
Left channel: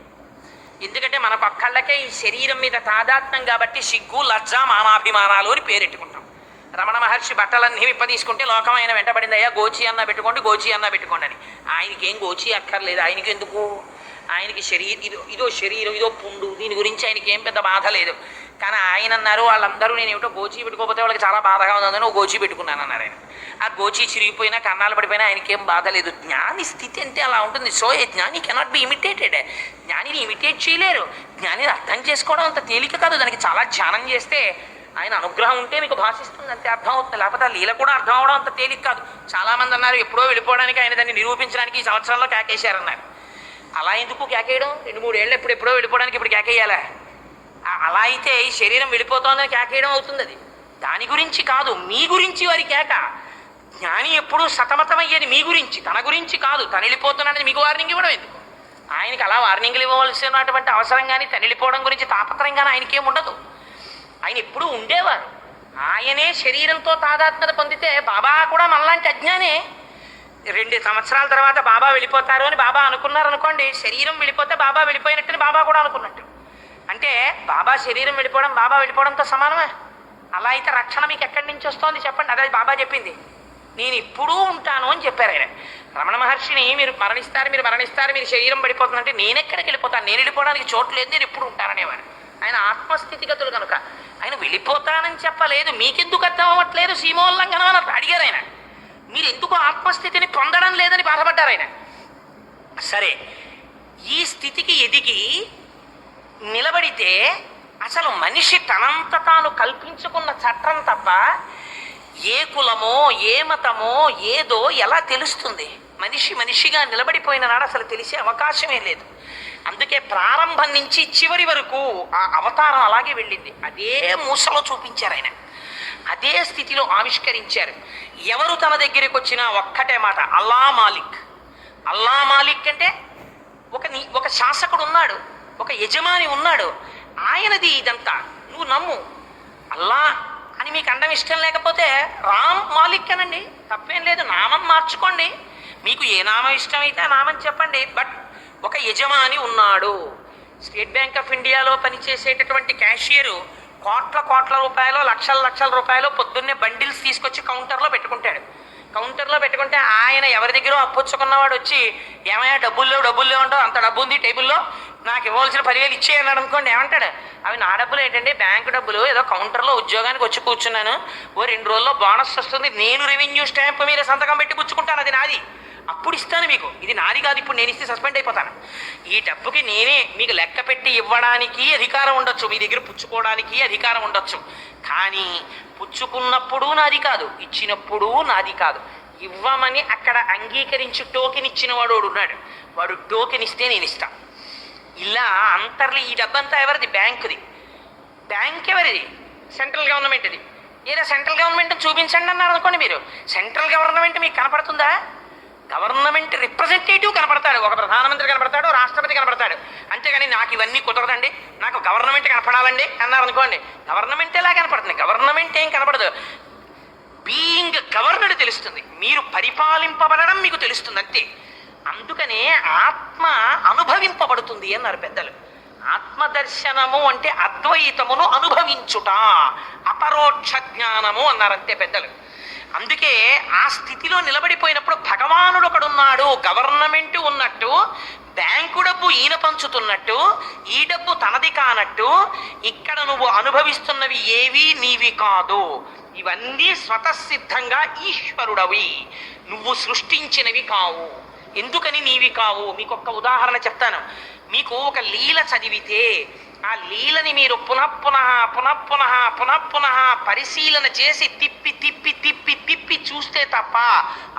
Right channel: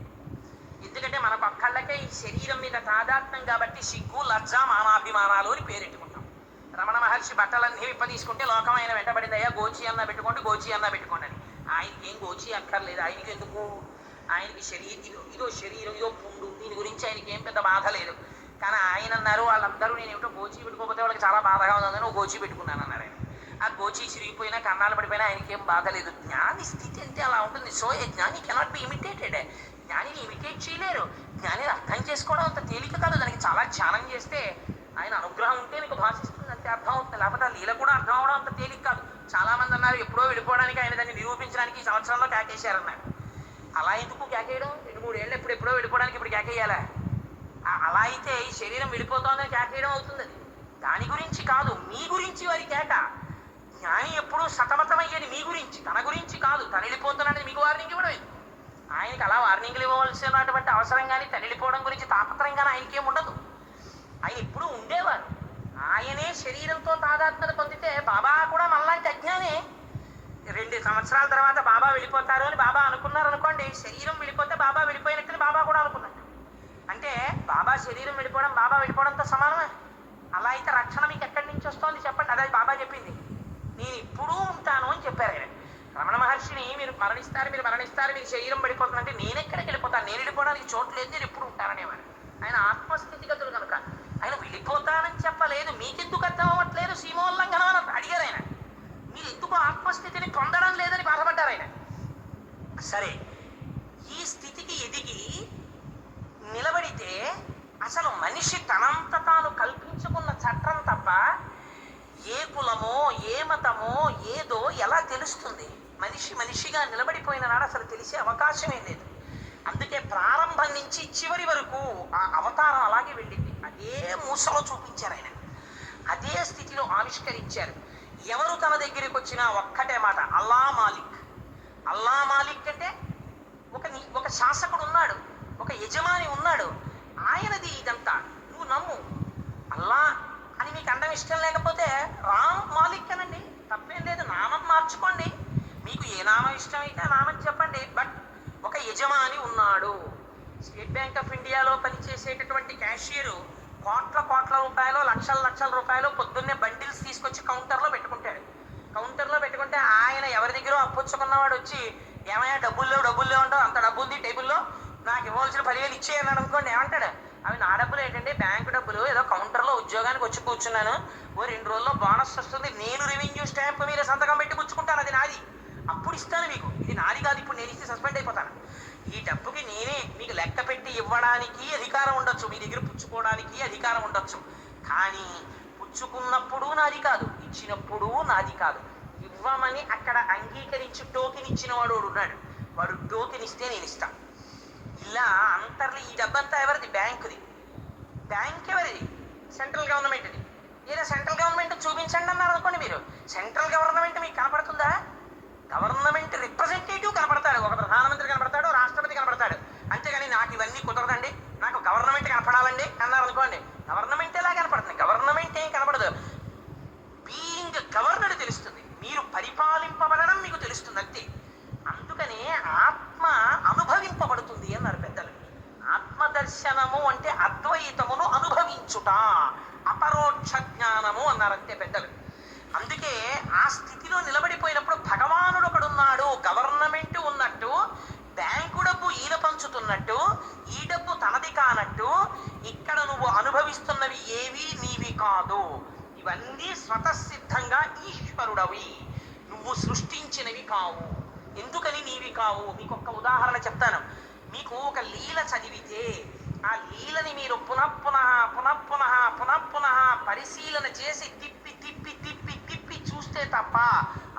ఎందుకంటే మనకు ఒక్కళ్ళకే ఈ శరీరం మీద తాదాత్మ్యం కాబట్టి సిగ్గు, లజ్జ, మానాభిమానాలు అని పేరెట్టుకుంటాం. రమణ మహర్షి బట్టలన్నీ విప్పదీసుకుంటే లోకం ఆయన వెంటబడింది, అయ్యా గోచి అన్న పెట్టుకోండి, గోచి అన్న పెట్టుకోండి అని. ఆయనకి ఏం గోచి అక్కర్లేదు. ఆయనకి ఎందుకు? ఆయనకి ఇదో శరీరం, ఇదో పుండు, దీని గురించి ఆయనకి ఏం పెద్ద బాధ లేదు. కానీ ఆయన అన్నారు, వాళ్ళందరూ నేను ఏమిటో గోచి పెట్టుకోకపోతే వాళ్ళకి చాలా బాధగా ఉందని ఓ గోచి పెట్టుకున్నాను అన్నారు ఆయన. ఆ గోచి చిరిగిపోయినా కన్నాలు పడిపోయినా ఆయనకేం బాధ లేదు. జ్ఞాని స్థితి అంటే అలా ఉంటుంది. సో ఏ జ్ఞాని కెనాట్ బి ఇమిటేటెడ్. జ్ఞానిని ఇమిటేట్ చేయలేరు. జ్ఞానిని అర్థం చేసుకోవడం అంత తేలిక కాదు. దానికి చాలా ధ్యానం చేస్తే ఆయన అనుగ్రహం ఉంటే మీకు భాషిస్తుంది, అంతే అర్థం అవుతుంది. లేకపోతే ఆ లీల కూడా అర్థం అవడం అంత తేలిక కాదు. చాలామంది అన్నారు ఎప్పుడో వెళ్ళిపోవడానికి ఆయన దాన్ని నిరూపించడానికి ఈ సంవత్సరంలో కేకేశారన్నారు. అలా ఎందుకు కేకేయడం? 2-3 ఏళ్ళు ఎప్పుడో వెళ్ళిపోవడానికి ఇప్పుడు కేకేయాలా? అలా అయితే ఈ శరీరం వెళ్ళిపోతోందని కేకేయడం అవుతుంది. అది దాని గురించి కాదు, మీ గురించి వారి కేక. జ్ఞాని ఎప్పుడూ సతమతమయ్యేది మీ గురించి, తన గురించి కాదు. తను వెళ్ళిపోతున్నాడని మీకు వార్నింగ్ ఇవ్వడం ఎందుకు? ఆయనకి అలా వార్నింగ్లు ఇవ్వవలసినటువంటి అవసరం కానీ తను వెళ్ళిపోవడం గురించి తాపత్రయం కానీ ఆయనకేం ఉండదు. ఆయన ఎప్పుడూ ఉండేవారు. ఆయనే శరీరంతో తాదాత్మ్యత పొందితే బాబా కూడా మనలాంటి అజ్ఞానే. 2 సంవత్సరాల తర్వాత బాబా వెళ్ళిపోతారు అని బాబా అనుకున్నారు అనుకోండి, శరీరం వెళ్ళిపోతే బాబా వెళ్ళిపోయినట్టుని బాబా కూడా అనుకున్నట్టు. అంటే బాబా శరీరం వెళ్ళిపోవడం బాబా వెళ్ళిపోవడంతో సమానమే. అలా అయితే రక్షణ మీకు ఎక్కడి నుంచి వస్తోంది చెప్పండి? అదే బాబా చెప్పింది, నేను ఇప్పుడు ఉంటాను అని చెప్పారు ఆయన. రమణ మహర్షిని మీరు మరణిస్తారు, మీరు శరీరం పడిపోతుందంటే నేను ఎక్కడికి వెళ్ళిపోతాను, నేను వెళ్ళిపోవడానికి చోటు లేదు, నేను ఎప్పుడు ఉంటాననేవారు. ఆయన ఆత్మస్థితిగతులు కనుక ఆయన వెళ్ళిపోతానని చెప్పలేదు. మీకెందుకు అర్థం అవ్వట్లేదు సీమోల్లంఘనం అని అడిగారు ఆయన. మీరు ఎందుకు ఆత్మస్థితిని పొందడం లేదని బాధపడ్డారు ఆయన. సరే, ఈ స్థితికి ఎదిగి నిలబడితే అసలు మనిషి తనంత తాను కల్పించుకున్న చట్టం తప్ప ఏ కులమో ఏ మతమో ఏదో ఎలా తెలుస్తుంది? మనిషిగా నిలబడిపోయిన నాడు అసలు తెలిసే అవకాశమే లేదు. అందుకే ప్రారంభం నుంచి చివరి వరకు ఆ అవతారం అలాగే వెళ్ళింది. అదే మూసలో చూపించారు ఆయన, అదే స్థితిలో ఆవిష్కరించారు. ఎవరు తన దగ్గరికి వచ్చినా ఒక్కటే మాట, అల్లా మాలిక్. అల్లా మాలిక్ అంటే ఒక శాసకుడు ఉన్నాడు, ఒక యజమాని ఉన్నాడు, ఆయనది ఇదంతా. నువ్వు నమ్ము. అల్లా అని మీకు అండం ఇష్టం లేకపోతే రామ్ మాలిక్ అనండి, తప్పేం లేదు. నామం మార్చుకోండి, మీకు ఏ నామం ఇష్టమైతే ఆ నామం చెప్పండి. బట్ ఒక యజమాని ఉన్నాడు. స్టేట్ బ్యాంక్ ఆఫ్ ఇండియాలో పనిచేసేటటువంటి క్యాషియరు కోట్ల రూపాయలు, లక్షల రూపాయలు పొద్దున్నే బండిల్స్ తీసుకొచ్చి కౌంటర్లో పెట్టుకుంటాడు. కౌంటర్లో పెట్టుకుంటే ఆయన ఎవరి దగ్గర అప్పొచ్చుకున్నవాడు వచ్చి, ఏమయ్యా డబ్బులు అంటావు, అంత డబ్బు ఉంది టేబుల్లో, నాకు ఇవ్వాల్సిన 10,000 ఇచ్చేయన్నాడు అనుకోండి. ఏమంటాడు? అవి నా డబ్బులు ఏంటంటే బ్యాంకు డబ్బులు, ఏదో కౌంటర్లో ఉద్యోగానికి వచ్చి కూర్చున్నాను, ఓ 2 రోజుల్లో బోనస్ వస్తుంది, నేను రెవెన్యూ స్టాంప్ మీద సంతకం పెట్టి పుచ్చుకుంటాను, అది నాది, అప్పుడు ఇస్తాను మీకు. ఇది నాది కాదు, ఇప్పుడు నేను ఇస్తే సస్పెండ్ అయిపోతాను. ఈ డబ్బుకి నేనే మీకు లెక్క పెట్టి ఇవ్వడానికి అధికారం ఉండొచ్చు, మీ దగ్గర పుచ్చుకోవడానికి అధికారం ఉండొచ్చు. కానీ పుచ్చుకున్నప్పుడు నాది కాదు, ఇచ్చినప్పుడు నాది కాదు. ఇవ్వమని అక్కడ అంగీకరించి టోకెన్ ఇచ్చిన వాడు ఉన్నాడు, వాడు టోకెన్ ఇస్తే నేను ఇస్తాను. ఇలా అంతర్లీ ఈ డబ్బంతా ఎవరిది? బ్యాంకుది. బ్యాంక్ ఎవరిది? సెంట్రల్ గవర్నమెంట్ది. ఏదో సెంట్రల్ గవర్నమెంట్ చూపించండి అన్నారు అనుకోండి. మీరు సెంట్రల్ గవర్నమెంట్ మీకు కనపడుతుందా? గవర్నమెంట్ రిప్రజెంటేటివ్ కనపడతాడు, ఒక ప్రధానమంత్రి కనపడతాడు, రాష్ట్రపతి కనపడతాడు. అంతేగాని నాకు ఇవన్నీ కుదరదండి, నాకు గవర్నమెంట్ కనపడాలండి అన్నారు అనుకోండి, గవర్నమెంట్ ఎలా కనపడుతుంది? గవర్నమెంట్ ఏం కనపడదు. బీయింగ్ గవర్నడ్ తెలుస్తుంది, మీరు పరిపాలింపబడడం మీకు తెలుస్తుంది, అంతే. అందుకనే ఆత్మ అనుభవింపబడుతుంది అన్నారు పెద్దలు. ఆత్మదర్శనము అంటే అద్వైతమును అనుభవించుట, అపరోక్ష జ్ఞానము అన్నారు, అంతే పెద్దలు. అందుకే ఆ స్థితిలో నిలబడిపోయినప్పుడు భగవానుడు ఒకడున్నాడు, గవర్నమెంట్ ఉన్నట్టు, బ్యాంకు డబ్బు ఈయన పంచుతున్నట్టు, ఈ డబ్బు తనది కానట్టు, ఇక్కడ నువ్వు అనుభవిస్తున్నవి ఏవి నీవి కాదు, ఇవన్నీ స్వతసిద్ధంగా ఈశ్వరుడవి, నువ్వు సృష్టించినవి కావు. ఎందుకని నీవి కావు? మీకు ఒక్క ఉదాహరణ చెప్తాను. మీకు ఒక లీల చదివితే ఆ లీలని మీరు పునఃపునః పరిశీలన చేసి తిప్పి చూస్తే తప్ప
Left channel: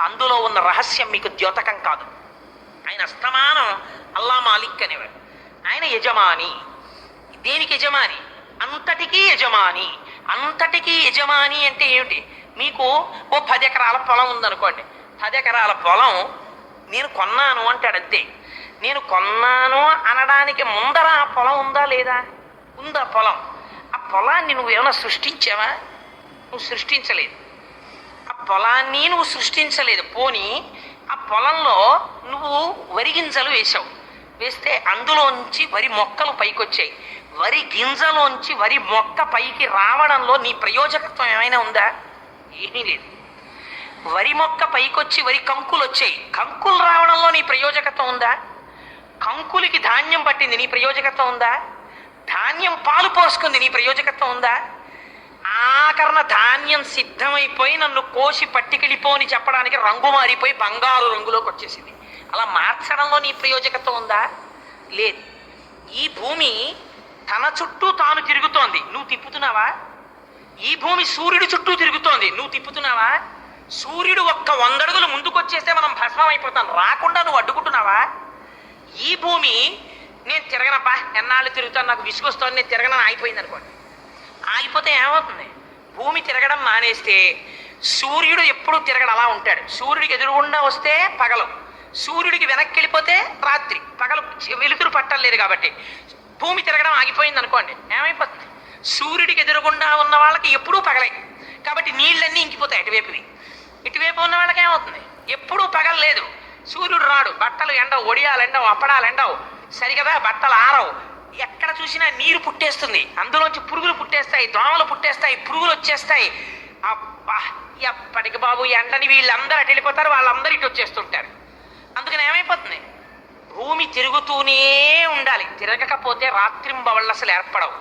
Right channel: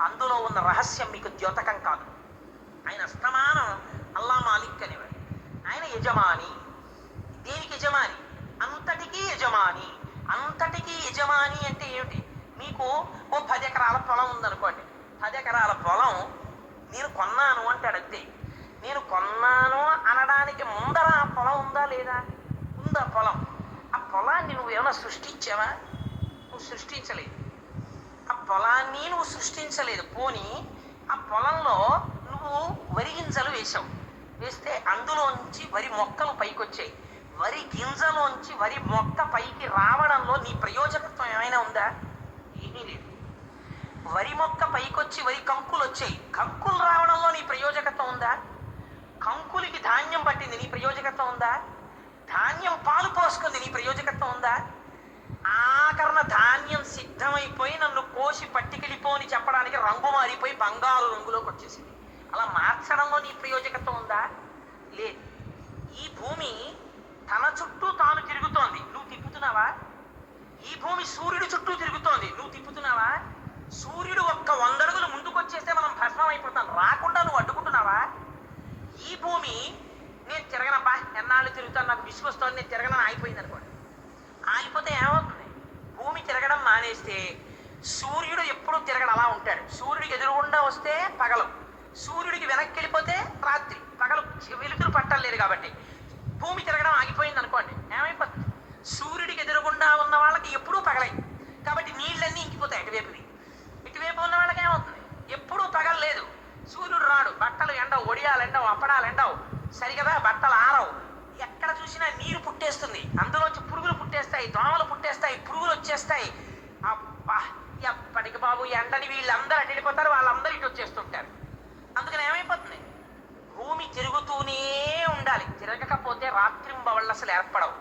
అందులో ఉన్న రహస్యం మీకు ద్యోతకం కాదు. ఆయన అస్తమానం అల్లా మాలిక్ అనేవాడు. ఆయన యజమాని. దేనికి యజమాని? అంతటికీ యజమాని. అంతటికీ యజమాని అంటే ఏమిటి? మీకు ఓ 10 ఎకరాల పొలం ఉందనుకోండి. 10 ఎకరాల పొలం నేను కొన్నాను అంటాడు, అంతే. నేను కొన్నాను అనడానికి ముందర ఆ పొలం ఉందా లేదా? ఉందా పొలం? ఆ పొలాన్ని నువ్వేమైనా సృష్టించావా? నువ్వు సృష్టించలేదు. ఆ పొలాన్ని నువ్వు సృష్టించలేదు. పోనీ ఆ పొలంలో నువ్వు వరి గింజలు వేసావు, వేస్తే అందులోంచి వరి మొక్కలు పైకొచ్చాయి. వరి గింజలోంచి వరి మొక్క పైకి రావడంలో నీ ప్రయోజకత్వం ఏమైనా ఉందా? ఏమీ లేదు. వరి మొక్క పైకొచ్చి వరి కంకులు వచ్చాయి. కంకులు రావడంలో నీ ప్రయోజకత్వం ఉందా? కంకులకి ధాన్యం పట్టింది, నీ ప్రయోజకత్వం ఉందా? ధాన్యం పాలు పోసుకుంది, నీ ప్రయోజకత్వం ఉందా? ఆఖరణ ధాన్యం సిద్ధమైపోయి నన్ను కోసి పట్టికెళ్ళిపోని చెప్పడానికి రంగు మారిపోయి బంగారు రంగులోకి వచ్చేసింది. అలా మార్చడంలో నీ ప్రయోజకత్వం ఉందా? లేదు. ఈ భూమి తన చుట్టూ తాను తిరుగుతోంది, నువ్వు తిప్పుతున్నావా? ఈ భూమి సూర్యుడి చుట్టూ తిరుగుతోంది, నువ్వు తిప్పుతున్నావా? సూర్యుడు ఒక్క 100 అడుగులు ముందుకు వచ్చేస్తే మనం భస్మం అయిపోతాం, రాకుండా నువ్వు అడ్డుకుంటున్నావా? ఈ భూమి నేను తిరగనప్పా, ఎన్నాళ్ళు తిరుగుతాను, నాకు విసుగొస్తాను, నేను తిరగనని ఆగిపోయింది అనుకోండి. ఆగిపోతే ఏమవుతుంది? భూమి తిరగడం మానేస్తే సూర్యుడు ఎప్పుడు తిరగడం అలా ఉంటాడు. సూర్యుడికి ఎదురుగుండా వస్తే పగలు, సూర్యుడికి వెనక్కి వెళ్ళిపోతే రాత్రి. పగలు వెలుతురు పట్టలేదు కాబట్టి భూమి తిరగడం ఆగిపోయింది అనుకోండి, ఏమైపోతుంది? సూర్యుడికి ఎదురుగుండా ఉన్న వాళ్ళకి ఎప్పుడూ పగలే కాబట్టి నీళ్ళన్నీ ఇంకిపోతాయి అటువైపువి. ఇటువైపు ఉన్న వాళ్ళకి ఏమవుతుంది? ఎప్పుడూ పగలు లేదు, సూర్యుడు రాడు, బట్టలు ఎండవు, ఒడియాలు ఎండవు, అప్పడాలు ఎండవు, సరిగదా బట్టలు ఆరవు. ఎక్కడ చూసినా నీరు పుట్టేస్తుంది, అందులోంచి పురుగులు పుట్టేస్తాయి, దోమలు పుట్టేస్తాయి, పురుగులు వచ్చేస్తాయి. అబ్బా ఎప్పటికి బాబు ఎండని వీళ్ళందరూ అటు వెళ్ళిపోతారు, వాళ్ళందరూ ఇటు వచ్చేస్తుంటారు. అందుకని ఏమైపోతుంది? భూమి తిరుగుతూనే ఉండాలి, తిరగకపోతే రాత్రింబవళ్ళు అసలు ఏర్పడవు.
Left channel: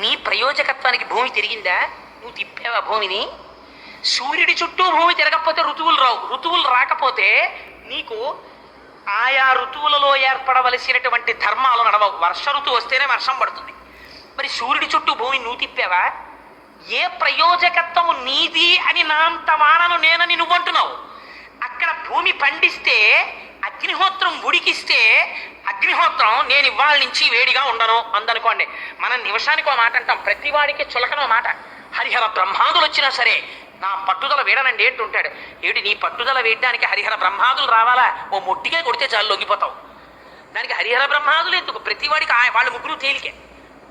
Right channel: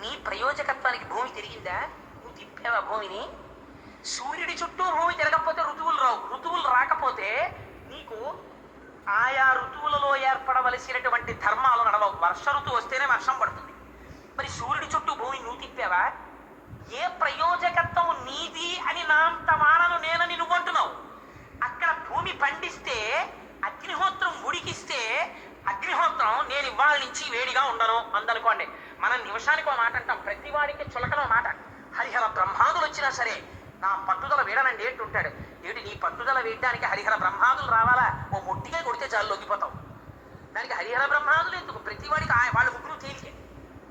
నీ ప్రయోజకత్వానికి భూమి తిరిగిందా? నువ్వు తిప్పావా భూమిని? సూర్యుడి చుట్టూ భూమి తిరగకపోతే ఋతువులు రావు, ఋతువులు రాకపోతే నీకు ఆయా ఋతువులలో ఏర్పడవలసినటువంటి ధర్మాలు నడవవు. వర్ష ఋతువు వస్తేనే వర్షం పడుతుంది. మరి సూర్యుడి చుట్టూ భూమి నువ్వు తిప్పావా? ఏ ప్రయోజకత్వము నీది అని నా అంత వానను నేనని నువ్వు అంటున్నావు. అక్కడ భూమి పండిస్తే, అగ్నిహోత్రం ఉడికిస్తే, అగ్నిహోత్రం నేను ఇవాళ నుంచి వేడిగా ఉండను అందనుకోండి. మనం నిమిషానికి ఒక మాట అంటాం, ప్రతివాడికి చులకనో మాట. హరిహర బ్రహ్మాదులు వచ్చినా సరే నా పట్టుదల వేడనండి ఏంటుంటాడు. ఏమిటి నీ పట్టుదల వేయడానికి హరిహర బ్రహ్మాదులు రావాలా? ఓ మొట్టిగా కొడితే చాలు లొంగిపోతావు. దానికి హరిహర బ్రహ్మాదులు ఎందుకు? ప్రతివాడికి వాళ్ళ ముగ్గురు తేలికే,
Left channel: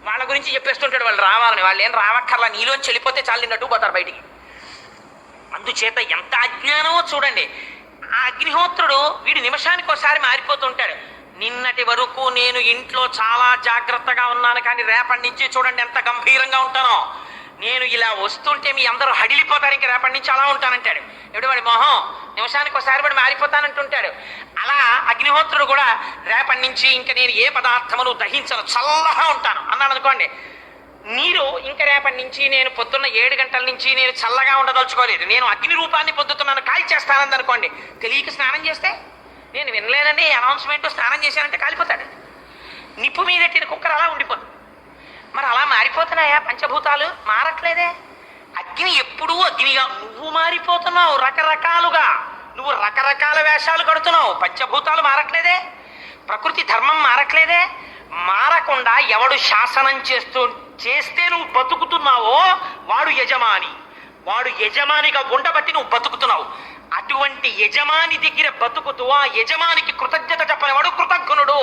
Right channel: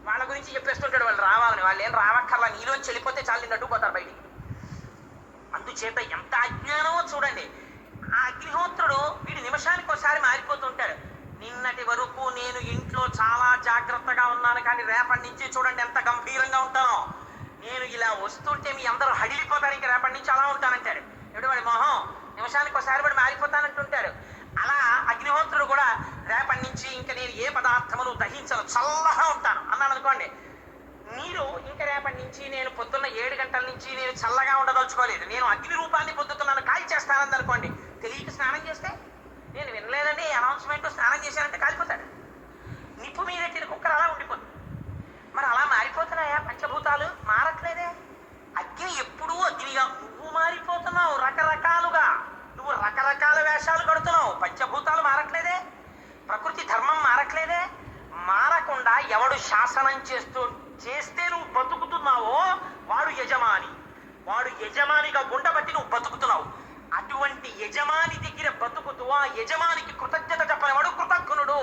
వాళ్ళ గురించి చెప్పేస్తుంటాడు వాళ్ళు రావాలని. వాళ్ళు ఏం రావక్కర్లా, నీలోంచి వెళ్ళిపోతే చాలు నిన్నట్టు పోతారు బయటికి. అందుచేత ఎంత అజ్ఞానమో చూడండి. ఆ అగ్నిహోత్రుడు వీడు నిమిషానికి ఒకసారి మారిపోతుంటాడు. నిన్నటి వరకు నేను ఇంట్లో చాలా జాగ్రత్తగా ఉన్నాను, కానీ రేపటి నుంచి చూడండి ఎంత గంభీరంగా ఉంటానో. నేను ఇలా వస్తుంటే మీ అందరూ హడిలిపోతారు, ఇంక రేపటి నుంచి అలా ఉంటానంటాడు. ఎప్పుడు వాడి మొహం నిమిషానికి ఒకసారి వాడు మారిపోతానంటుంటాడు. అలా అగ్నిహోత్రుడు కూడా రేపటి నుంచి ఇంక నేను ఏ పదార్థమును దహించను, చల్లగా ఉంటాను అన్నాడు అనుకోండి. నీరు ఇంక రేపటి నుంచి నేను పొద్దున్న 7 గంటల నుంచి నేను చల్లగా ఉండదలుచుకోలేదు, నేను అగ్ని రూపాన్ని పొద్దుతున్నాను, కాల్చేస్తానంది అనుకోండి. తెలియక స్నానం చేస్తే, నేను వినలేదండి అనౌన్స్మెంట్, స్నానం చేశానంటే కాలిపోతాడు. నిప్పు మీదెట్టిన కుక్కర్ అలా ఉండిపోతుంది. మరి అలా మారిపోతున్నాయా పంచభూతాలు? మారట్లేదే. అగ్ని ఎప్పుడూ అగ్నిగా, నువ్వు మారిపోతున్నావు రకరకాలుగా, నువ్వు రకరకాల వేషాలు కడుతున్నావు. పంచభూతాలు మారట్లేదే, ప్రకృతి ధర్మం మారట్లేదే. మారకుండా ఎవడు శాసనం చేస్తే నువ్వు బతుకుతున్నావో వాడు యజమాని, వాడు యజమానిగా ఉండబట్టి నువ్వు బతుకుతున్నావు. అటువంటి యజమాని దగ్గర బతుకుతూ ఆ యజమానికి కృతజ్ఞత చెప్పనివాడు కృతజ్ఞుడు.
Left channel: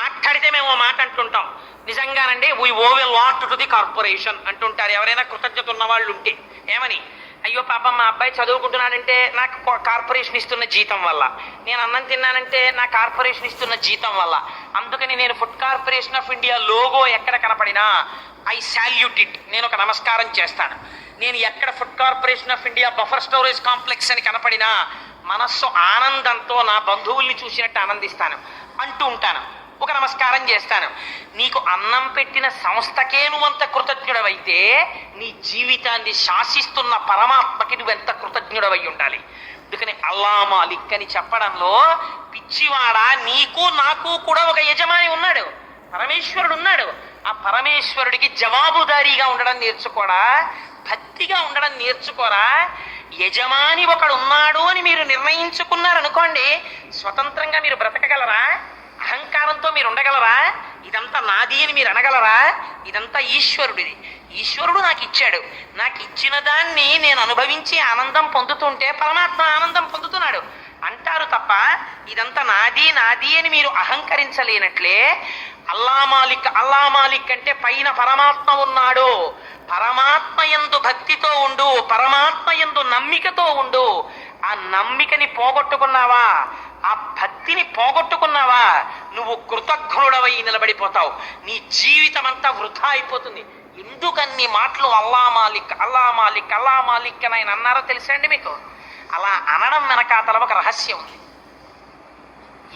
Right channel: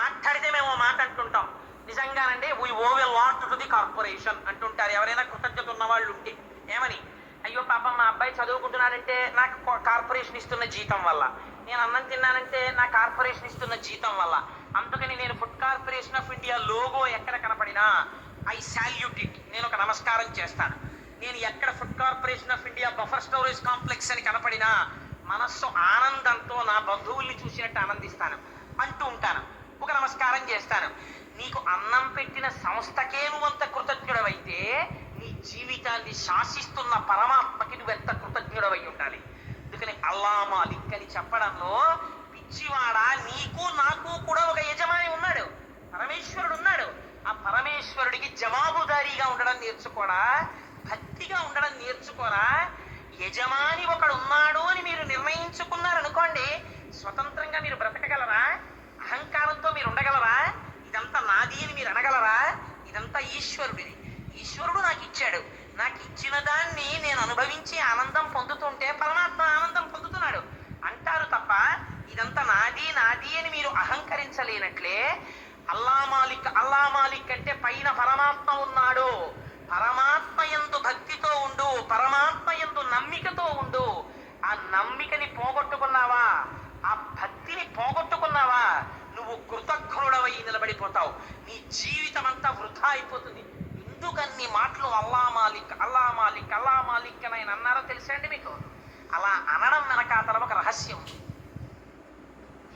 మాట్లాడితే మేము ఆ మాట అంటుంటాం, నిజంగానండి we owe will what to the corporation అంటుంటారు ఎవరైనా కృతజ్ఞత ఉన్న వాళ్ళు ఉంటే. ఏమని? అయ్యో పాపం మా అబ్బాయి చదువుకుంటున్నాడంటే నాకు కార్పొరేషన్ ఇస్తున్న జీతం వల్ల, నేను అన్నం తిన్నానంటే నా కార్పొరేషన్ ఇస్తున్న జీతం వల్ల, అందుకని నేను food corporation of India logo ఎక్కడ కనపడినా ఐ సాల్యూట్ ఇట్, నేను ఒక నమస్కారం చేస్తాను. నేను ఎక్కడ food corporation of India buffer storage complex అని కనపడినా మనస్సు ఆనందంతో నా బంధువుల్ని చూసినట్టు ఆనందిస్తాను, అంటూ ఉంటాను, ఒక నమస్కారం చేస్తాను. నీకు అన్నం పెట్టిన సంస్థకే నువ్వంత కృతజ్ఞుడవైతే నీ జీవితాన్ని శాసిస్తున్న పరమాత్మకి నువ్వెంత కృతజ్ఞుడవై ఉండాలి. అందుకని అల్లా మాలిక్ అని చెప్పడంలో పిచ్చివాడ, నీకు నాకు కూడా ఒక యజమాని ఉన్నాడు, పరమేశ్వరుడు ఉన్నాడు. ఆ పరమేశ్వరుడికి జవాబుదారీగా ఉండడం నేర్చుకోరా, భక్తిగా ఉండడం నేర్చుకోరా. యజమాని ఒకడు ఉన్నాడు అని మీరు నిర్ణయించుకున్నారనుకోండి, స్వతంత్రంగా మీరు బ్రతకగలరా? అహంకారంతో మీరు ఉండగలరా? ఇదంతా నాది అని మీరు అనగలరా? ఇదంతా ఈశ్వరుడిది. ఈశ్వరుడు నాకు ఇచ్చాడు, నాకు ఇచ్చిన దాన్ని నేను అనుభవించి ఆనందం పొందుతుంటే పరమాత్మ ఆనందం పొందుతున్నాడు అంటారు తప్ప ఇదంతా నాది నాది అని మీరు అహంకరించలేనట్లే. అల్లా మాలిక్ అంటే పైన పరమాత్మ ఉన్నాడు, పరమాత్మ యందు భక్తితో ఉండు, పరమాత్మ యందు నమ్మికతో ఉండు. ఆ నమ్మికని పోగొట్టుకున్నావా, ఆ భక్తిని పోగొట్టుకున్నావా, నువ్వు కృతజ్ఞుడవై నిలబడిపోతావు. నీ జీవితం అంతా వృధా అయిపోతుంది. ఎందుకన్ని మాటలు అల్లా మాలిక్ అల్లా మాలిక్ అల్లా మాలిక్ అని ఆయన అన్నారో తెలుసా అండి మీకు? అలా అనడం వెనకాతల ఒక రహస్యం ఉంది.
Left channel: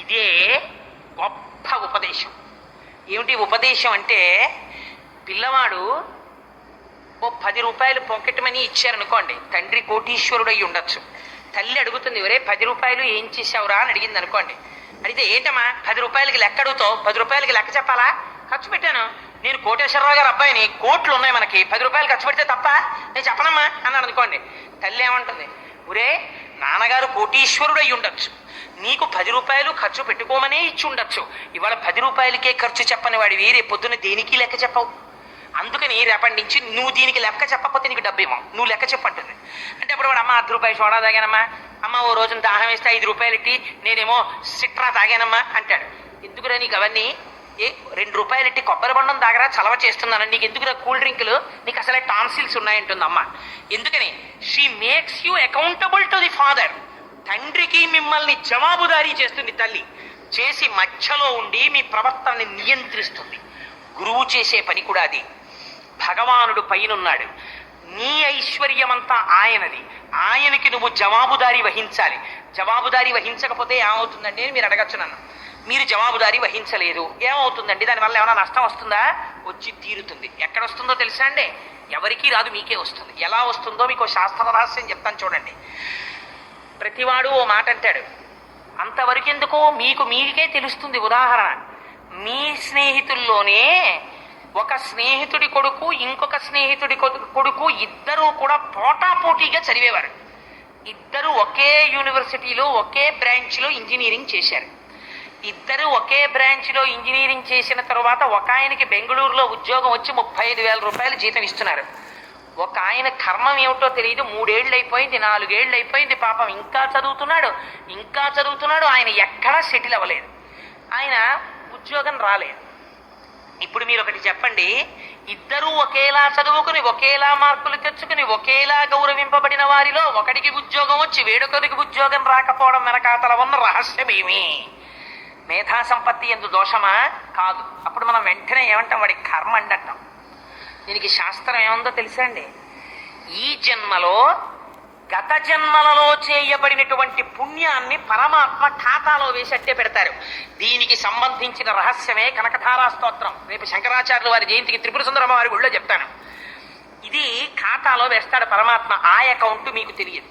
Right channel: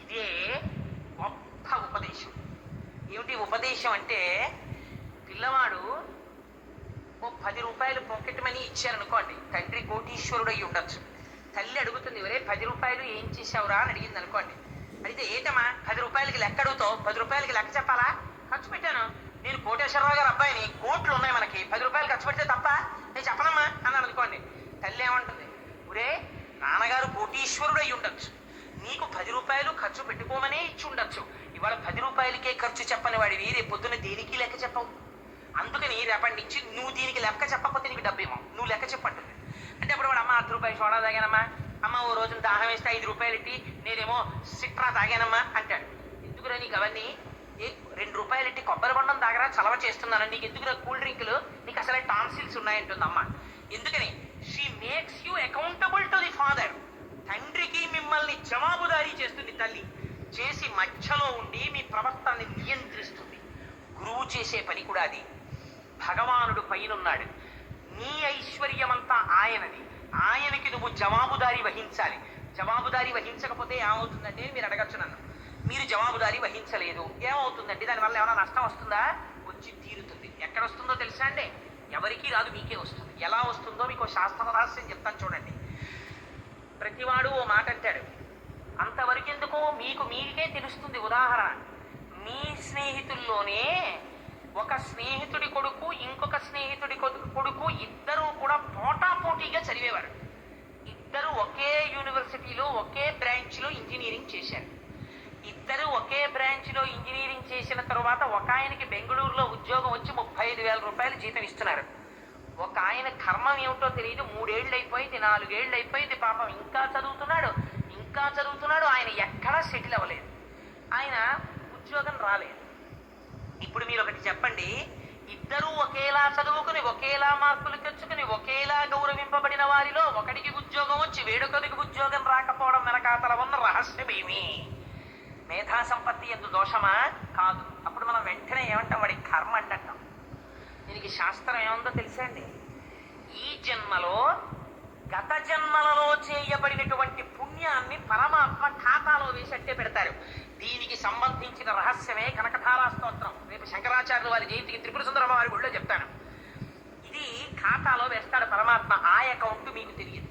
ఇదే గొప్ప ఉపదేశం. ఏమిటి ఉపదేశం అంటే, పిల్లవాడు ఓ 10 రూపాయలు పాకెట్ మనీ ఇచ్చారనుకోండి, తండ్రి కోటీశ్వరుడు అయి ఉండొచ్చు. తల్లి అడుగుతుంది, ఒరే 10 రూపాయలు ఏం చేసావురా అని అడిగింది అనుకోండి. అడిగితే ఏంటమ్మా 10 రూపాయలకి లెక్క అడుగుతావు, 10 రూపాయలకి లెక్క చెప్పాలా? ఖర్చు పెట్టాను, నేను కోటేశ్వరరావు గారు అబ్బాయిని, కోట్లు ఉన్నాయి మనకి, 10 రూపాయలు ఖర్చు పెడితే తప్ప, నేను చెప్పనమ్మా అన్నాడు అనుకోండి. తల్లి ఏమంటుంది, ఒరే నాన్నగారు కోటీశ్వరుడు అయి ఉండొచ్చు, నీకు 10 రూపాయలు ఖర్చు పెట్టుకోమనే ఇచ్చి ఉండొచ్చు, ఇవాళ 10 రూపాయలకే ఖర్చు చెప్పని వాడివి రేపు పొద్దున్న దేనికి లెక్క చెప్పవు, అందుకని రేపటి నుంచి నువ్వు దీనికి లెక్క చెప్పకపోతే నీకు డబ్బేమో, నువ్వు లెక్క చెప్పంటుంది. అంటే అప్పుడు వాడు, అమ్మ 10 రూపాయలు సోడా తాగానమ్మా, అమ్మ ఓ రోజున దాహం వేస్తే 5 రూపాయలు ఇట్టి నేనేమో సిట్రా తాగానమ్మా అంటాడు. ఎందుకురా నీకు అవన్నీ? 2 రూపాయలు ఇట్టి కొబ్బరి బండం తాగరా, చలవ చేస్తున్నాను, నీకు ఎందుకురా కూల్ డ్రింకులు, నీకు అసలే టాన్సిల్స్ ఉన్నాయంటుంది అమ్మ. ఎందుకని? She makes you accountable to the father. తండ్రికి మిమ్మల్ని జవాబుదారీ చేస్తుంది తల్లి, చేసి మధ్యలో ఉండి మీ ప్రవర్తనని నియంత్రిస్తుంది. గురువు చేసే పని కూడా అది. భగవానుడు పైనున్నాడు, నీ ఐశ్వర్యమంతా ఆయనది, ఆయనకి నువ్వు జవాబుదారీ వహించాలి. జవాబుదారీ వహించకపోతే ఏమవుతుందండి మీరు అడగచ్చు నన్ను. మీరు జవాబుదారీ వహించలేదు ఏమవుతుందండి? దానివల్ల ఏమైనా నష్టం వస్తుందా? వచ్చి తీరుతుంది. ఎక్కడ వస్తుందో తెలుసా అండి? ఎవరికీ రాదు, మీకే వస్తుంది. ఎలా వస్తుందో మీకు శాస్త్ర రహస్యం చెప్తాను చూడండి. ప్రతివాడు ఓ మాట అంటాడు, అంతవరకు ఎందుకు, మీకు మీకే తెలుస్తుంది. ఉదాహరణ, మీ స్నేహితుల్లోనే ఒక స్నేహితుడి కొడుకు ఇంకొక స్నేహితుడి కొడుకు ఇద్దరూ కూడా పోటాపోటీగా చదివేవారు. ఇద్దరు ఒకే యూనివర్సిటీలో ఒకే బ్రాంచ్లో ఇంజనీరింగ్ చేశారు. ఇద్దరు ఒకే బ్రాంచ్లో ఇంజనీరింగ్ చేసిన తర్వాత ఒక ఆయనకి బెంగళూరులో ఉద్యోగం వచ్చి 35,000 రూపాయలు జీతం ఇస్తున్నారు. ఒక ఆయన కర్మం ఏమిటో తెలియదు, 3 ఏళ్ళు అయిపోయింది, 4 ఏళ్ళు అయిపోయింది, పాపం ఇంకా చదువుతున్నాడు, ఆయన ఎక్కడా సెటిల్ అవ్వలేదు, ఆయన ఉద్యోగం రాలేదు. ఇప్పుడు మీరు ఒకటి చెప్పండి, ఇద్దరూ ఒకేలా చదువుకుని ఒకేలా మార్కులు తెచ్చుకుని ఒకేలా గౌరవింపబడిన వారిలో ఒకడికి ఉద్యోగం వచ్చి వేడొకరికి ఉద్యోగం రాకపోవడం వెనకాతల ఉన్న రహస్యమేమి? మేధా సంపత్తి ఎందు దోషమా? కాదు. అప్పుడు మనం వెంటనే ఏమంటాం, వాడి కర్మ అంటాం. దీనికి శాస్త్రం ఏముందో తెలుసా అండి? ఈ జన్మలో గత జన్మలలో చేయబడినటువంటి పుణ్యాన్ని పరమాత్మ ఖాతాలో వేసి అట్టే పెడతారు. దీనికి సంబంధించిన రహస్యమే కనకధారా స్తోత్రం. రేపు శంకరాచార్యుల వారి జయంతికి త్రిపుర సుందరమ్మ వారి గుళ్ళో చెప్తాను. ఇది ఖాతాలో వేస్తాడు పరమాత్మ. ఆ అకౌంట్ మీకు తెలియదు.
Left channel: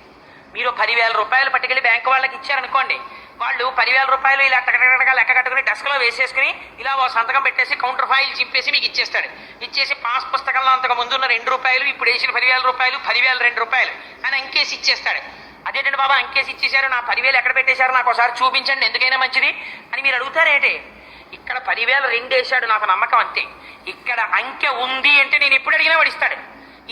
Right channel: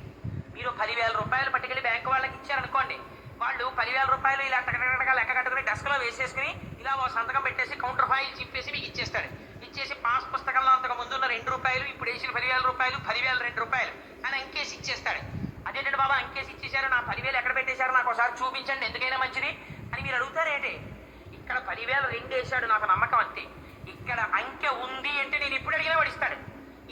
మీరు 10,000 రూపాయలు పట్టుకెళ్ళి బ్యాంకు వాళ్ళకి ఇచ్చారనుకోండి, వాళ్ళు 10,000 రూపాయలు ఇలా టకటకటగా లెక్క కట్టుకుని డెస్క్లో వేసేసుకుని ఇలా ఓ సంతకం పెట్టేసి కౌంటర్ ఫైల్ చింపేసి మీకు ఇచ్చేస్తాడు. ఇచ్చేసి పాస్ పుస్తకంలో అంతకు ముందున్న 2 రూపాయలు, ఇప్పుడు వేసిన 10,000 రూపాయలు, 10,000 2 రూపాయలు అని అంకేసి ఇచ్చేస్తాడు. అదేంటంటే బాబా అంకేసి ఇచ్చేశారు, నా 10,000 ఎక్కడ పెట్టేశారు నాకు ఒకసారి చూపించండి, ఎందుకైనా మంచిది అని మీరు అడుగుతారేంటి? ఇక్కడ 10,000 2 వేశాడు, నాకు నమ్మకం అంతే. ఇక్కడ అంకె ఉంది అంటే నేను ఎప్పుడు అడిగినా వాడిస్తాడు.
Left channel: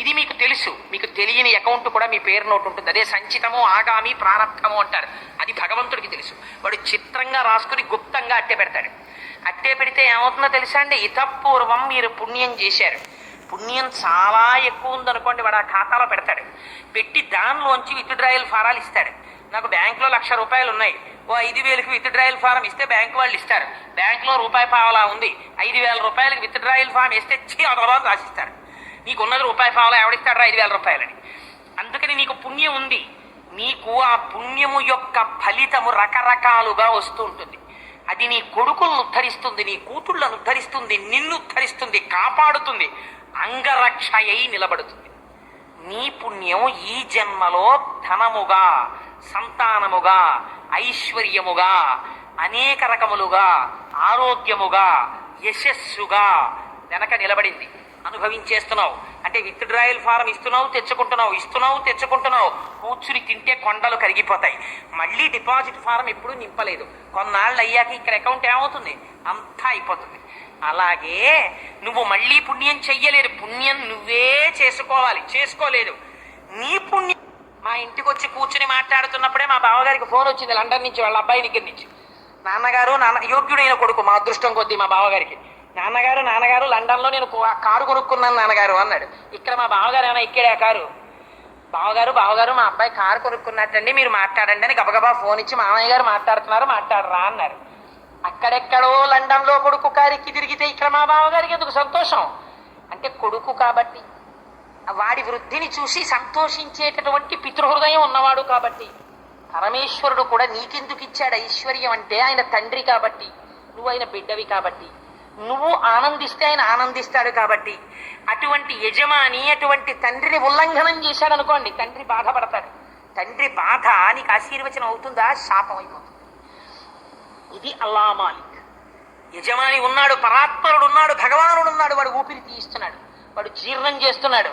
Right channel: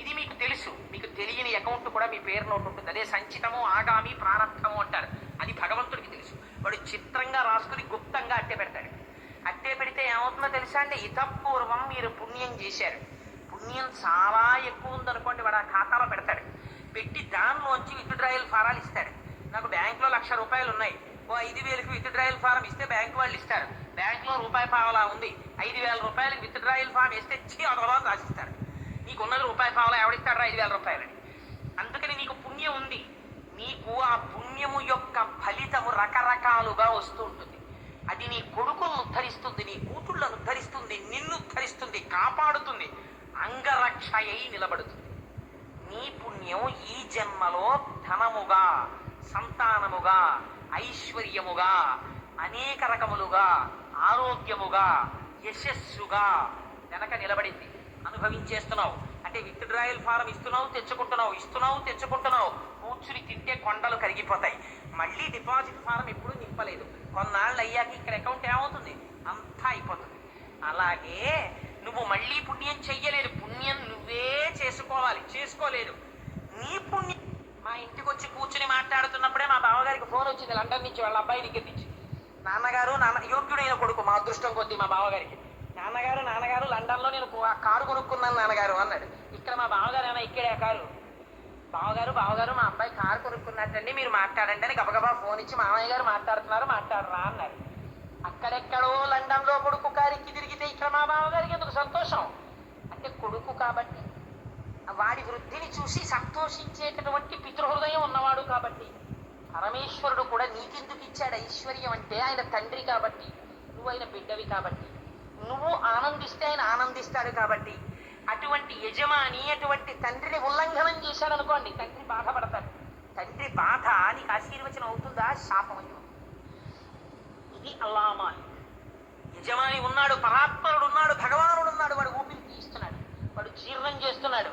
ఇది మీకు తెలుసు. మీకు తెలియని అకౌంట్ కూడా మీ పేరు నోటు ఉంటుంది. అదే సంచితము, ఆగామి, ప్రారంభము అంటారు. అది భగవంతుడికి తెలుసు. వాడు చిత్రంగా రాసుకుని గుప్తంగా అట్టే పెడతాడు. అట్టే పెడితే ఏమవుతుందో తెలుసా అండి? ఇతపూర్వం మీరు పుణ్యం చేశారు, పుణ్యం చాలా ఎక్కువ ఉందనుకోండి, వాడు ఆ ఖాతాలో పెడతాడు. పెట్టి దానిలోంచి విత్డ్రాయల్ ఫారాలు ఇస్తాడు. నాకు బ్యాంకులో 1,00,000 రూపాయలు ఉన్నాయి, ఓ 5,000కి విత్డ్రాయల్ ఫారం ఇస్తే బ్యాంకు వాళ్ళు ఇస్తారు. బ్యాంకులో రూపాయి పావలా ఉంది, 5,000 రూపాయలకి విత్డ్రాయల్ ఫారం ఇస్తే తర్వాత రాసిస్తారు. నీకున్నది రూపాయి పావలా, ఎవడిస్తాడరా 5,000 రూపాయలని? అందుకని నీకు పుణ్యం ఉంది. నీకు ఆ పుణ్యము యొక్క ఫలితము రకరకాలుగా వస్తూ ఉంటుంది. అది నీ కొడుకులను ఉద్ధరిస్తుంది, నీ కూతుళ్ళను ఉద్ధరిస్తుంది, నిన్ను ఉద్ధరిస్తుంది, కాపాడుతుంది, అంగరక్షయై నిలబడుతుంది. నీ పుణ్యం ఈ జన్మలో ధనముగా, సంతానముగా, ఐశ్వర్యముగా, అనేక రకములుగా, ఆరోగ్యముగా, యశస్సుగా వెనక నిలబడింది. అనుభవించేస్తున్నావు. అంటే విత్డ్రాయల్ ఫారం ఇస్తున్నావు, తెచ్చుకుంటున్నావు. కూర్చుని తింటే కొండలు కరిగిపోతాయి. మళ్ళీ డిపాజిట్ ఫారం ఎప్పుడూ నింపలేదు. కొన్నాళ్ళు అయ్యాక ఇక్కడ అకౌంట్ ఏమవుతుంది? అంతా అయిపోతుంది. అలాగే నువ్వు మళ్ళీ పుణ్యం చెయ్యలేదు, పుణ్యం నువ్వే చేసుకోలేదు. నీ పుణ్యం. మా ఇంటికి వచ్చి కూర్చుని మాట్లాడుతున్నప్పుడే మా బావగారికి ఫోన్ వచ్చింది లండన్ నుంచి, వాళ్ళ అబ్బాయి దగ్గర నుంచి. నాన్నగారు, యోగ్యుడైన కొడుకు మా అదృష్టం కొద్దీ మా బావగారికి, నాన్నగారు లండన్లో నేను కారు కొనుక్కున్నాను నాన్నగారు అన్నాడు. ఇక్కడ మా బావగారు ఏమైనా ఎక్కాడా కారు? బావగారు మా అబ్బాయి కారు కొనుక్కున్నట్టండి, మీరు మాట్లాడండి అని గబగబా ఫోన్ ఇచ్చి మామయ్య గారు మాట్లాడరా అన్నారు. అక్కడెక్కడో లండన్లో కొడుకు కారికి తిరిగితే ఇక్కడ మా బావగారికి ఎందుకు సంతోషం? అంటే అంటే కొడుకు కాబట్టి, వాడి వృద్ధిని చూసి సంతోషించేటటువంటి పితృహృదయం ఉన్నవాడు కాబట్టి. పరమేశ్వరుడు కూడా నీకెందుకు ఇచ్చాడు ఐశ్వర్యం అంటే ఆయన తండ్రి కాబట్టి, నువ్వు ఆయన బిడ్డవి కాబట్టి, నువ్వు ఆనందిస్తే ఆయన ఆనందిస్తాడు కాబట్టి. అటువంటి యజమాని అటువంటి తండ్రిని ఉల్లంఘనం చేశాడు అనుకోండి, తండ్రి బాధపడతాడు. తండ్రి బాధ నీకు ఆశీర్వచనం అవుతుందా, శాపం అయిపోతుంది. ఇది అల్లా మాలిక్. యజమాని ఉన్నాడు, పరాత్పరుడు ఉన్నాడు, భగవానుడు ఉన్నాడు. వాడు ఊపిరి తీయిస్తున్నాడు, వాడు జీర్ణం చేస్తున్నాడు,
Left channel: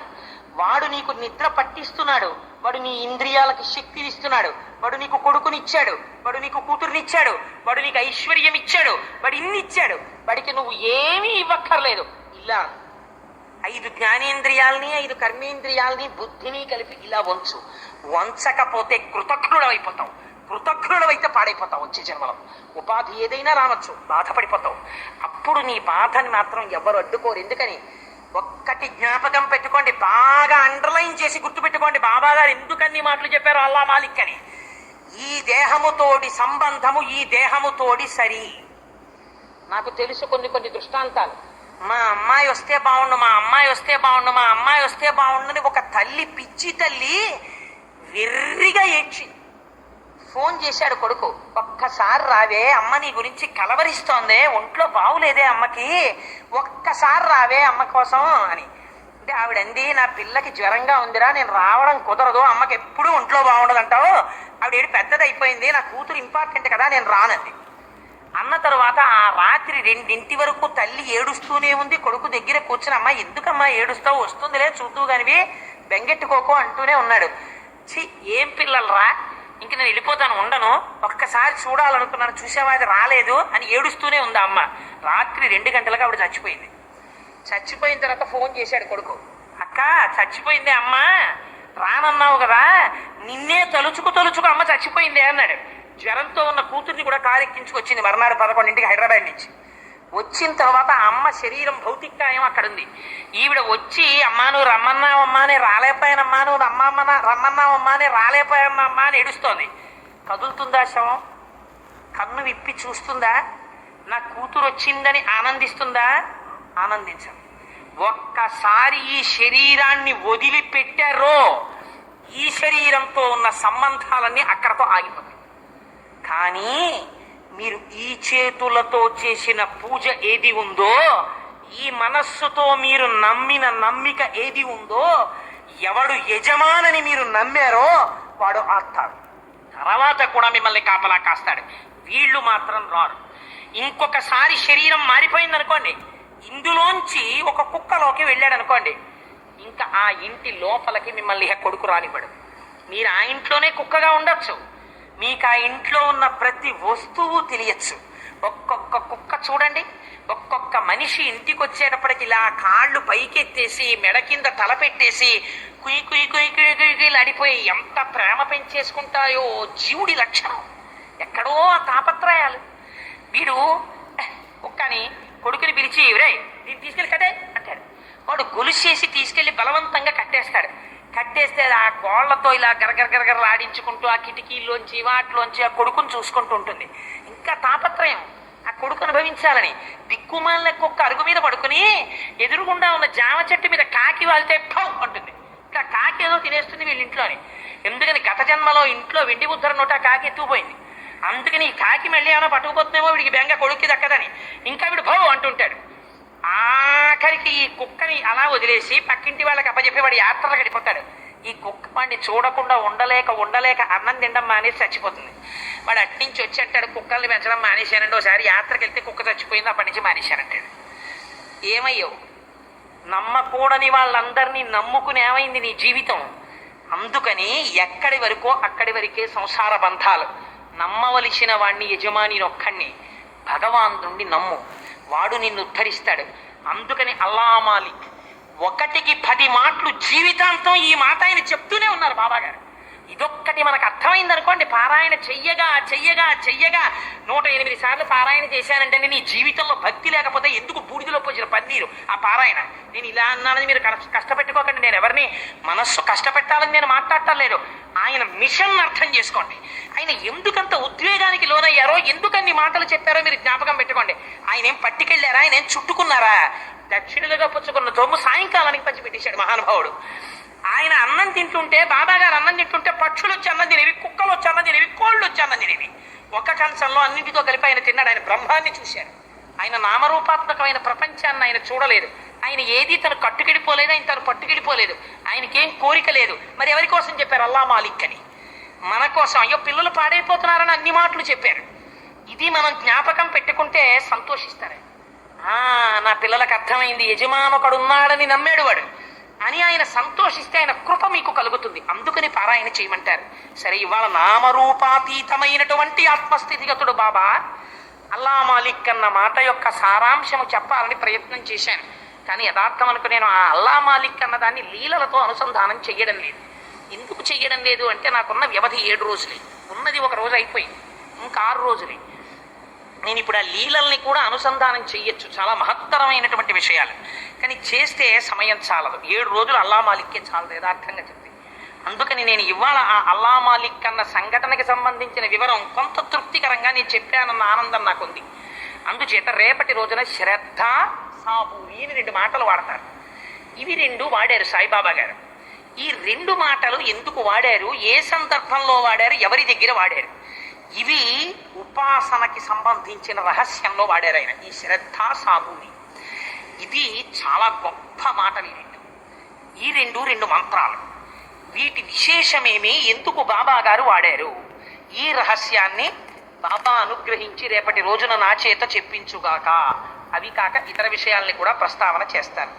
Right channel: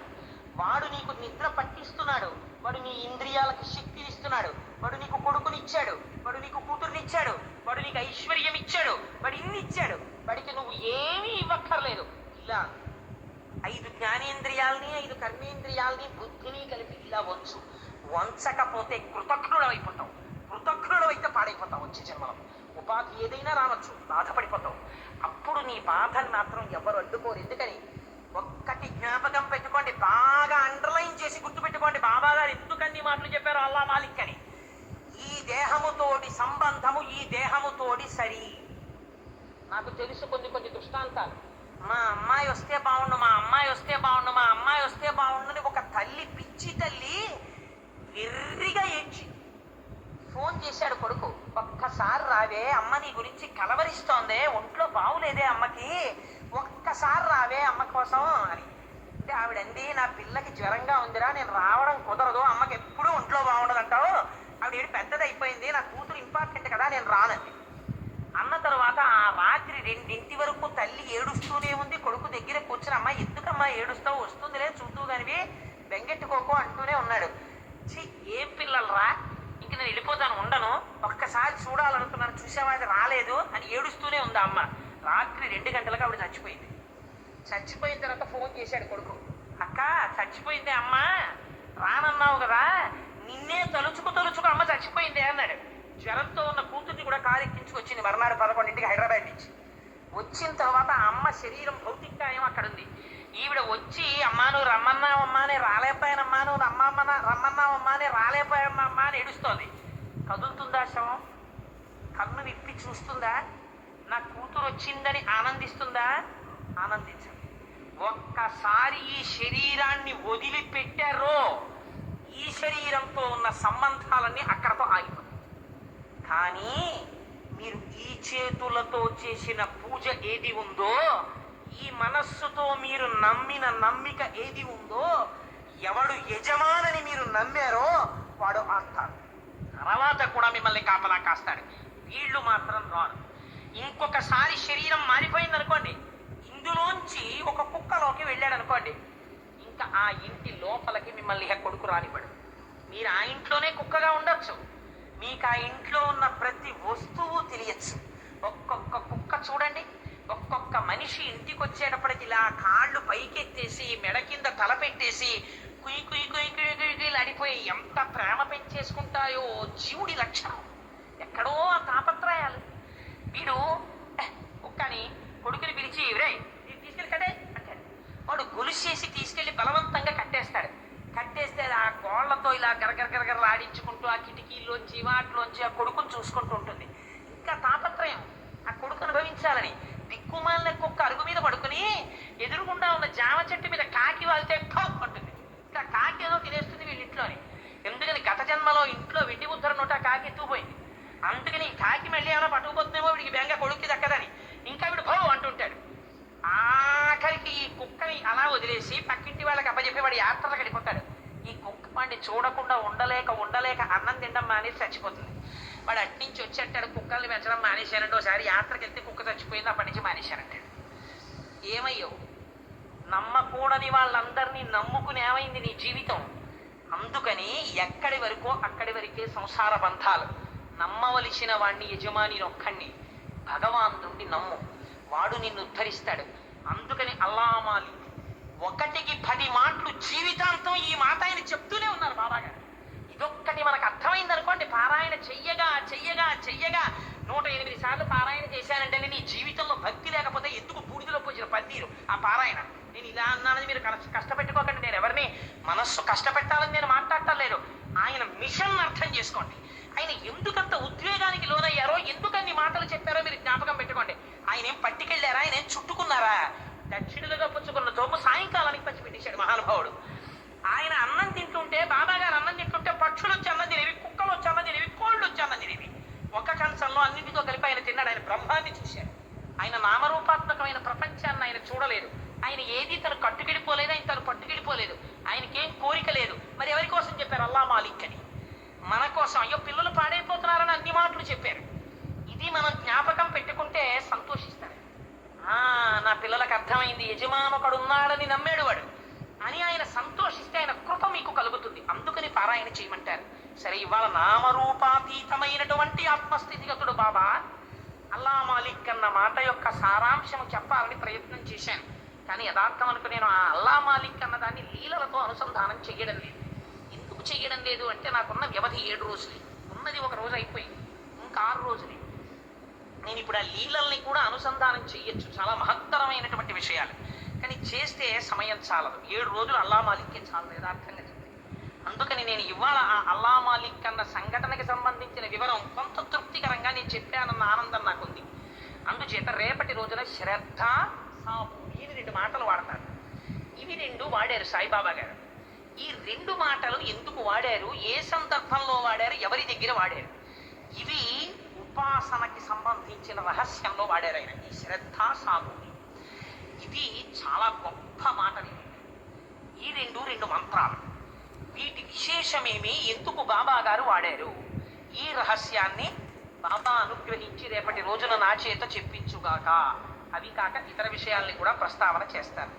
వాడు నీకు నిద్ర పట్టిస్తున్నాడు, వాడు నీ ఇంద్రియాలకు శక్తిని ఇస్తున్నాడు, వాడు నీకు కొడుకునిచ్చాడు, వాడు నీకు కూతురునిచ్చాడు, వాడు నీకు ఐశ్వర్యం ఇచ్చాడు, వాడు ఇన్ని ఇచ్చాడు. వాడికి నువ్వు ఏమీ ఇవ్వక్కర్లేదు. ఇలా 5 జ్ఞానేంద్రియాల్ని 5 కర్మేంద్రియాల్ని బుద్ధిని కలిపి ఇలా వంచు. వంచకపోతే కృతజ్ఞుడమైపోతావు. కృతజ్ఞుడమైతే పాడైపోతావు. వచ్చే జన్మలో ఉపాధి ఏదైనా రావచ్చు, బాధపడిపోతావు. అప్పుడు నీ బాధని మాత్రం ఎవరు అడ్డుకోరు. ఎందుకని ఒక్కటి జ్ఞాపకం పెట్టుకోండి, బాగా అండర్లైన్ చేసి గుర్తుపెట్టుకోండి. బాబా గారు ఎందుకన్ని మాటలు చెప్పారు అల్లా మాలిక్ అని. ఈ దేహముతోడి సంబంధము ఈ దేహముతోడి సరి. నాకు తెలుసు కొన్ని దృష్టాంతాలు. మా అమ్మాయి వస్తే బాగుండు, మా అమ్మాయి వస్తే బాగుండు, మా అమ్మాయి వస్తే బాగుండని ఒక తల్లి, పిచ్చి తల్లి వెర్రిగా ఏడ్చి ఫోన్ చేశాడు కొడుకు. ఒక్కసారి రావే, అమ్మ నీ గురించి కలవరిస్తోందే, ఒంట్లో బాగులేదే అమ్మకి, ఒక్కసారి రావే అమ్మ కోసం అని. అంటే ఆవిడంది, నా పిల్లకి జ్వరంగా ఉందిరా, నేను రావడం కుదరదు, అమ్మకి ఎప్పుడూ ఒంట్లో బాగుండదు అంటావు, ఆవిడ పెద్దది అయిపోయింది, నా కూతురు ఇంపార్టెంట్ కదా, నేను రానంది. అన్న తర్వాత ఆ రాత్రి 2 వరకు తల్లి ఏడుస్తూనే ఉంది. కొడుకు దగ్గర కూర్చుని, అమ్మ ఎందుకమ్మా ఏడుస్తావు, వస్తుందిలే చూద్దు కానివి, బెంగెట్టుకోకో అంటూనే ఉన్నాడు. ఛీ, ఏం పిల్లలరా, ఇంక నేను వెళ్ళిపోతాను, ఉండను, ఒక్కసారి చూడాలనుకున్నాను, చూసావా అది రాలేదు అని ఏడుస్తూనే ఉంది అమ్మ. రాత్రి 2 గంటలకు ఆవిడ చచ్చిపోయింది. చచ్చిపోయిన తర్వాత ఫోన్ చేశాడు కొడుకు, అక్క చచ్చిపోయిందే అమ్మ, రానన్నావు కదా, నిన్నే తలుచుకు అమ్మ చచ్చిపోయిందే అన్నాడు. జ్వరంతో ఉన్న కూతుర్ని కూడా కారెక్కించుకొచ్చింది మర్నాడు 11ంటికి హైదరాబాద్ నుంచి. వచ్చిన తర్వాత ఆ అమ్మ శరీరం భౌతికాయం అక్కడ ఉంది. ఈవిడ వచ్చి, అమ్మా నువ్వు రమ్మన్నావమ్మా అని రాలేకపోయానమ్మా, నువ్వు రమ్మన్నావమ్మా అని రాలేకపోయామ్మా అని ఏడుస్తోంది. కదులుతుందా శవం? కన్ను విప్పి చూస్తుందా? నా కూతురు వచ్చిందని ఆనందిస్తుందా? ఆనందించదు. ఒక్కసారి ఈ శరీరాన్ని వదిలిపెట్టారో ఈ శరీరంతో ఉన్న సంబంధాలన్నీ అక్కడతో ఆగిపోతాయి. కానీ మీరు ఈ చేతులతో చేసిన పూజ ఏది ఉందో, ఈ మనస్సుతో మీరు నమ్మిన నమ్మిక ఏది ఉందో, ఎవడు యజమానని మీరు నమ్మారో వాడు ఆస్తాడు. తర్వాత కూడా మిమ్మల్ని కాపలా కాస్తాడు. వీళ్ళు మాత్రం రారు. ఇంకొకసారి శరీరం మారిపోయింది అనుకోండి, ఇందులోంచి ఒక కుక్కలోకి వెళ్ళాడు అనుకోండి, ఇంకా ఆ ఇంటి లోపలికి మిమ్మల్ని కొడుకు రానివ్వడు. మీరు ఆ ఇంట్లోనే కుక్కగా ఉండొచ్చు, మీకు ఆ ఇంట్లో ఉన్న ప్రతి వస్తువు తెలియచ్చు. ఒక్కొక్క కుక్క చూడండి, ఒక్కొక్క మనిషి ఇంటికి వచ్చేటప్పటికి ఇలా కాళ్ళు పైకెత్తేసి మెడ కింద తల పెట్టేసి కుయ్యి కుయ్యి కుయ్యి కుయ్యి కుయ్యి అడిపోయి ఎంత ప్రేమ పెంచేసుకుంటాయో జీవుడి లక్షణం. ఎక్కడో ఆ తాపత్రయాలు. వీడు కుక్కని కొడుకుని పిలిచి, రే దీన్ని తీసుకెళ్ళి కట్టే అంటాడు. వాడు గొలుసేసి తీసుకెళ్లి బలవంతంగా కట్టేస్తాడు. కట్టేస్తే ఆ గోళ్లతో ఇలా గరగరగరగరలు ఆడించుకుంటూ ఆ కిటికీల్లోంచి వాటిలోంచి ఆ కొడుకుని చూసుకుంటూ ఉంటుంది. ఇంకా తాపత్రయం ఆ కొడుకు అనుభవించాలని. దిక్కుమాలిన కుక్క అరుగు మీద పడుకుని ఎదురుగుండా ఉన్న జామ చెట్టు మీద కాకి వాళ్తే పౌ అంటుంది. ఇంకా కాకి ఏదో తినేస్తుంది వీళ్ళ ఇంట్లోని. ఎందుకని గత జన్మలో ఇంట్లో వెండి ముద్ర నోట కాకి ఎత్తుకుపోయింది. అందుకని ఈ కాకి మళ్ళీ ఏమైనా పట్టుకుపోతుందేమో వీడికి బెంగ కొడుక్కి దక్కదని ఇంకా వీడు భౌ అంటుంటాడు. ఆఖరికి ఈ కుక్కని అలా వదిలేసి పక్కింటి వాళ్ళకి అప్పచెప్పి వాడు యాత్రలు గడిపోతాడు. ఈ కుక్క వాడిని చూడకుండా ఉండలేక అన్నం తినడం మానేసి చచ్చిపోతుంది. వాడు అట్నుంచి వచ్చి అంటాడు, కుక్కల్ని పెంచడం మానేశానండి, ఒకసారి యాత్రకి వెళ్తే కుక్క చచ్చిపోయింది, అప్పటి నుంచి మానేశానంటాడు. ఏమయ్యో, నమ్మకూడని వాళ్ళందరినీ నమ్ముకుని ఏమైంది నీ జీవితం? అందుకని ఎక్కడి వరకో అక్కడి వరకే సంసార బంధాలు. నమ్మవలసిన వాణ్ణి, యజమాని ఒక్కడిని, భగవాన్ నుండి నమ్ము, వాడు నిన్ను ఉద్ధరిస్తాడు. అందుకని అల్లా మాలిక్ 1కి 10 మాటలు జీవితాంతం ఈ మాట ఆయన చెప్తూనే ఉన్నారు బాబాగారు. ఇదొక్కటి మనకు అర్థమైంది అనుకోండి, పారాయణ చెయ్యగా 108 సార్లు పారాయణ చేశానంటే నీ జీవితంలో భక్తి లేకపోతే ఎందుకు బూడిదలో పోసిన పన్నీరు ఆ పారాయణ. నేను ఇలా అన్నానని మీరు కష్టపెట్టుకోకండి, నేను ఎవరిని మనస్సు కష్టపెట్టాలని నేను మాట్లాడటలేదు. ఆయన మిషన్ అర్థం చేసుకోండి. ఆయన ఎందుకంత ఉద్వేగానికి లోనయ్యారో, ఎందుకన్ని మాటలు చెప్పారో మీరు జ్ఞాపకం పెట్టుకోండి. ఆయన ఏం పట్టుకెళ్ళారా, ఆయన ఏం చుట్టుకున్నారా? దక్షిణలుగా పుచ్చుకున్న సొమ్ము సాయంకాలానికి పంచిపెట్టేశాడు మహానుభావుడు. ఆయన అన్నం తింటుంటే, బాబా గారు అన్నం తింటుంటే పక్షులు వచ్చి అన్నం తినేవి, కుక్కలు వచ్చి అన్నం తినేవి, కోళ్ళు వచ్చి అన్నం తినేవి. ఒక కంచంలో అన్నింటితో కలిపి ఆయన తిన్నాడు. ఆయన బ్రహ్మాన్ని చూశాడు. ఆయన నామరూపాత్మకమైన ప్రపంచాన్ని ఆయన చూడలేదు. ఆయన ఏది తను కట్టుకెడిపోలేదు, ఆయన తను పట్టుకెడిపోలేదు. ఆయనకేం కోరిక లేదు. మరి ఎవరి కోసం చెప్పారు? అల్లా మాలిక్ అని. మన కోసం. అయ్యో పిల్లలు పాడైపోతున్నారని అన్ని మాటలు చెప్పారు. ఇది మనం జ్ఞాపకం పెట్టుకుంటే సంతోషిస్తారు. నా పిల్లలకు అర్థమైంది, యజమానకుడున్నాడని నమ్మాడు వాడు అని ఆయన సంతోషిస్తే ఆయన కృప మీకు కలుగుతుంది. అందుకని పారాయణ చేయమంటారు. సరే, ఇవాళ నామరూపాతీతమైనటువంటి ఆత్మస్థితిగతుడు బాబా అల్లా మాలిక్ అన్న మాట యొక్క సారాంశము చెప్పాలని ప్రయత్నం చేశాను. కానీ యథార్థం అనుకు నేను ఆ అల్లా మాలిక్ అన్న దాన్ని లీలలతో అనుసంధానం చెయ్యడం లేదు. ఎందుకు చెయ్యడం లేదు అంటే, నాకున్న వ్యవధి 7 రోజులే. ఉన్నది ఒక రోజు అయిపోయింది, ఇంకా 6 రోజులే. నేను ఇప్పుడు ఆ లీలల్ని కూడా అనుసంధానం చెయ్యొచ్చు, చాలా మహత్తరమైనటువంటి విషయాలు. కానీ చేస్తే సమయం చాలదు. 7 రోజులు అల్లా మాలిక్కే చాలదు యథార్థంగా చెప్తే. అందుకని నేను ఇవాళ ఆ అల్లా మాలిక్ అన్న సంఘటనకి సంబంధించిన వివరం కొంత తృప్తికరంగా నేను చెప్పానన్న ఆనందం నాకుంది. అందుచేత రేపటి రోజున శ్రద్ధ, సాబూరి అని 2 మాటలు వాడతారు. ఇవి 2 వాడారు సాయిబాబా గారు. ఈ 2 మాటలు ఎందుకు వాడారు, ఏ సందర్భంలో వాడారు, ఎవరి దగ్గర వాడారు, ఇవి ఉపాసనకి సంబంధించిన రహస్యంలో వాడారు ఆయన. ఈ శ్రద్ధ, సాబూరి ఇది చాలా గొప్ప మాటలు. ఈ 2 మంత్రాలు. వీటి విశేషమేమి, ఎందుకు బాబా గారు వాడారు, ఈ రహస్యాన్ని బాబా అనుగ్రహించి రేపటి రోజున నా చేత చెప్పించుగాక. అవి కాక ఇతర విషయాల్ని కూడా ప్రస్తావన చేస్తారు.